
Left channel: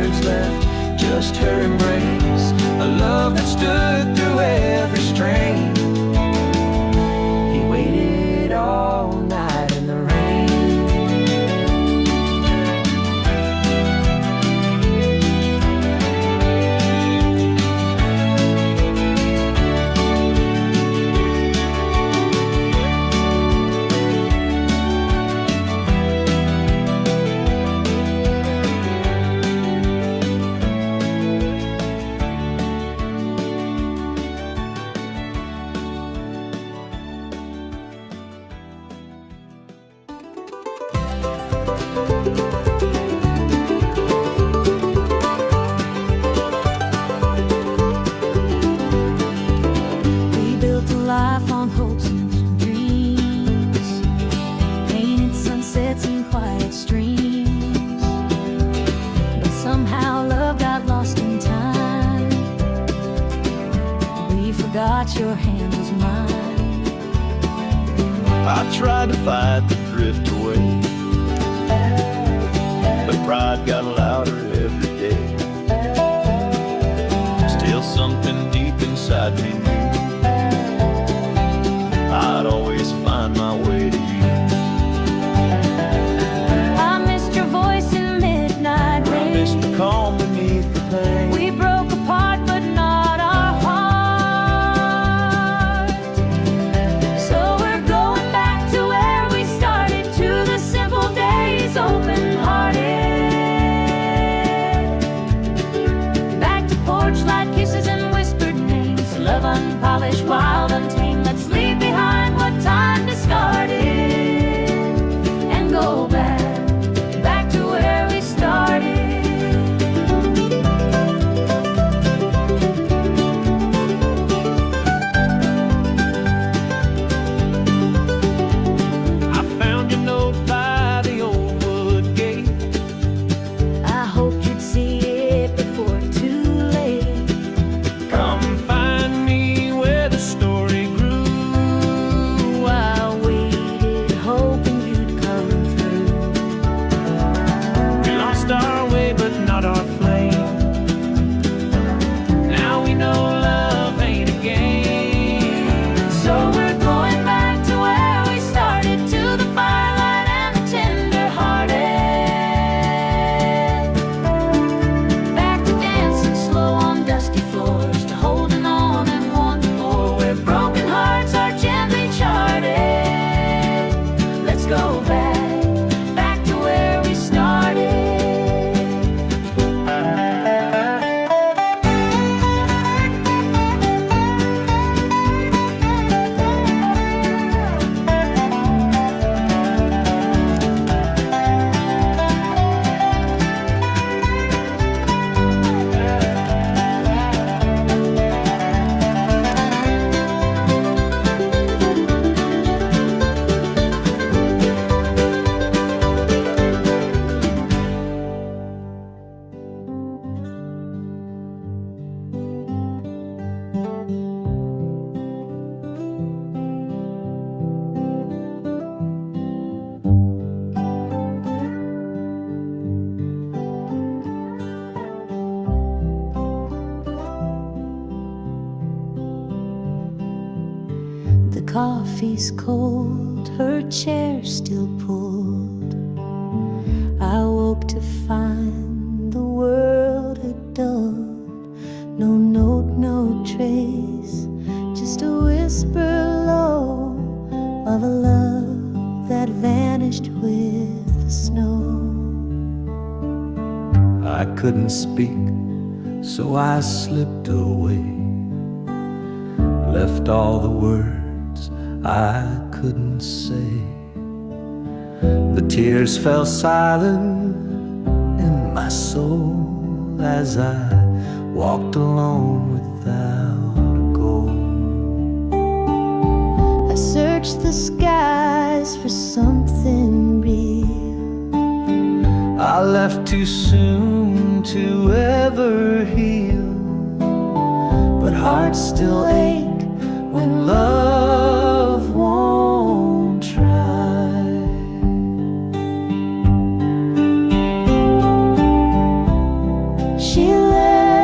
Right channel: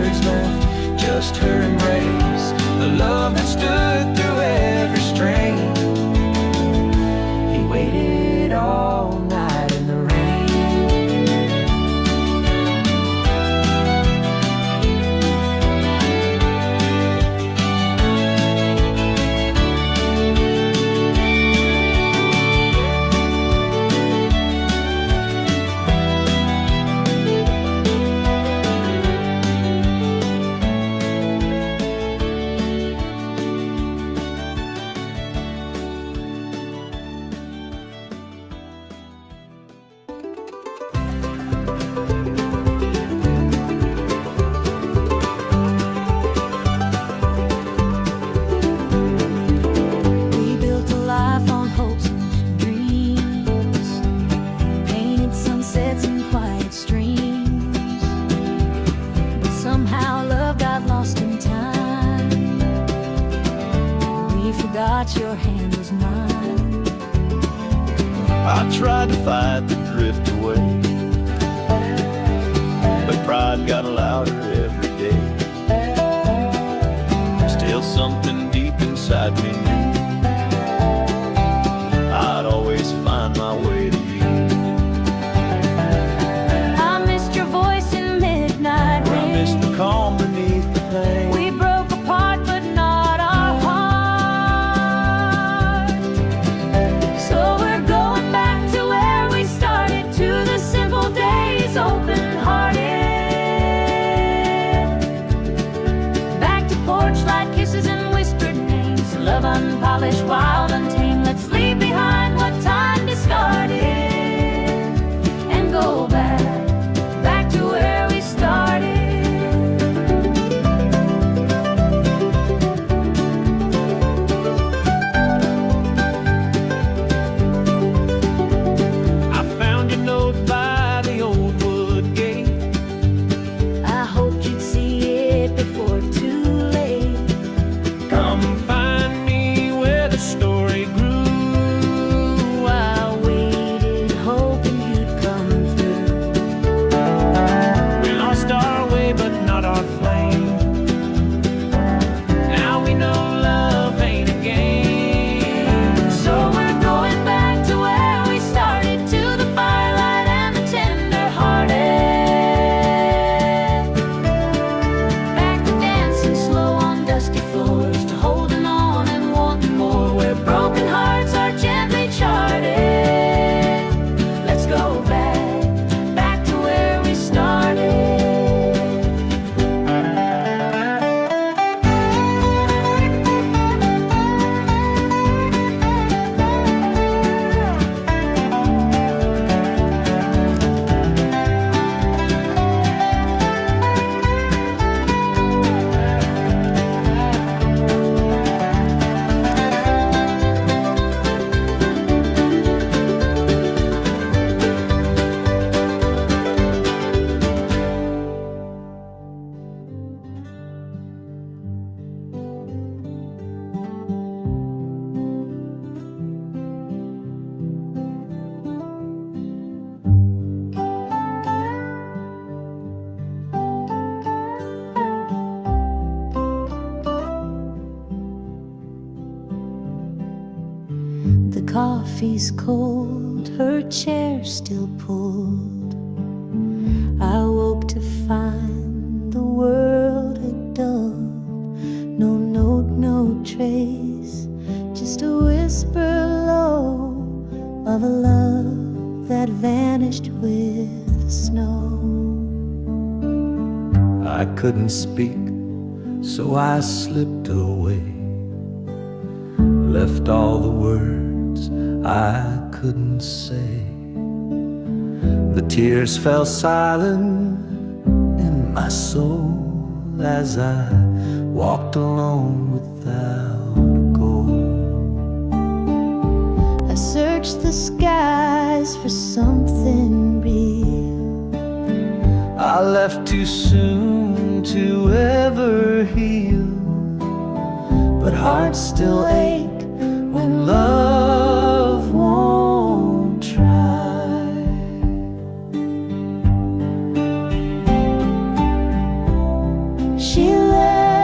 just her embrace, a love that stood through every strain. He waited all night in the rain. Life on hopes and dreams, painted sunsets and quiet streams, but somehow love got lost in time. We forgot your hand was mine. I tried to fight the drift away, but pride got louder every day. Still something deep inside me knew I'd always find my way to you. I missed your voice in midnight rain. I missed the calm beneath the pain. We broke apart, but not our heart. So we're going back to where we started, to the simple days, open-hearted. Back to porch light kisses and whispered names, love unpolished, wild, untamed. Let's leave behind what time discarded and go back to where we started. I found your note by the old wood gate. I hoped you'd see it before too late. Come find me where the story grew. I waited, hoping you'd come through. We lost our way, but not our flame. Now we know love ain't a game. So we're going back to where we started, to the firelight and the tender-hearted. Back to dancing slow on dusty floors, to holding on and wanting more, where broken hearts are gently charted. Let's go back to where we started. The coffee's cold, her chair still pulled. I woke to find the world had dulled. No note, no trace, just a whisper low of a love that vanished with the snow. I couldn't speak, so I slipped away, left all the words I couldn't say. The tears fell silent in my soul as I walked alone without a goal. I searched the skies for something real. I left too soon to ever heal, but hearts still ache when love won't try. She left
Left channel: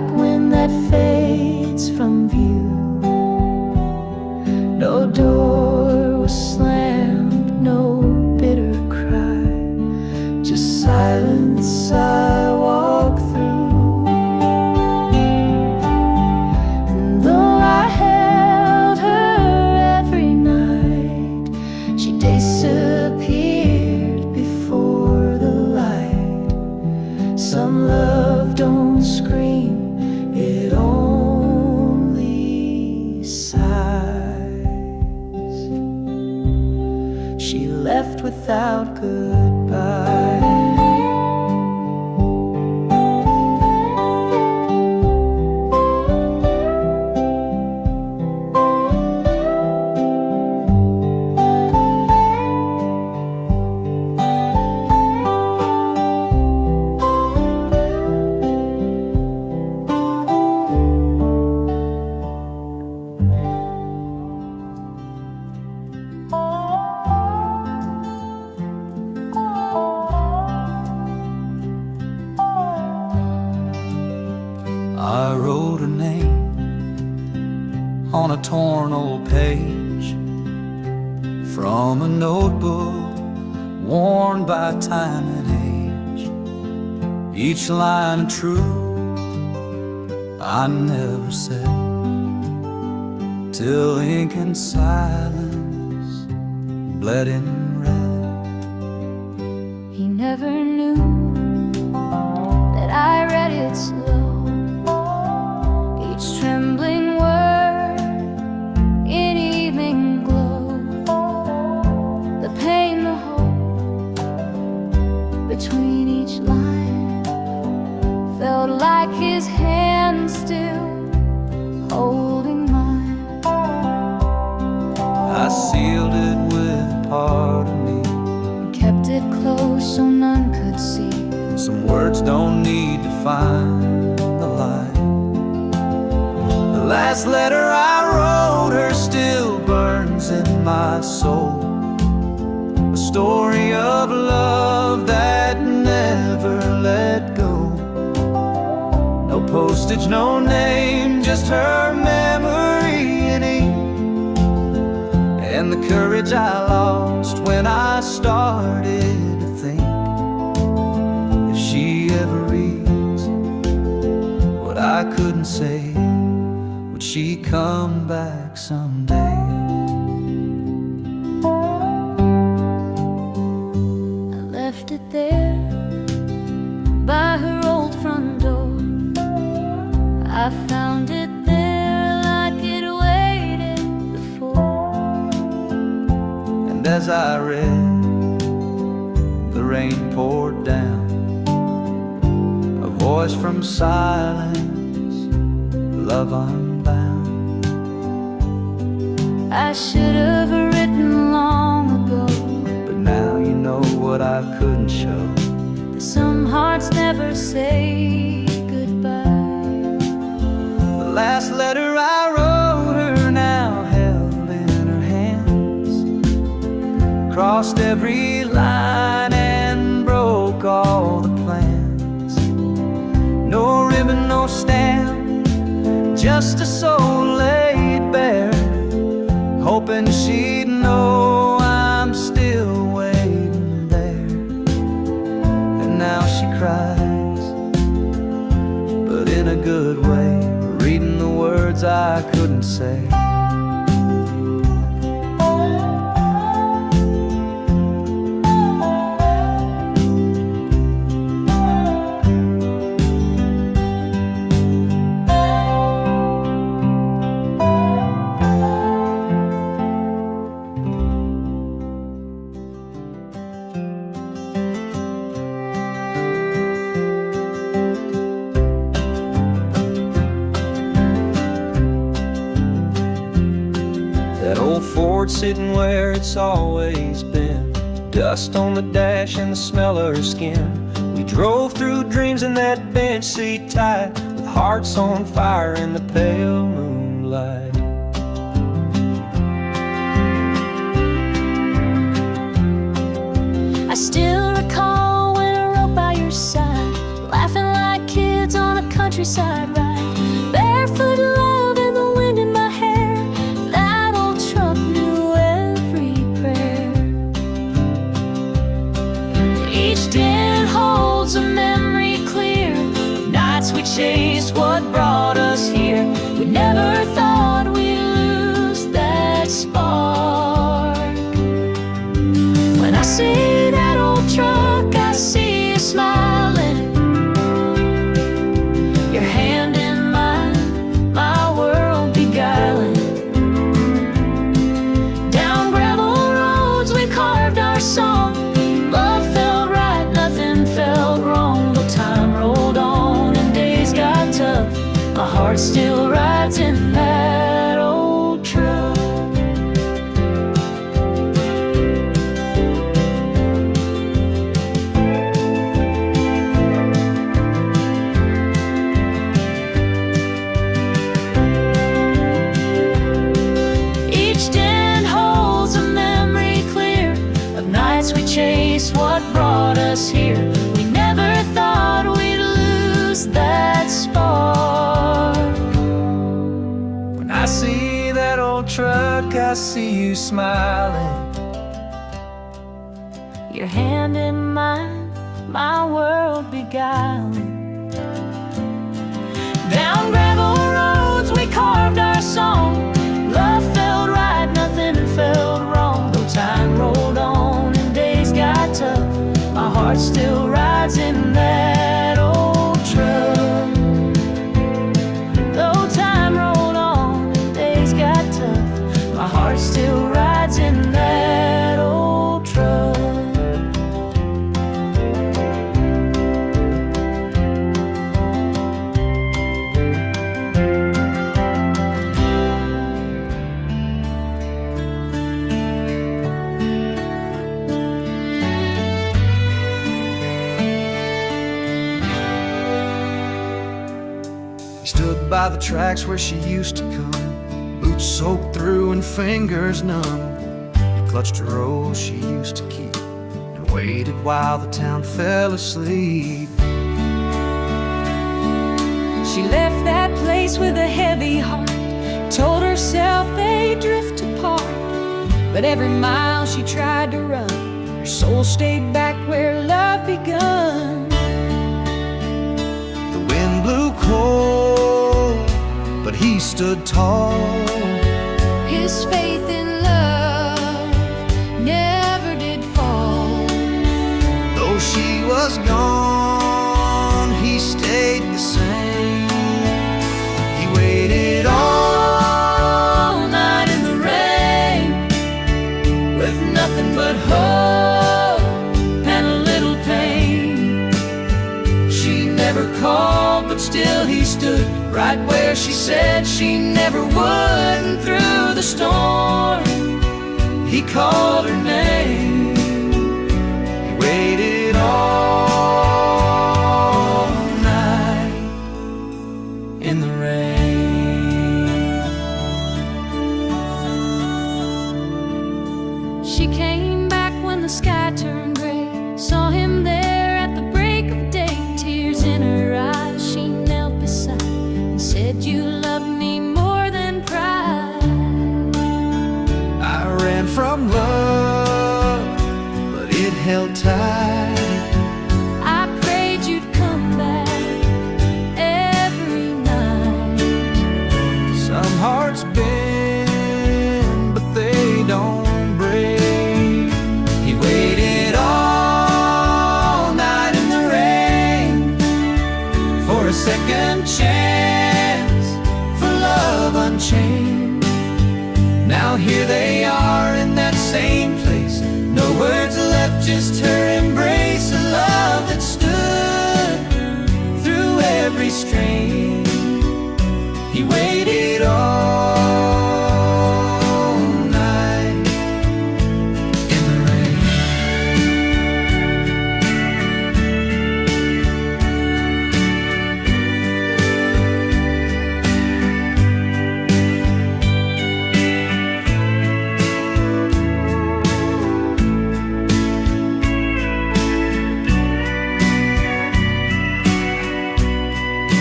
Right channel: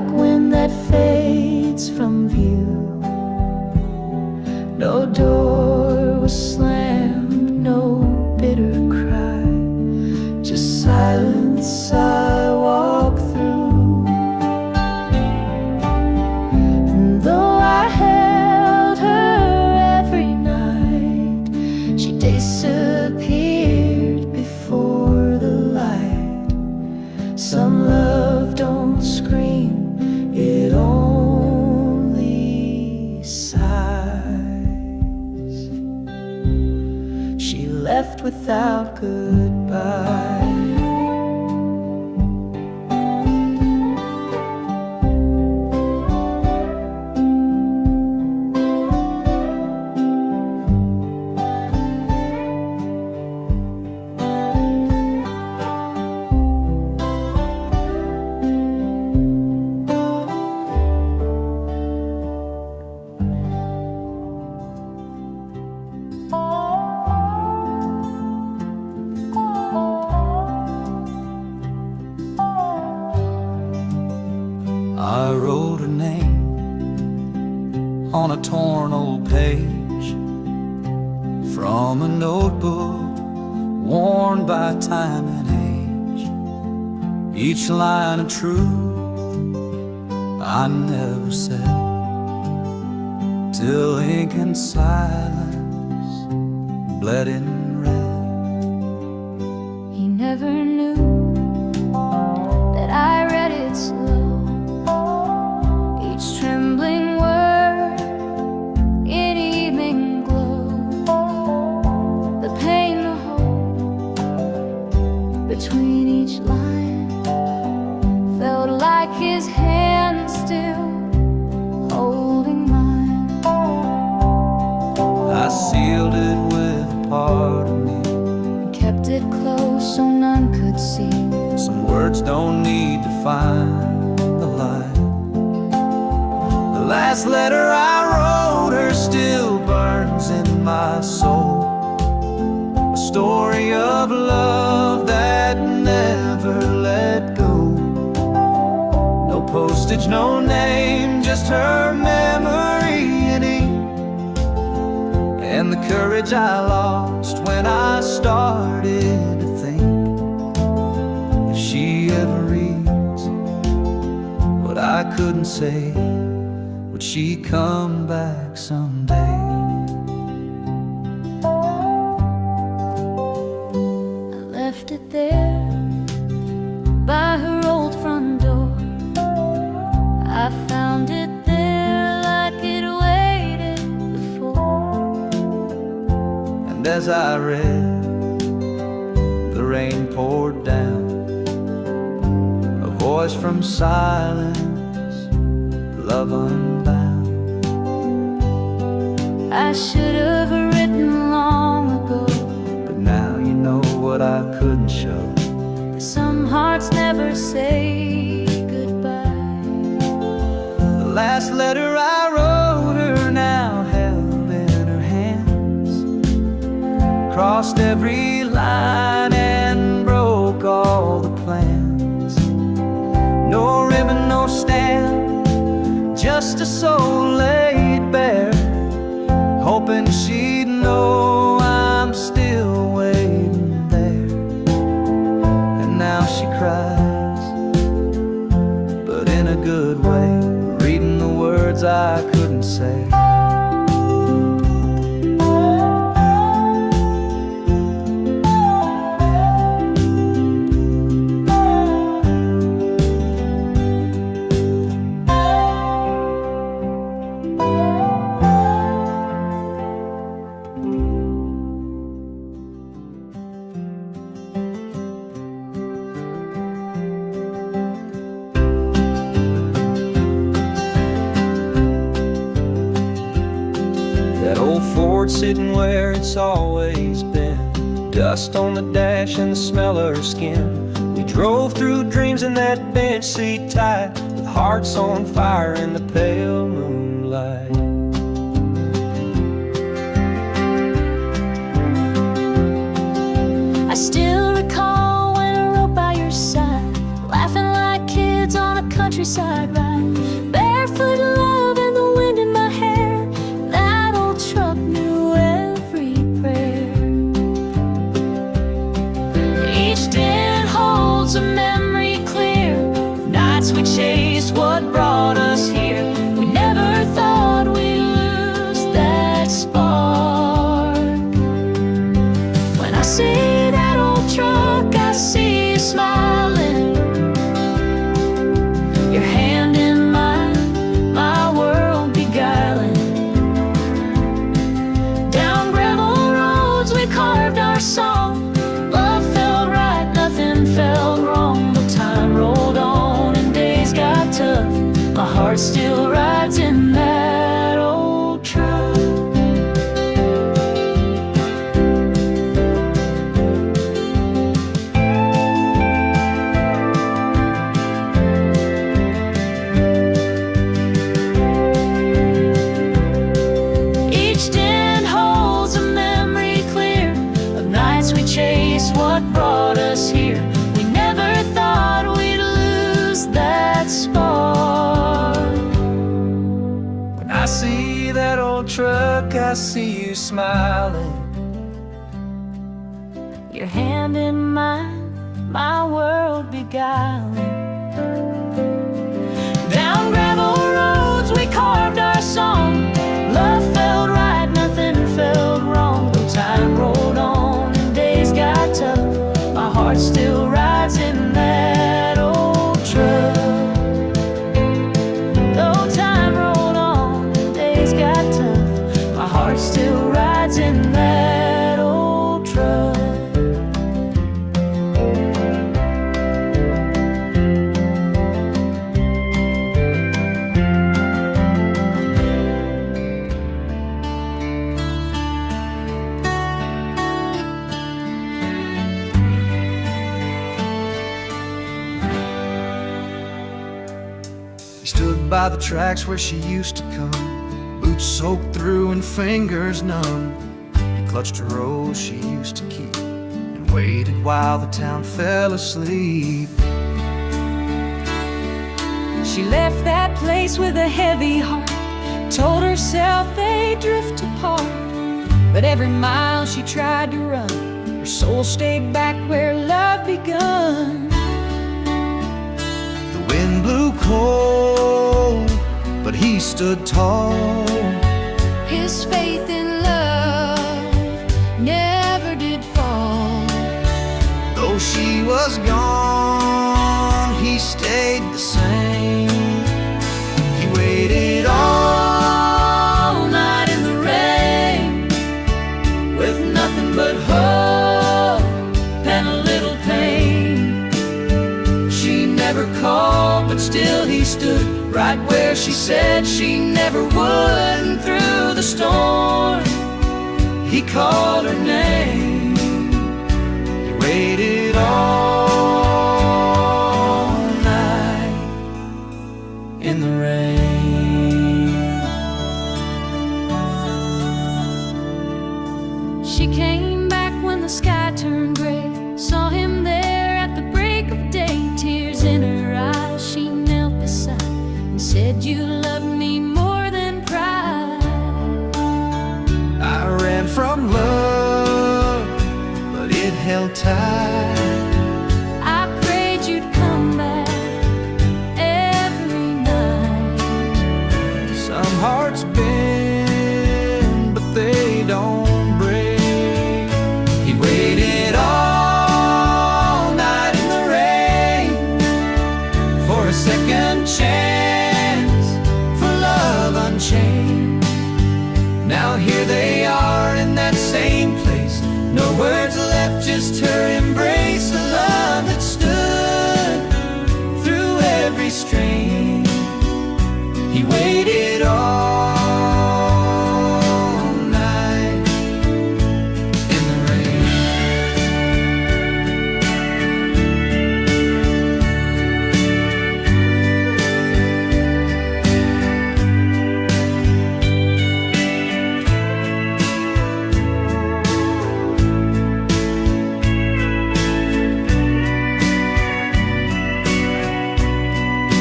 like wind that fades from view. No door was slammed, no bitter cry, just silence I walk through. And though I held her every night, she disappeared before the light. Some love don't scream, it only sighs. She left without goodbye. I wrote her name on a torn old page from a notebook worn by time and age. Each line of truth I never said, till ink and silence bled in red. He never knew that I read it slow, each trembling word in evening glow. The pain, the hope between each line felt like his hand still holding mine. I sealed it with a part of me, And kept it close so none could see. some words don't need to find the light. The last letter I wrote her still burns in my soul, a story of love that never let go. No postage, no name, just her memory in ink, and the courage I lost when I started to think, if she ever reads what I couldn't say, would she come back someday? I left it there by her old front door. I found it there like it waited before. And as I read, the rain poured down, a voice from silence, love unbound. I should have written long ago, But now you know what I couldn't show. that some hearts never say goodbye. The last letter I wrote her now held in her hands, crossed every line and broke all the plans. No ribbon, no stamp, just a soul laid bare, hoping she'd know I'm still waiting there. And now she cries, but in a good way, reading the words I couldn't say. That old Ford sitting where it's always been, dust on the dash and the smell of her skin. We drove through dreams in that bench seat tight, with hearts on fire in the pale moonlight. I still recall when I rode by your side, laughing like kids woods on a countryside ride, barefoot love and the wind in my hair. That old truck knew every prayer. Each den holds a memory clear of nights we chased what brought us here. We never thought we'd lose that spark. When I see that old truck, I see you smiling, your hand in mine, my world beguiling. Down gravel roads we carved our song. Love felt right, nothing felt wrong. Though time rolled on and days got tough, my heart still rides in that old truck. Each den holds a memory clear of nights we chased what brought us here. We never thought we'd lose that spark. When I see that old truck, I see you smiling, Your hand in mine, my world beguiling. Down gravel roads we carved our song. Love felt right, nothing felt wrong. Though time rolled on and days got tough, my heart still rides in that old truck. Though time rolled on and days got tough, my heart still rides in that old truck. He stood by the tracks where she used to come, boots soaked through and fingers numb. He clutched a rose she used to keep and waited while the town fell asleep. She left that place with a heavy heart, told herself they'd drift apart. But every mile she tried to run, her soul stayed back where love begun. The wind blew cold, but he stood tall. His faith in love never did fall. Though she was gone, he stayed the same. He waited all night in the rain, With nothing but hope and a little pain. she never called, but still he stood right where she said she never would. And through the storm, he called her name. He waited all night in the rain. She came back when the sky turned gray, saw him there at the break of day. Tears in her eyes, she knelt beside and said, "You love me more than pride." I ran from love, but it held tight. I prayed you'd come back every night. Some hearts bend, but they don't break. He waited all night in the rain for a second chance, for love unchained. Now here they are in that same place, no words left, just her embrace. A love that stood through every strain. He waited all night in the rain.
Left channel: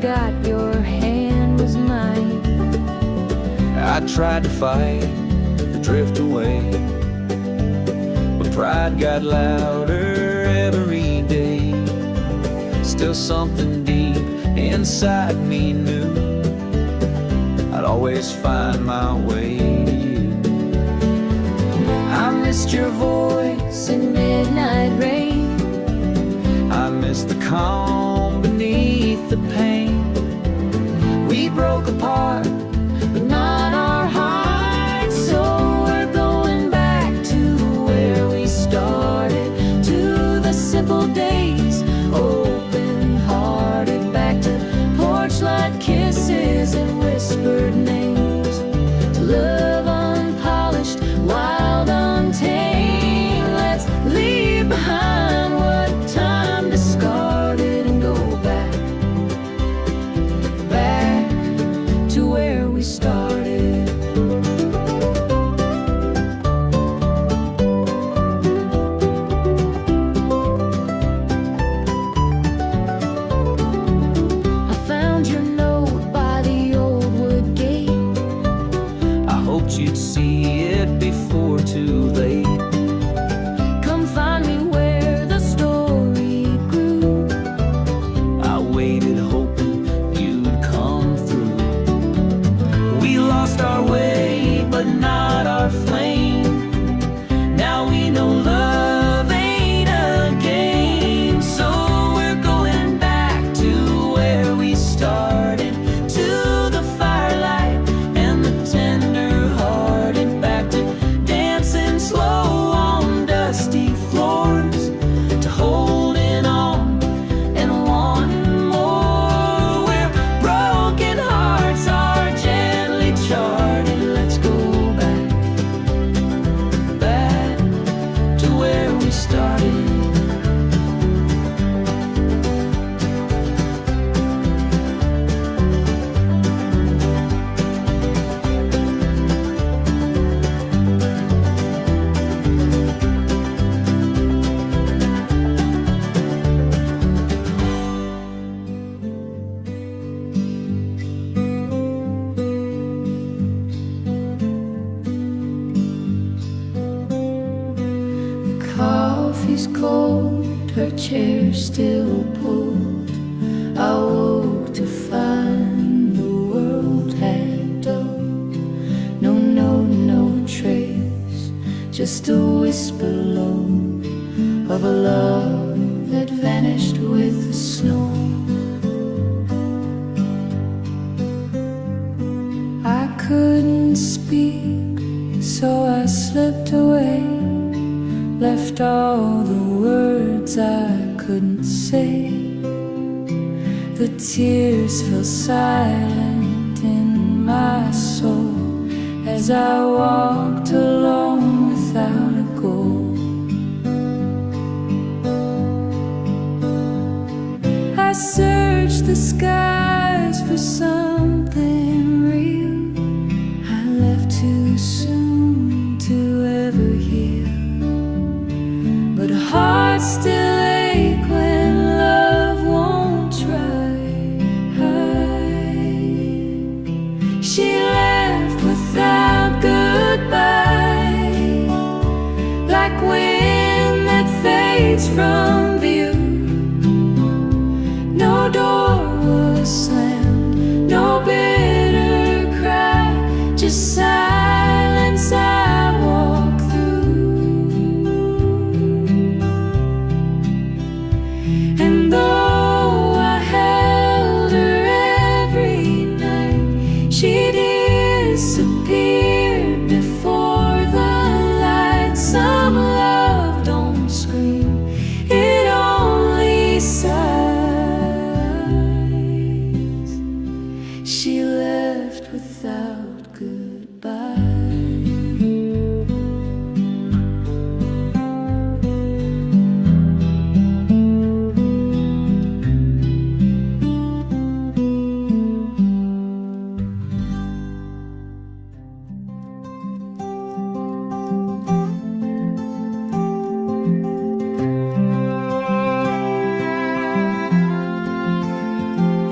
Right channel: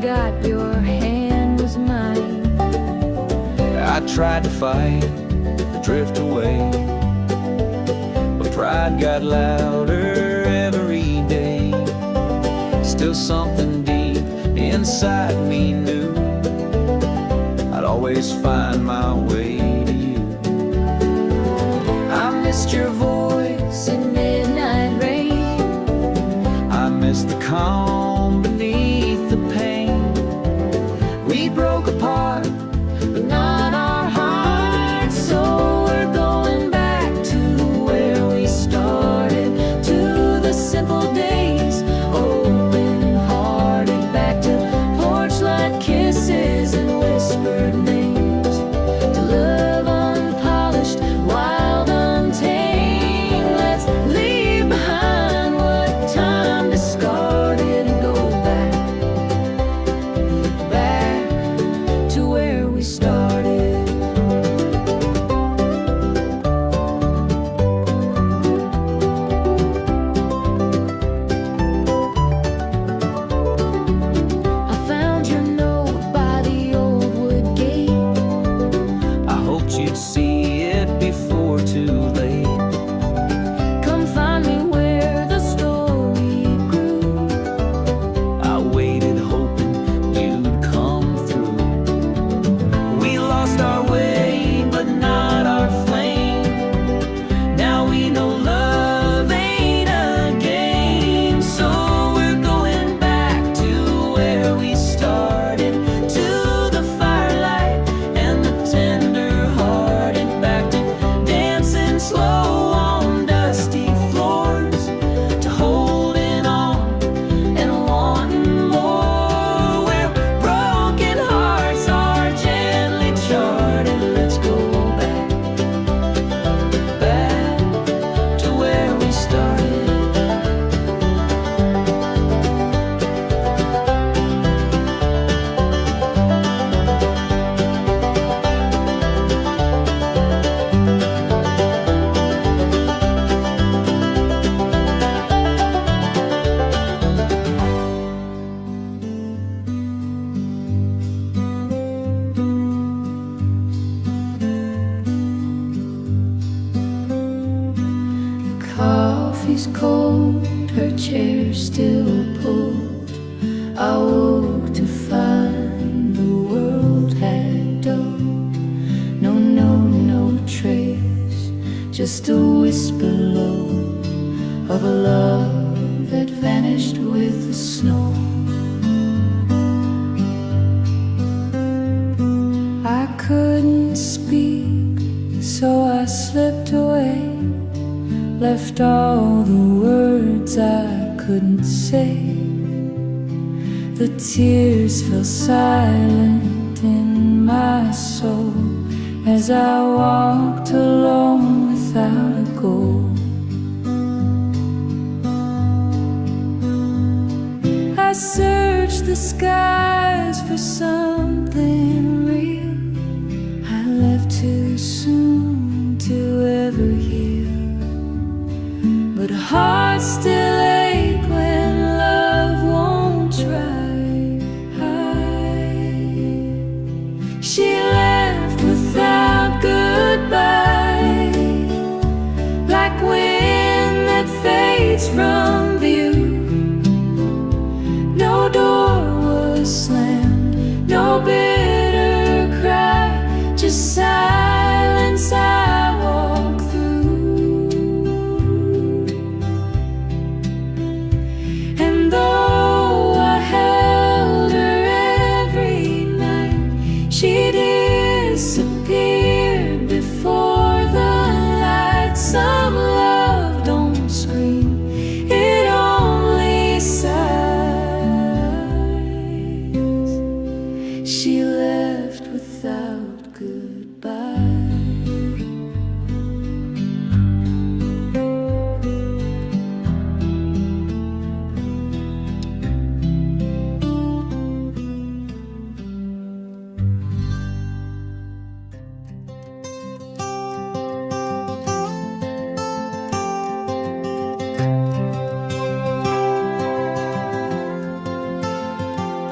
forgot your hand was mine. I tried to fight, to drift away, but pride got louder every day. Still something deep inside me knew I'd always find my way to you. I missed your voice in midnight rain. I miss the calm beneath the pain. We broke apart, but not our hearts. So we're going back to where we started, to the simple days, open-hearted, back to porch light kisses and whispered names, to love unpolished, wild, untamed. Let's leave behind what time discarded and go back to where we started. I found your note by the old wood gate. I hoped you'd see it before too late. Come find me where the story grew. I waited hoping you'd come through. We lost our way, but not our flame. Now we know love ain't a game. So we're going back to where we started, to the firelight and the tender-hearted, back to dancing slow on dusty floors, to holding on and wanting more, where broken hearts are gently charted. Let's go back to where we started. Coffee's cold, her chair still pulled. I woke to find the world had dulled. No note, no trace, just a whisper low of a love that vanished with the snow. I couldn't speak, so I slipped away, left all the words I couldn't say. The tears fell silent in my soul as I walked alone without a goal. I searched the skies for something real. I left too soon to ever heal, but hearts still ache when love won't try. She left without goodbye, like wind that fades from view. No door was slammed, no bitter cry, just silence I walk through. And though I held her every night, she disappeared before the light. Some love don't scream, it only sighs. She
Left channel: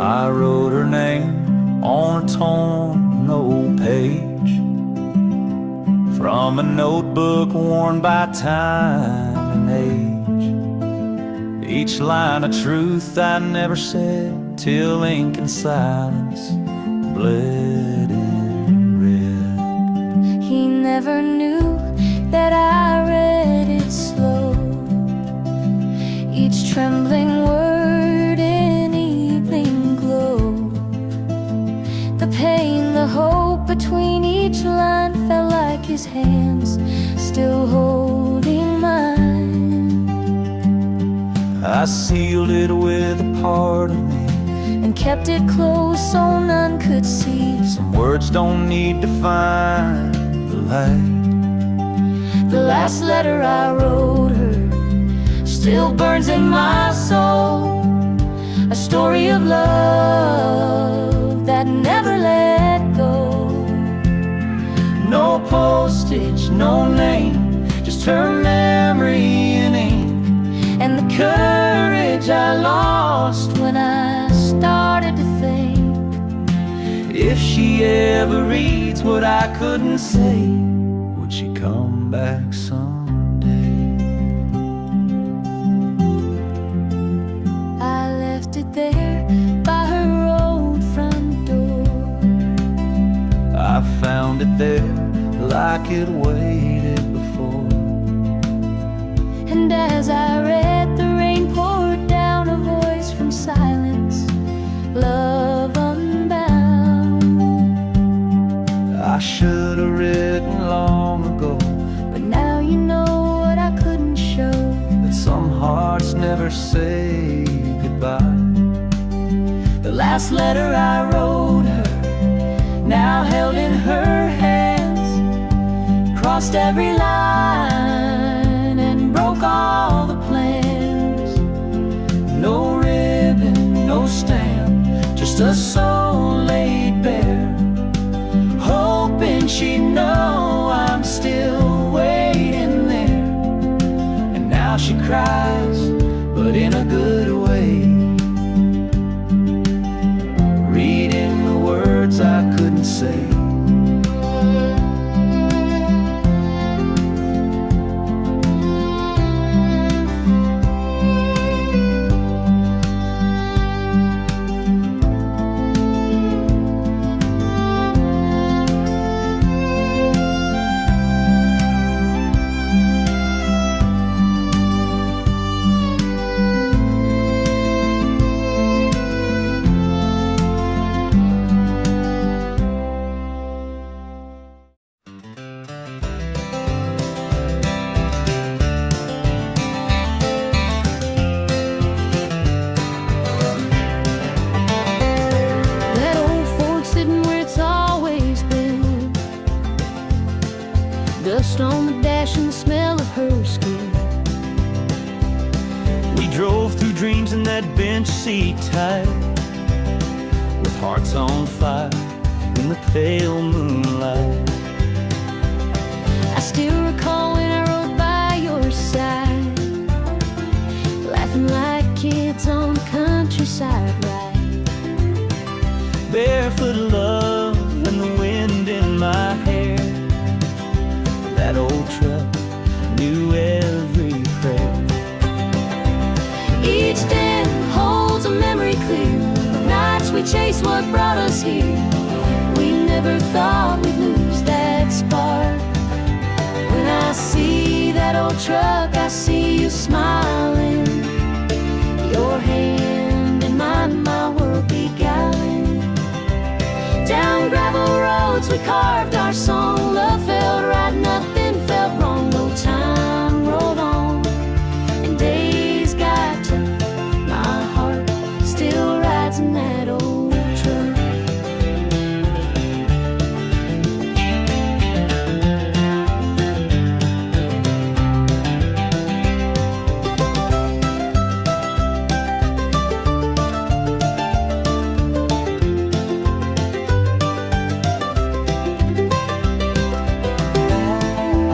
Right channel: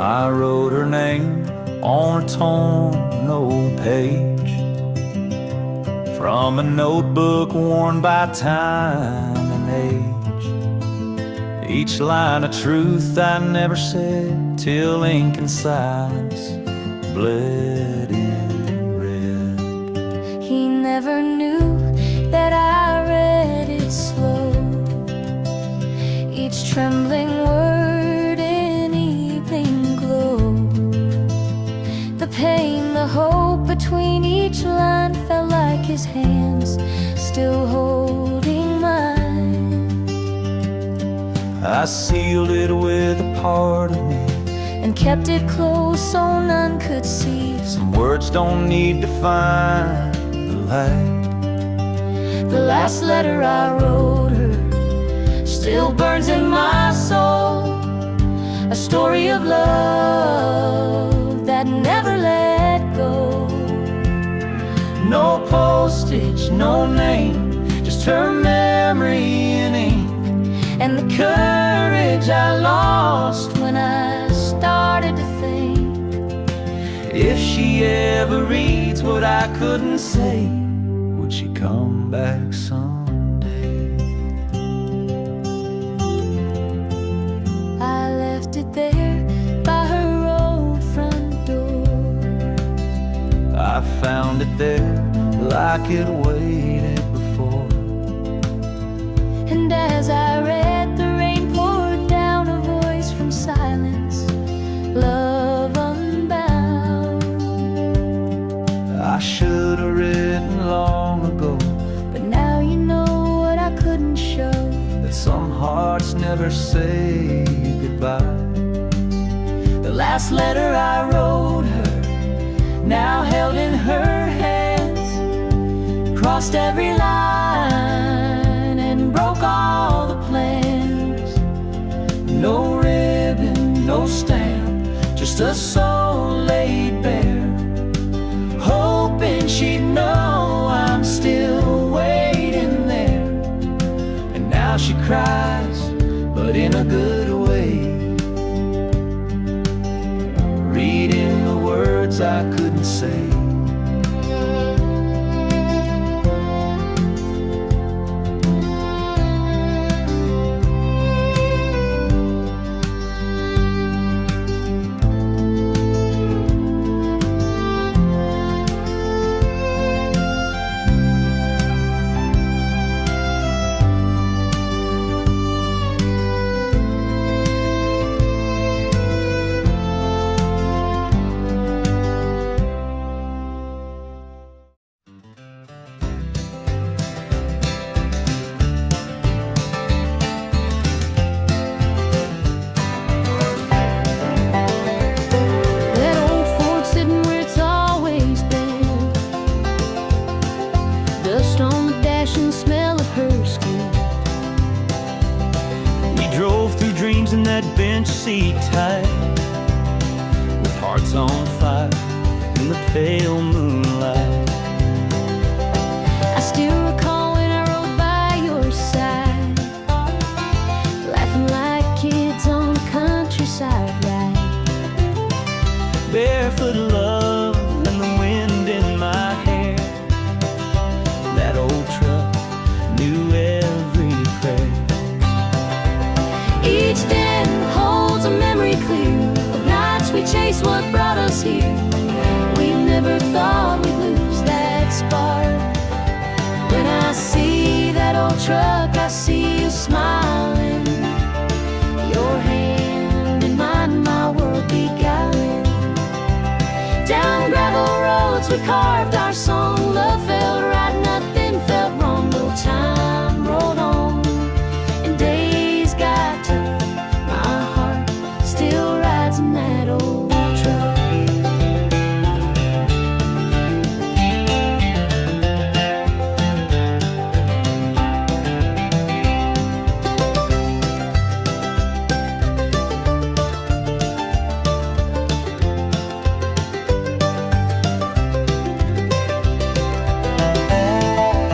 I wrote her name on a torn old page from a notebook worn by time and age. Each line of truth I never said till ink and silence bled in red. He never knew that I read it slow, each trembling word in evening glow. The pain, the hope between each line felt like his hands still holding mine. I sealed it with a part of me and kept it close so none could see. Some words don't need to find the light. The last letter I wrote her still burns in my soul, a story of love that never let go. No postage, no name, just her memory in ink, and the courage I lost when I started to think. if she ever reads what I couldn't say, would she come back someday? I left it there by her old front door. I found it there like it waited before. And as I read, the rain poured down, a voice from silence, love unbound. I should have written long ago, But now you know what I couldn't show, that some hearts never say goodbye. the last letter I wrote her, now held in her hands, crossed every line and broke all the plans. No ribbon, no stamp, just a soul laid bare, hoping she'd know I'm still waiting there. and now she cries, but in a good way, reading the words I couldn't say. That old Ford sitting where it's always been, dust on the dash and the smell of her skin. We drove through dreams in that bench seat tight, with hearts on fire in the pale moonlight. I still recall when I rode by your side, laughing like kids on a countryside ride. Barefoot love and the wind in my hair. That old truck knew every prayer. Each den holds a memory clear of nights we chased what brought us here. We never thought we'd lose that spark. When I see that old truck, I see you smiling, your hand in mine, my world beguiling. Down gravel roads we carved our song, love felt right, nothing felt wrong. No time rolled on and days got tough, my heart still rides in that old truck.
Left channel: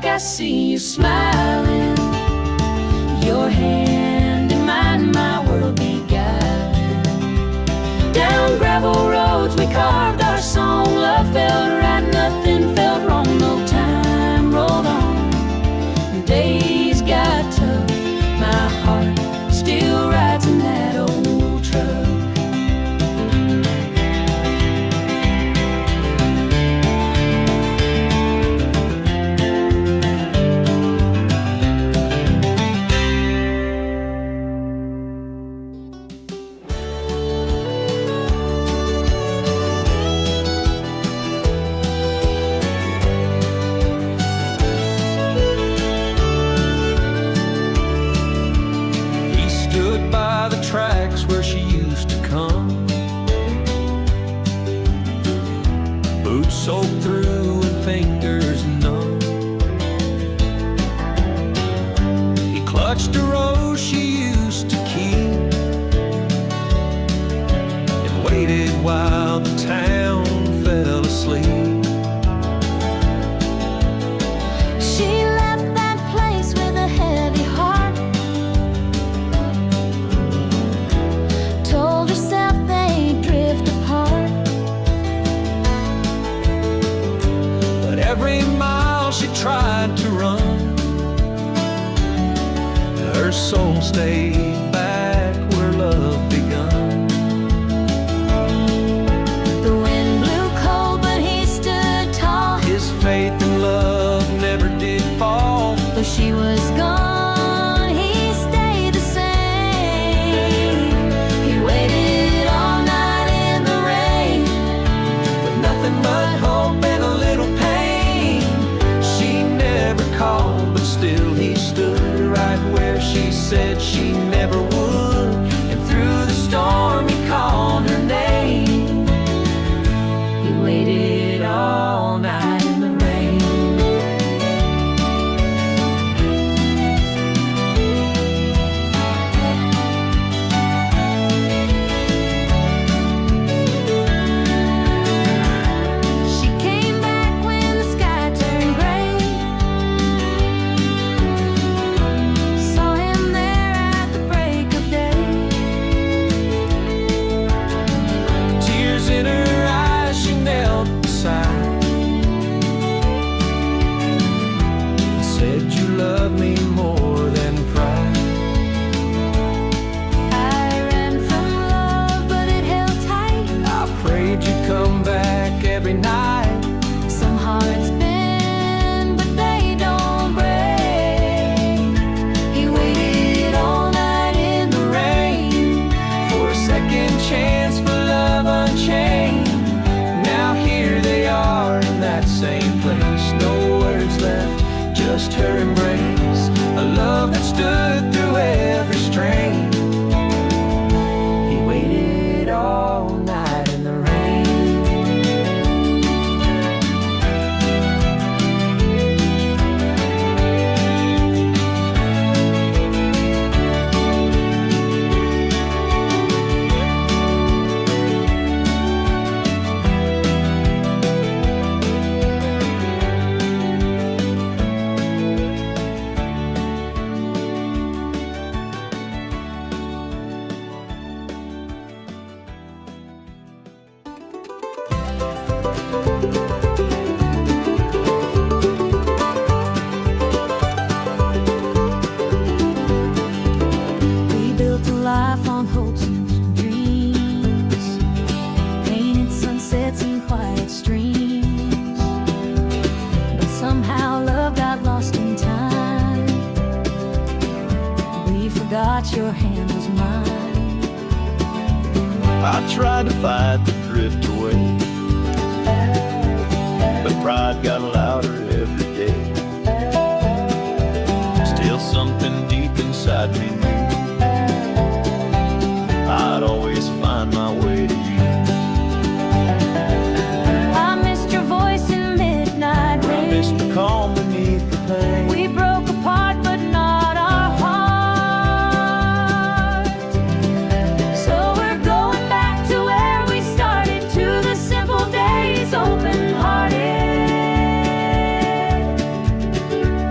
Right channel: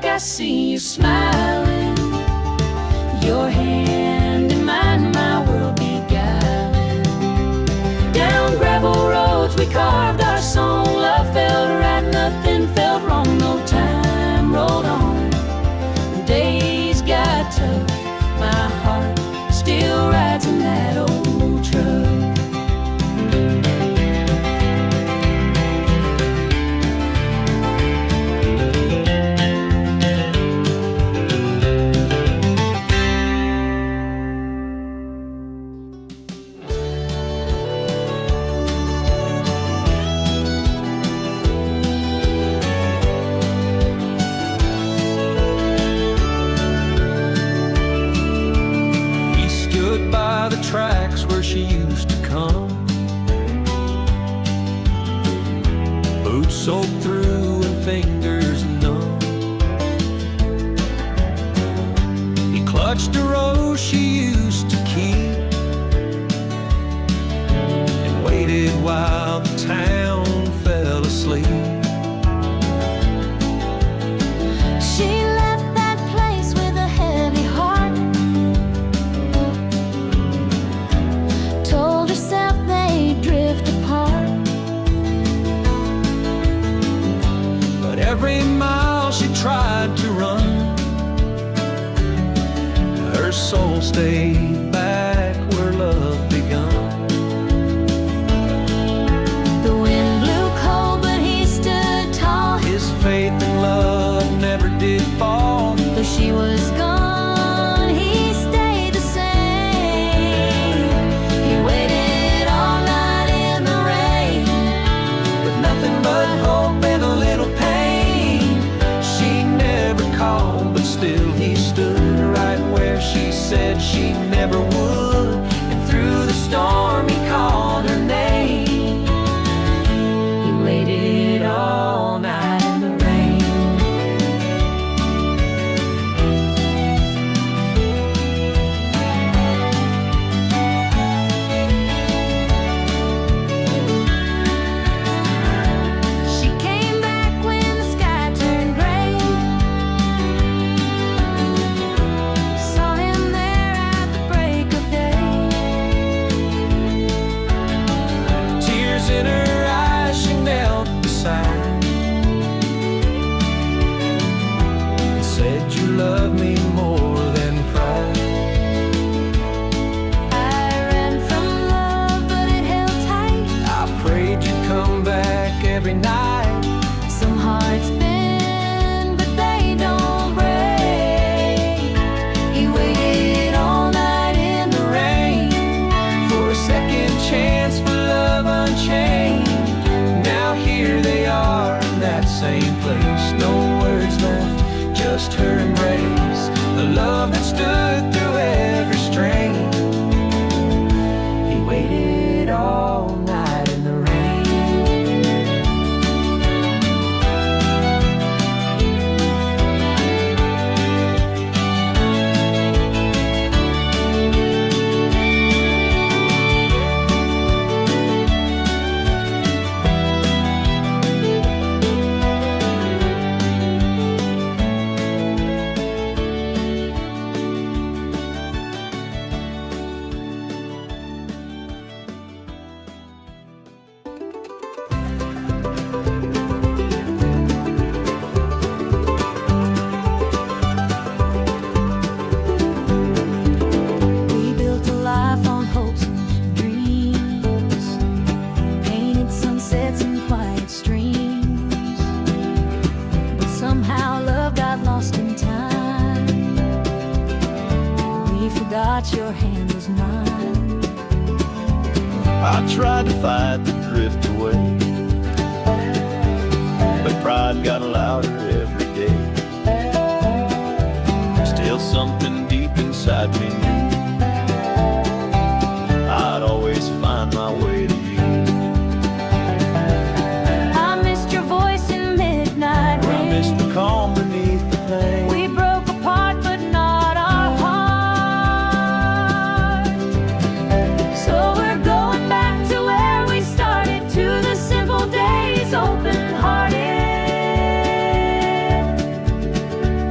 look, I see you smiling. Your hand in mine, my world beguiling. Down gravel roads we carved our song. Love felt right, nothing felt wrong. No time rolled on. Days got tough. My heart still rides in that old truck. Stood by the tracks where she used to come, boots soaked through and fingers numb. He clutched a rose she used to keep and waited while the town fell asleep. She left that place with a heavy heart. Told herself they'd drift apart. But every mile she tried to run, her soul stayed back where love begun. The wind blew cold, but he stood tall. His faith in love never did fall. Though she was gone, he stayed the same. He waited all night in the rain, With nothing but hope and a little pain. She never called, but still he stood right where she said she never would. and through the storm he called her name. He waited all night in the rain. She came back when the sky turned gray. Saw him there at the break of day. Tears in her eyes, she knelt beside and said, "You love me more than pride." I ran from love, but it held tight. I prayed you'd come back every night. Some hearts bend, but they don't break. He waited all night in the rain For a second chance for love unchained. Now here they are in that same place. No words left, just her embrace. A love that stood through every strain. He waited all night in the rain. We built a life on hopes and dreams, painted sunsets and quiet streams. But somehow love got lost in time. We forgot your hand was mine. I tried to fight the drift away, but pride got louder every day. Still something deep inside me knew I'd always find my way to you. I missed your voice in midnight rain. I missed the calm beneath the pain. We broke apart, but not our heart. So we're going back to where we started, to the simple days, open-hearted.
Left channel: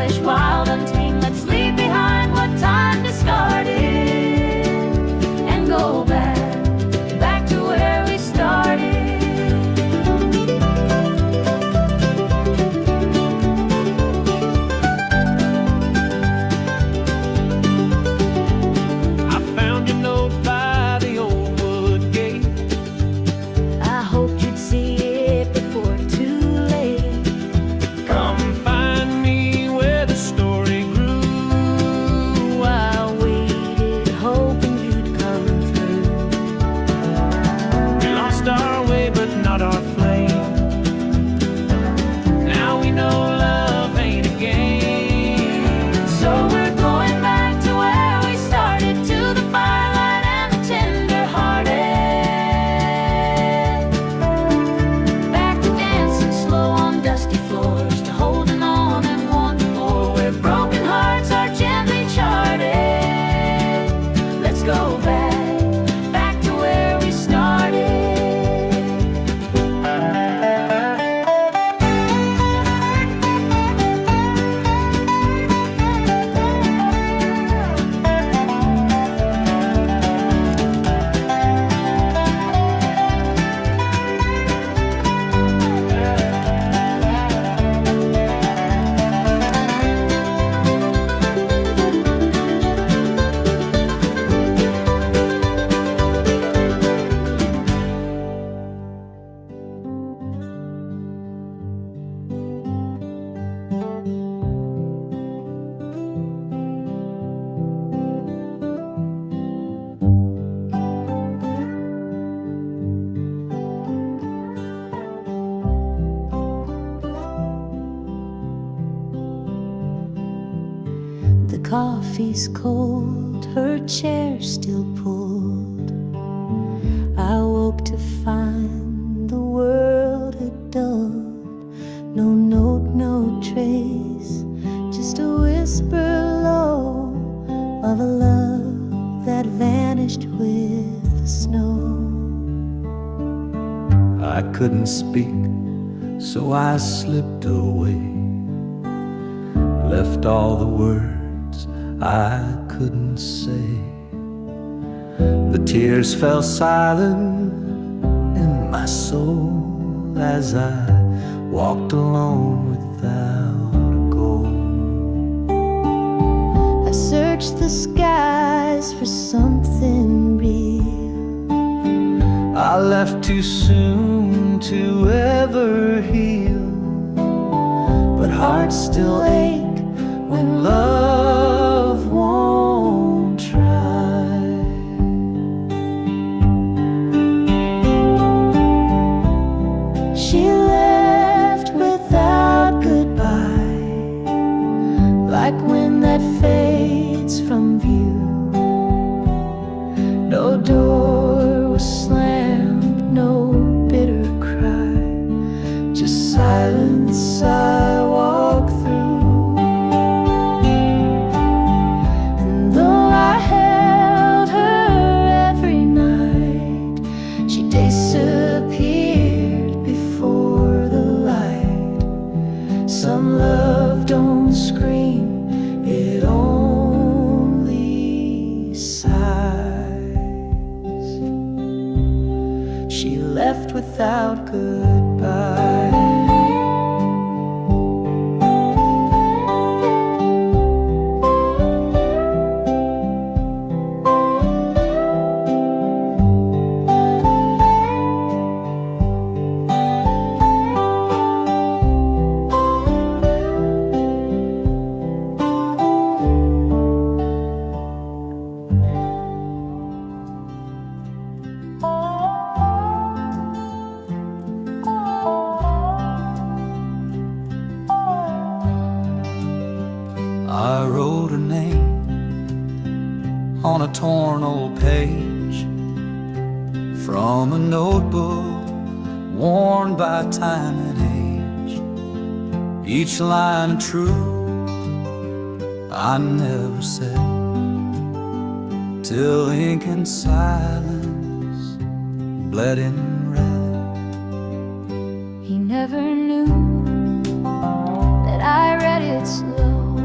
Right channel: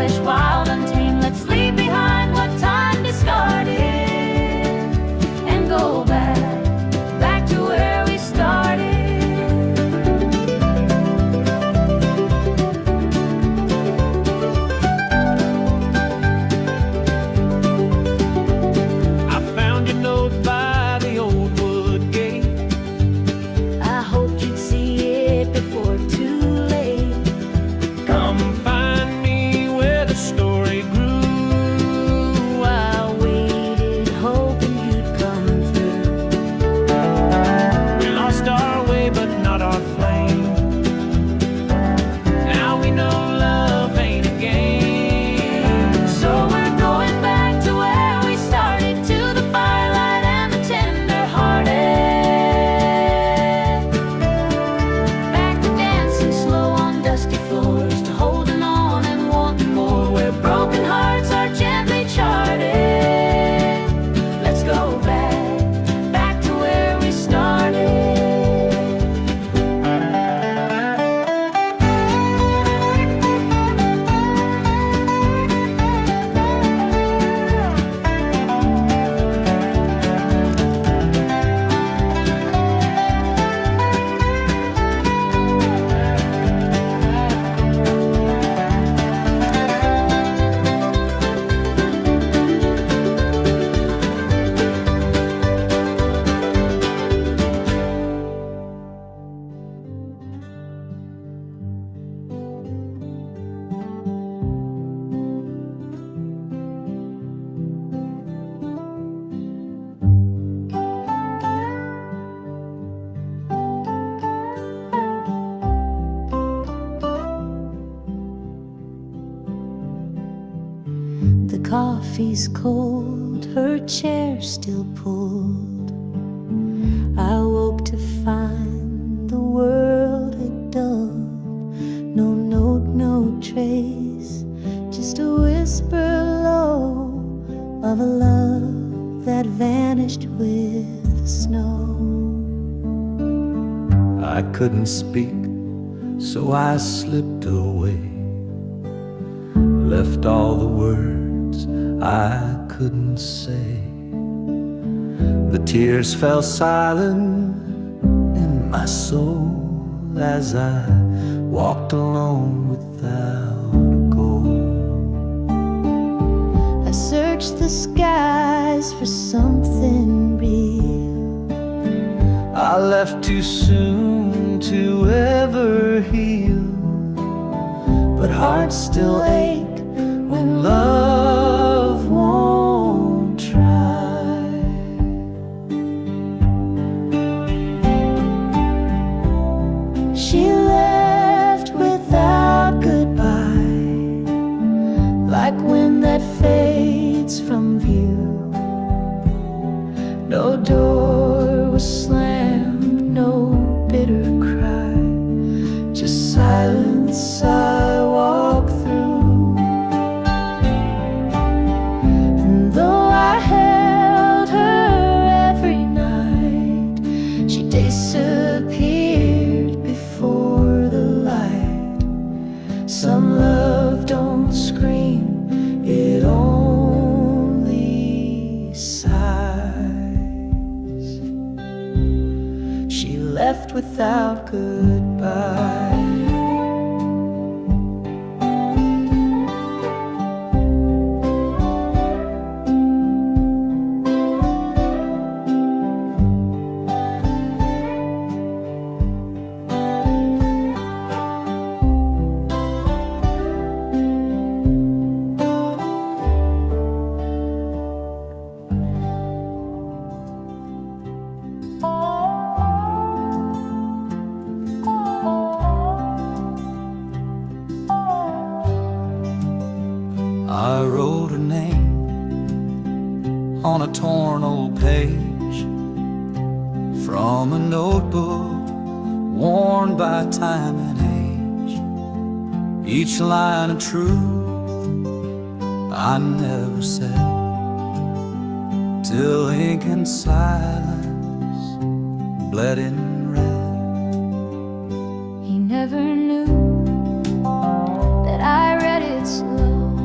selfish, wild, untamed. Let's leave behind what time discarded and go back to where we started. I found your note by the old wood gate. I hoped you'd see it before too late. Come find me where the story grew. I waited, hoping you'd come through. We lost our way, but not our flame. Now we know love ain't a game. So we're going back to where we started, to the firelight and the tender-hearted. Back to dancing slow on dusty floors, to holding on and wanting more, where broken hearts are gently charted. Let's go back to where we started. The coffee's cold, her chair still pulled. I woke to find the world had dulled. No note, no trace, just a whisper low of a love that vanished with the snow. I couldn't speak, so I slipped away, left all the words I couldn't say. The tears fell silent in my soul as I walked alone without a goal. I searched the skies for something real. I left too soon to ever heal, but hearts still ache when love won't try. She left without goodbye, like wind that fades from view. No door was slammed, no bitter cry, just silence I walk through. And though I held her every night, she disappeared before the light. Some love don't scream, it only sighs. She left without goodbye. I wrote her name on a torn old page from a notebook worn by time and age. Each line a truth I never said, till ink and silence bled in red. He never knew that I read it slow,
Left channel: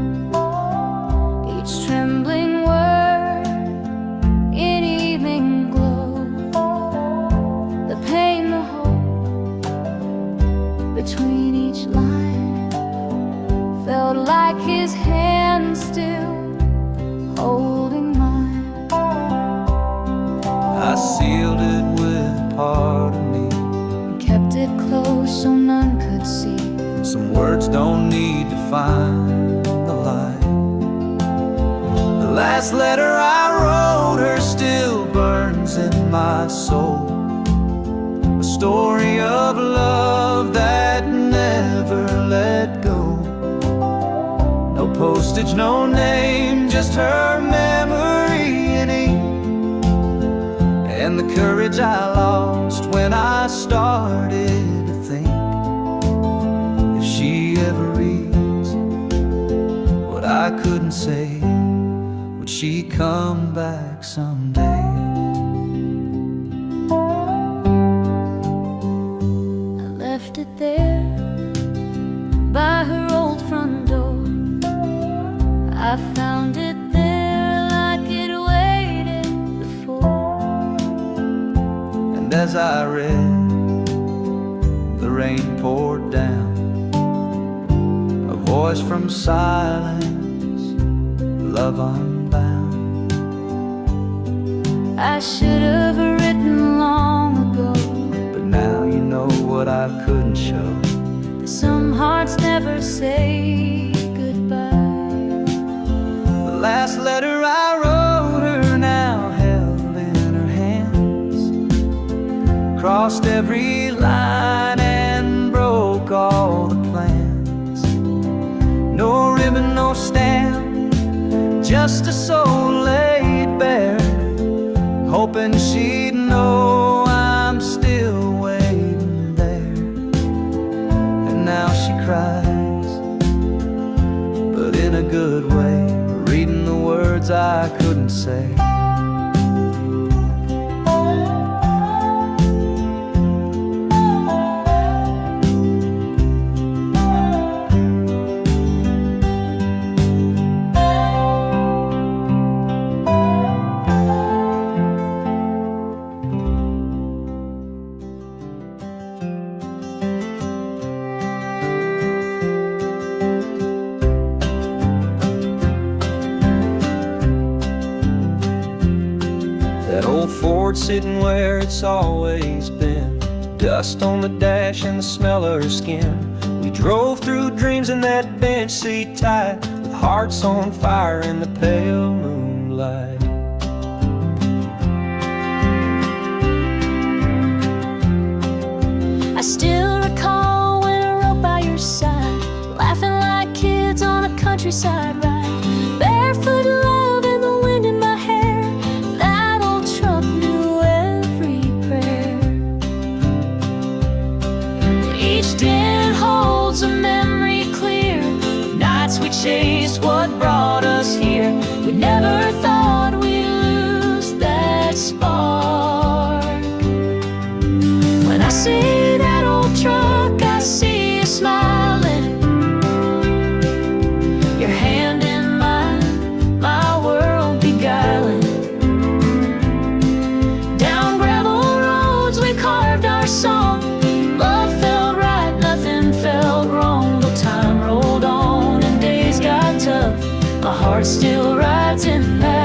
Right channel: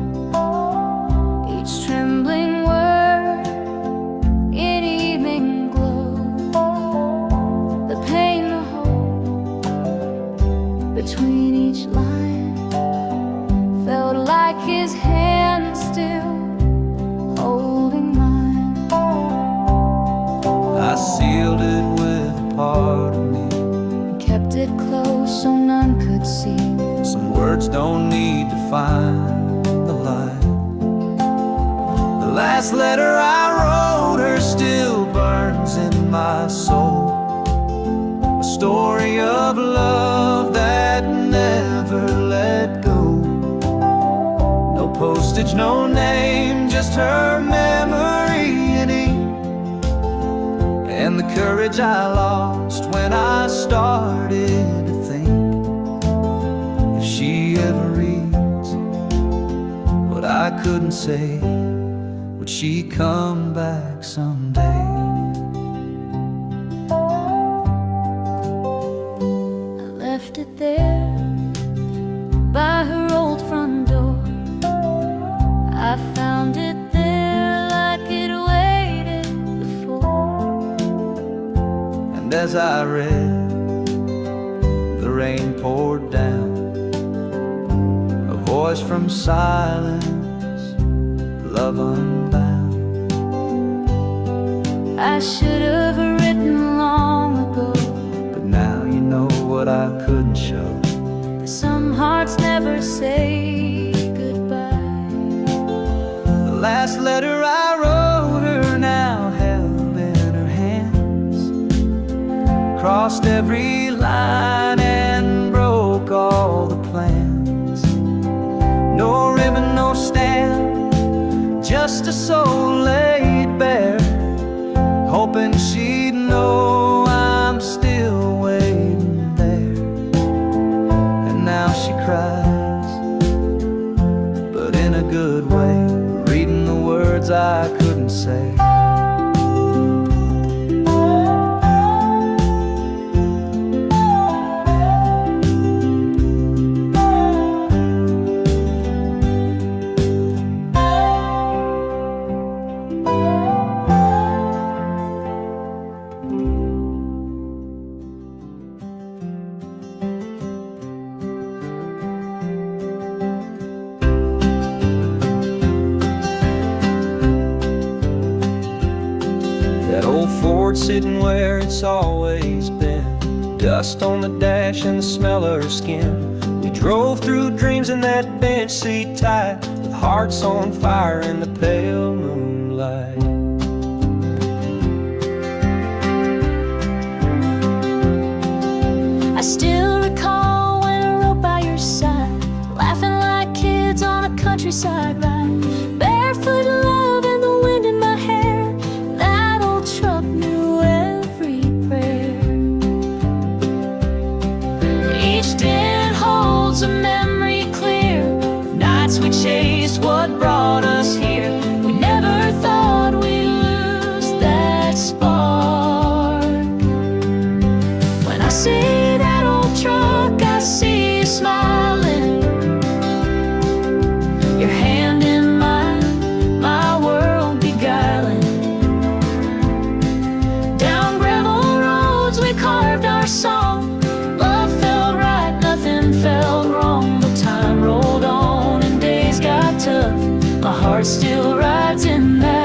trembling word in evening glow. The pain, the hope between each line felt like his hand still holding mine. I sealed it with a part of me, And kept it close so none could see. some words don't need to find the light. The last letter I wrote her still burns in my soul, a story of love that never let go. No postage, no name, just her memory in ink, and the courage I lost when I started to think, if she ever reads what I couldn't say, would she come back someday? I left it there by her old front door. I found it there like it waited before. And as I read, the rain poured down, a voice from silence, love unbound. I should have written long ago, But now you know what I couldn't show. that some hearts never say goodbye. The last letter I wrote her now held in her hands, crossed every line and broke all the plans. No ribbon, no stamp, just a soul laid bare, hoping she'd know I'm still waiting there. And now she cries, but in a good way, reading the words I couldn't say. That old Ford sitting where it's always been, dust on the dash and the smell of her skin. We drove through dreams in that bench seat tight, with hearts on fire in the pale moonlight. I still recall when I rode by your side, laughing like kids on a countryside ride. Barefoot love and the wind in my hair, that old truck knew every prayer. Each dent holds a memory clear of nights we chased what brought us here. We never thought we'd lose that spark. When I see that old truck, I see you smiling, your hand in mine, my world beguiling. Down gravel roads we carved our song, love felt right, nothing felt wrong. Though time rolled on and days got tough, my heart still rides in that